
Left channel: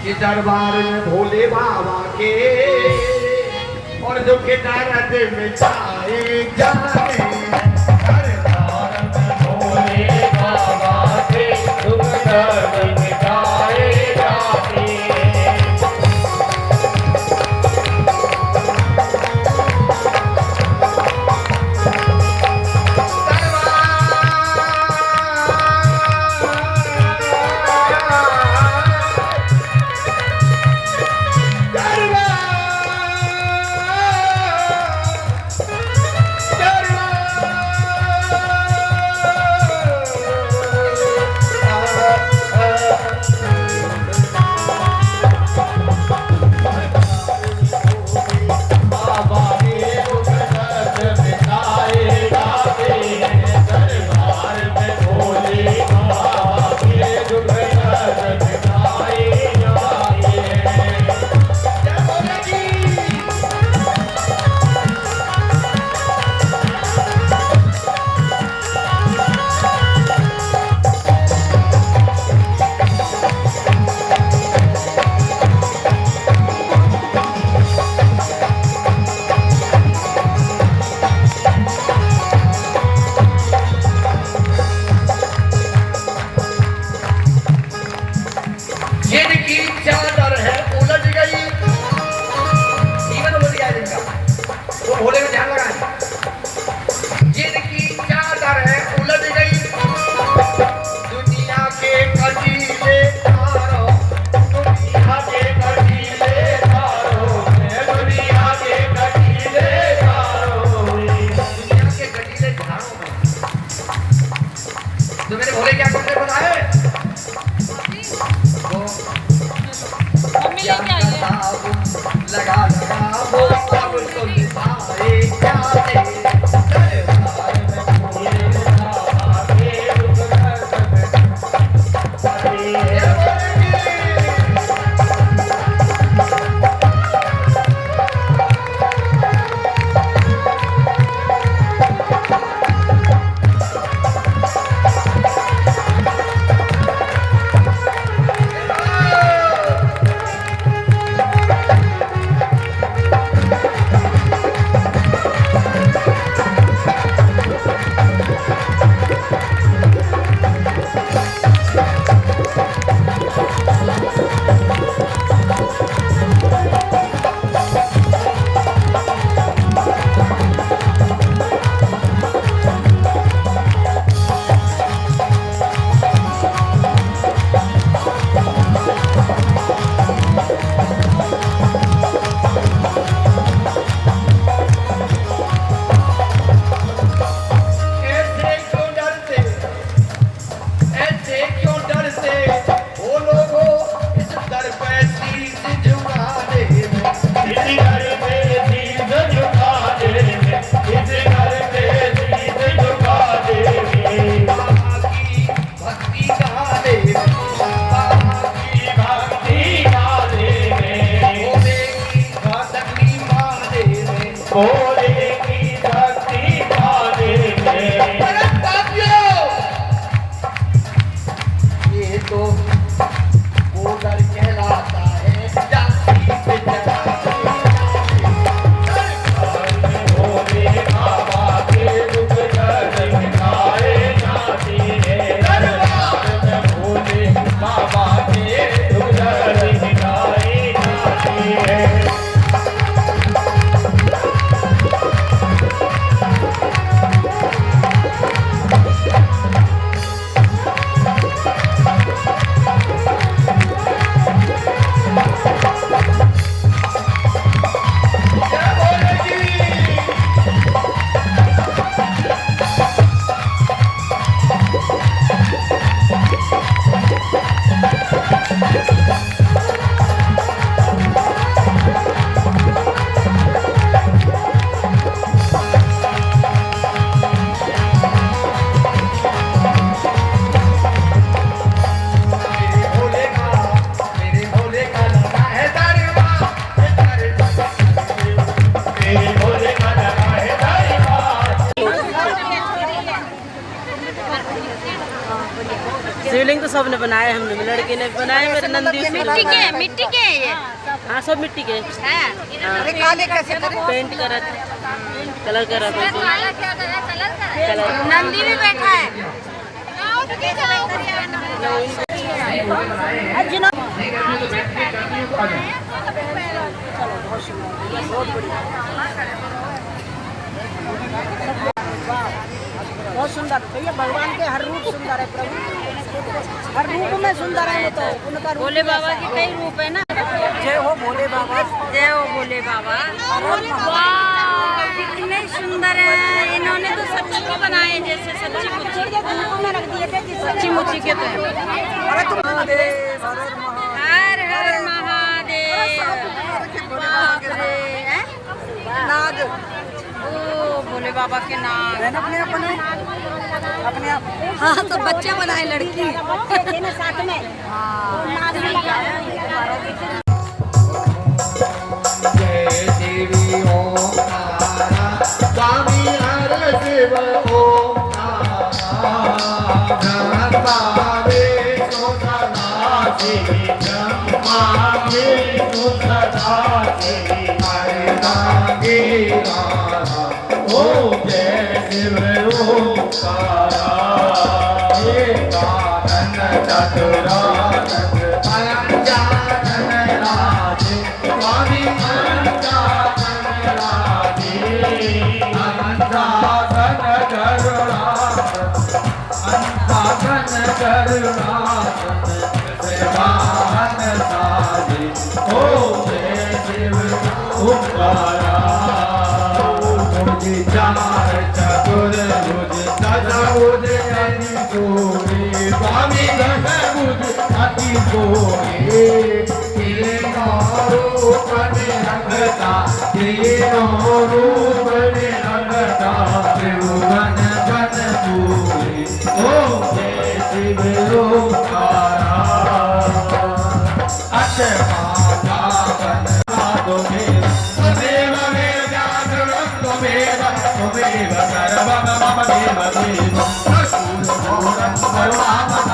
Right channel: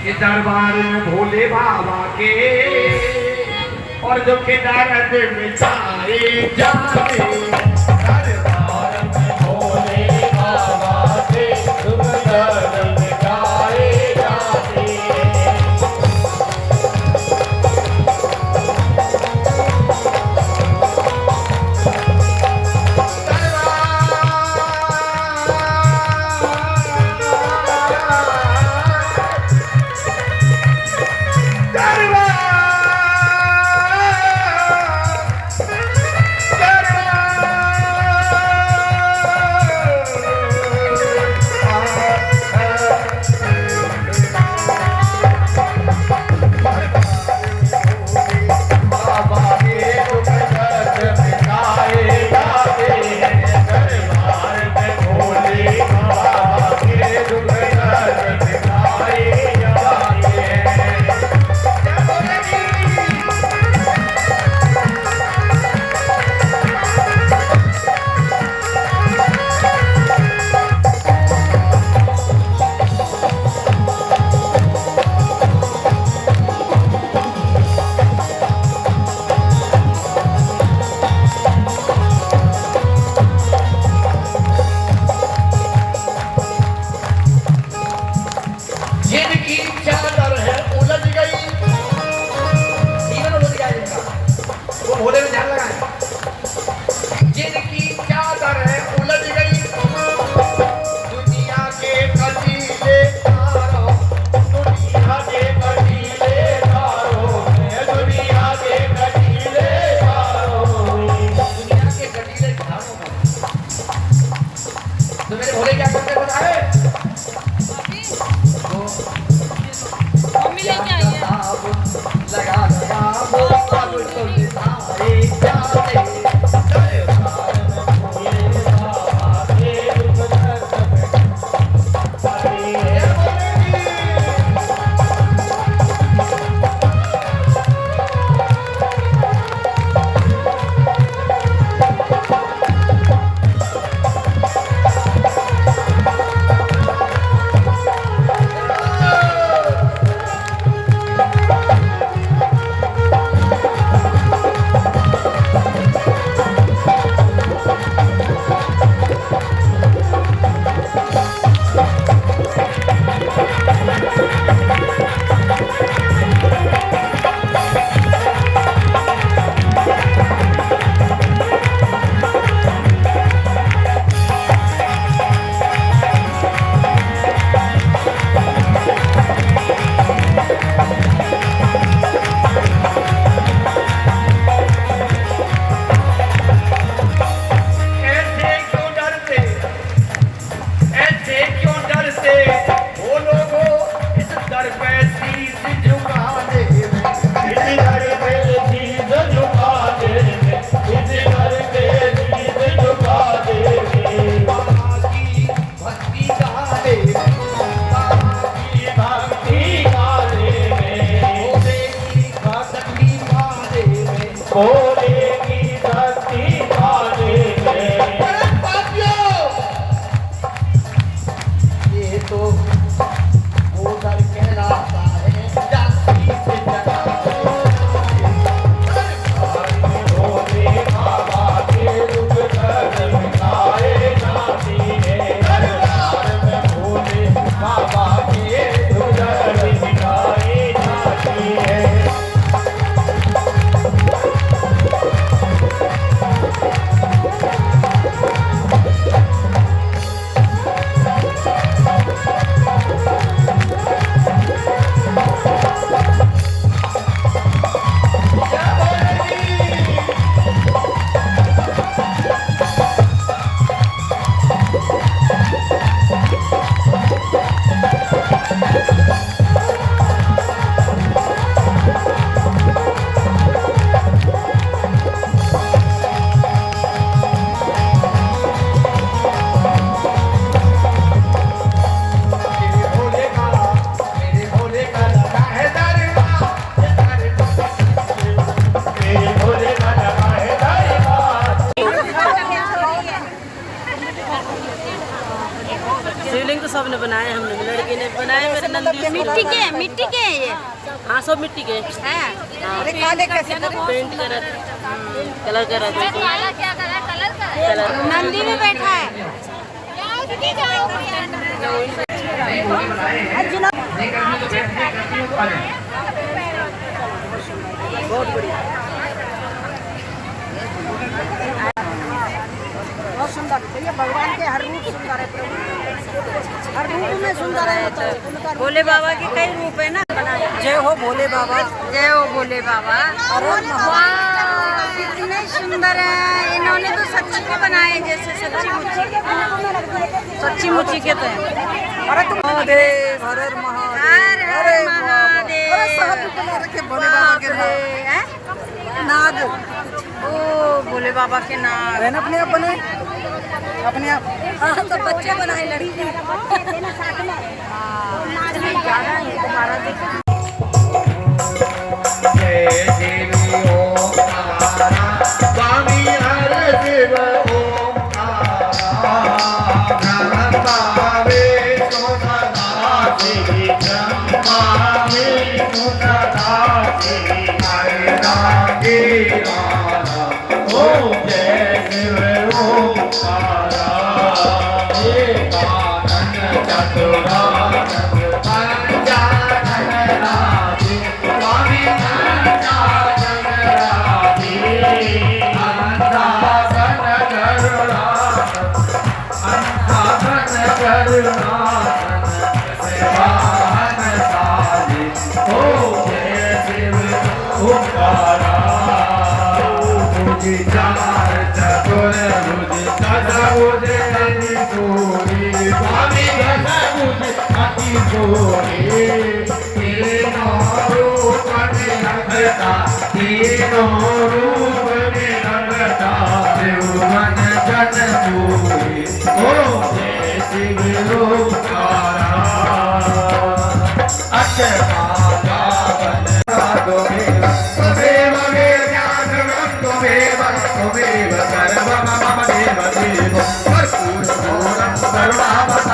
कि दरबार में भोले बाबा के और जो के दर्द मिटाए जाए, दरबार में भोले बाबा के दुख दर्द मिटाए जाए। दरबार भोले की शक्ति पाने में। अरे पापियों, ये तो भूगल कहलाता है, जाति पे चढ़ाते हैं। भोले बाबा के दुख दर्द मिटाए जाते हैं। भोले बाबा के दुख दर्द मिटाए जाते हैं। मेरे भोले का लगा है दरबार। मेरे भोले का लगा है दरबार। शिवलिंग तो सबने बनाया, हमने लड़के ने बनाया, मेरे नंदी मिट्टी के ये हाँ सब मिट्टी के अरे काले कैसे करे? पेंट करे, कलर करा थे। नंदी भी बैठा है। बहुत सुंदर भैया, भगवान के हर रूप सुंदर है प्रभु, हर रूप में सुंदर है। भोले बाबा के कई रूप है ना। जय हो भोले बाबा। जय हो भोले बाबा। वाह कितने सुंदर है। इन्होंने तो सच्ची के बनाए, जैसे सच्ची मुच्ची के तो है। अरे तुम महादेव, हर हर महादेव। बाप रे हैं? नाग ओ भोले बाबा के नाम। बहन अपने आप बनाए, अपने आप। हाँ तो बच्चे बनाए, लड़की साथ में। जय देवी ओम तारा, स्वामी हर शिव ओम तारा। ब्रह्मा विष्णु सदाशिव, ब्रह्मा विष्णु सदाशिव, हरि नागेरा। ओम जय शिव ओंकारा, एकानन चतुरानन पंचानन राधे, स्वामी पंचानन राधे। अंधासन करुणासन सेवान साधे। ओम जय शिव ओंकारा, चार चतुर भुज चतुर्भुज हरिभुज, स्वामी दशभुज अति भोले। तीनों रूप निरंता, तीनों रूप निरंता, त्रिभुवन जन पूरे। ओम जय शिव ओंकारा, अक्षमालावन त्वमेव त्वमेव ज्ञानवं त्वमेव त्वमेव सर्वं मम देव देव। करुणावतारं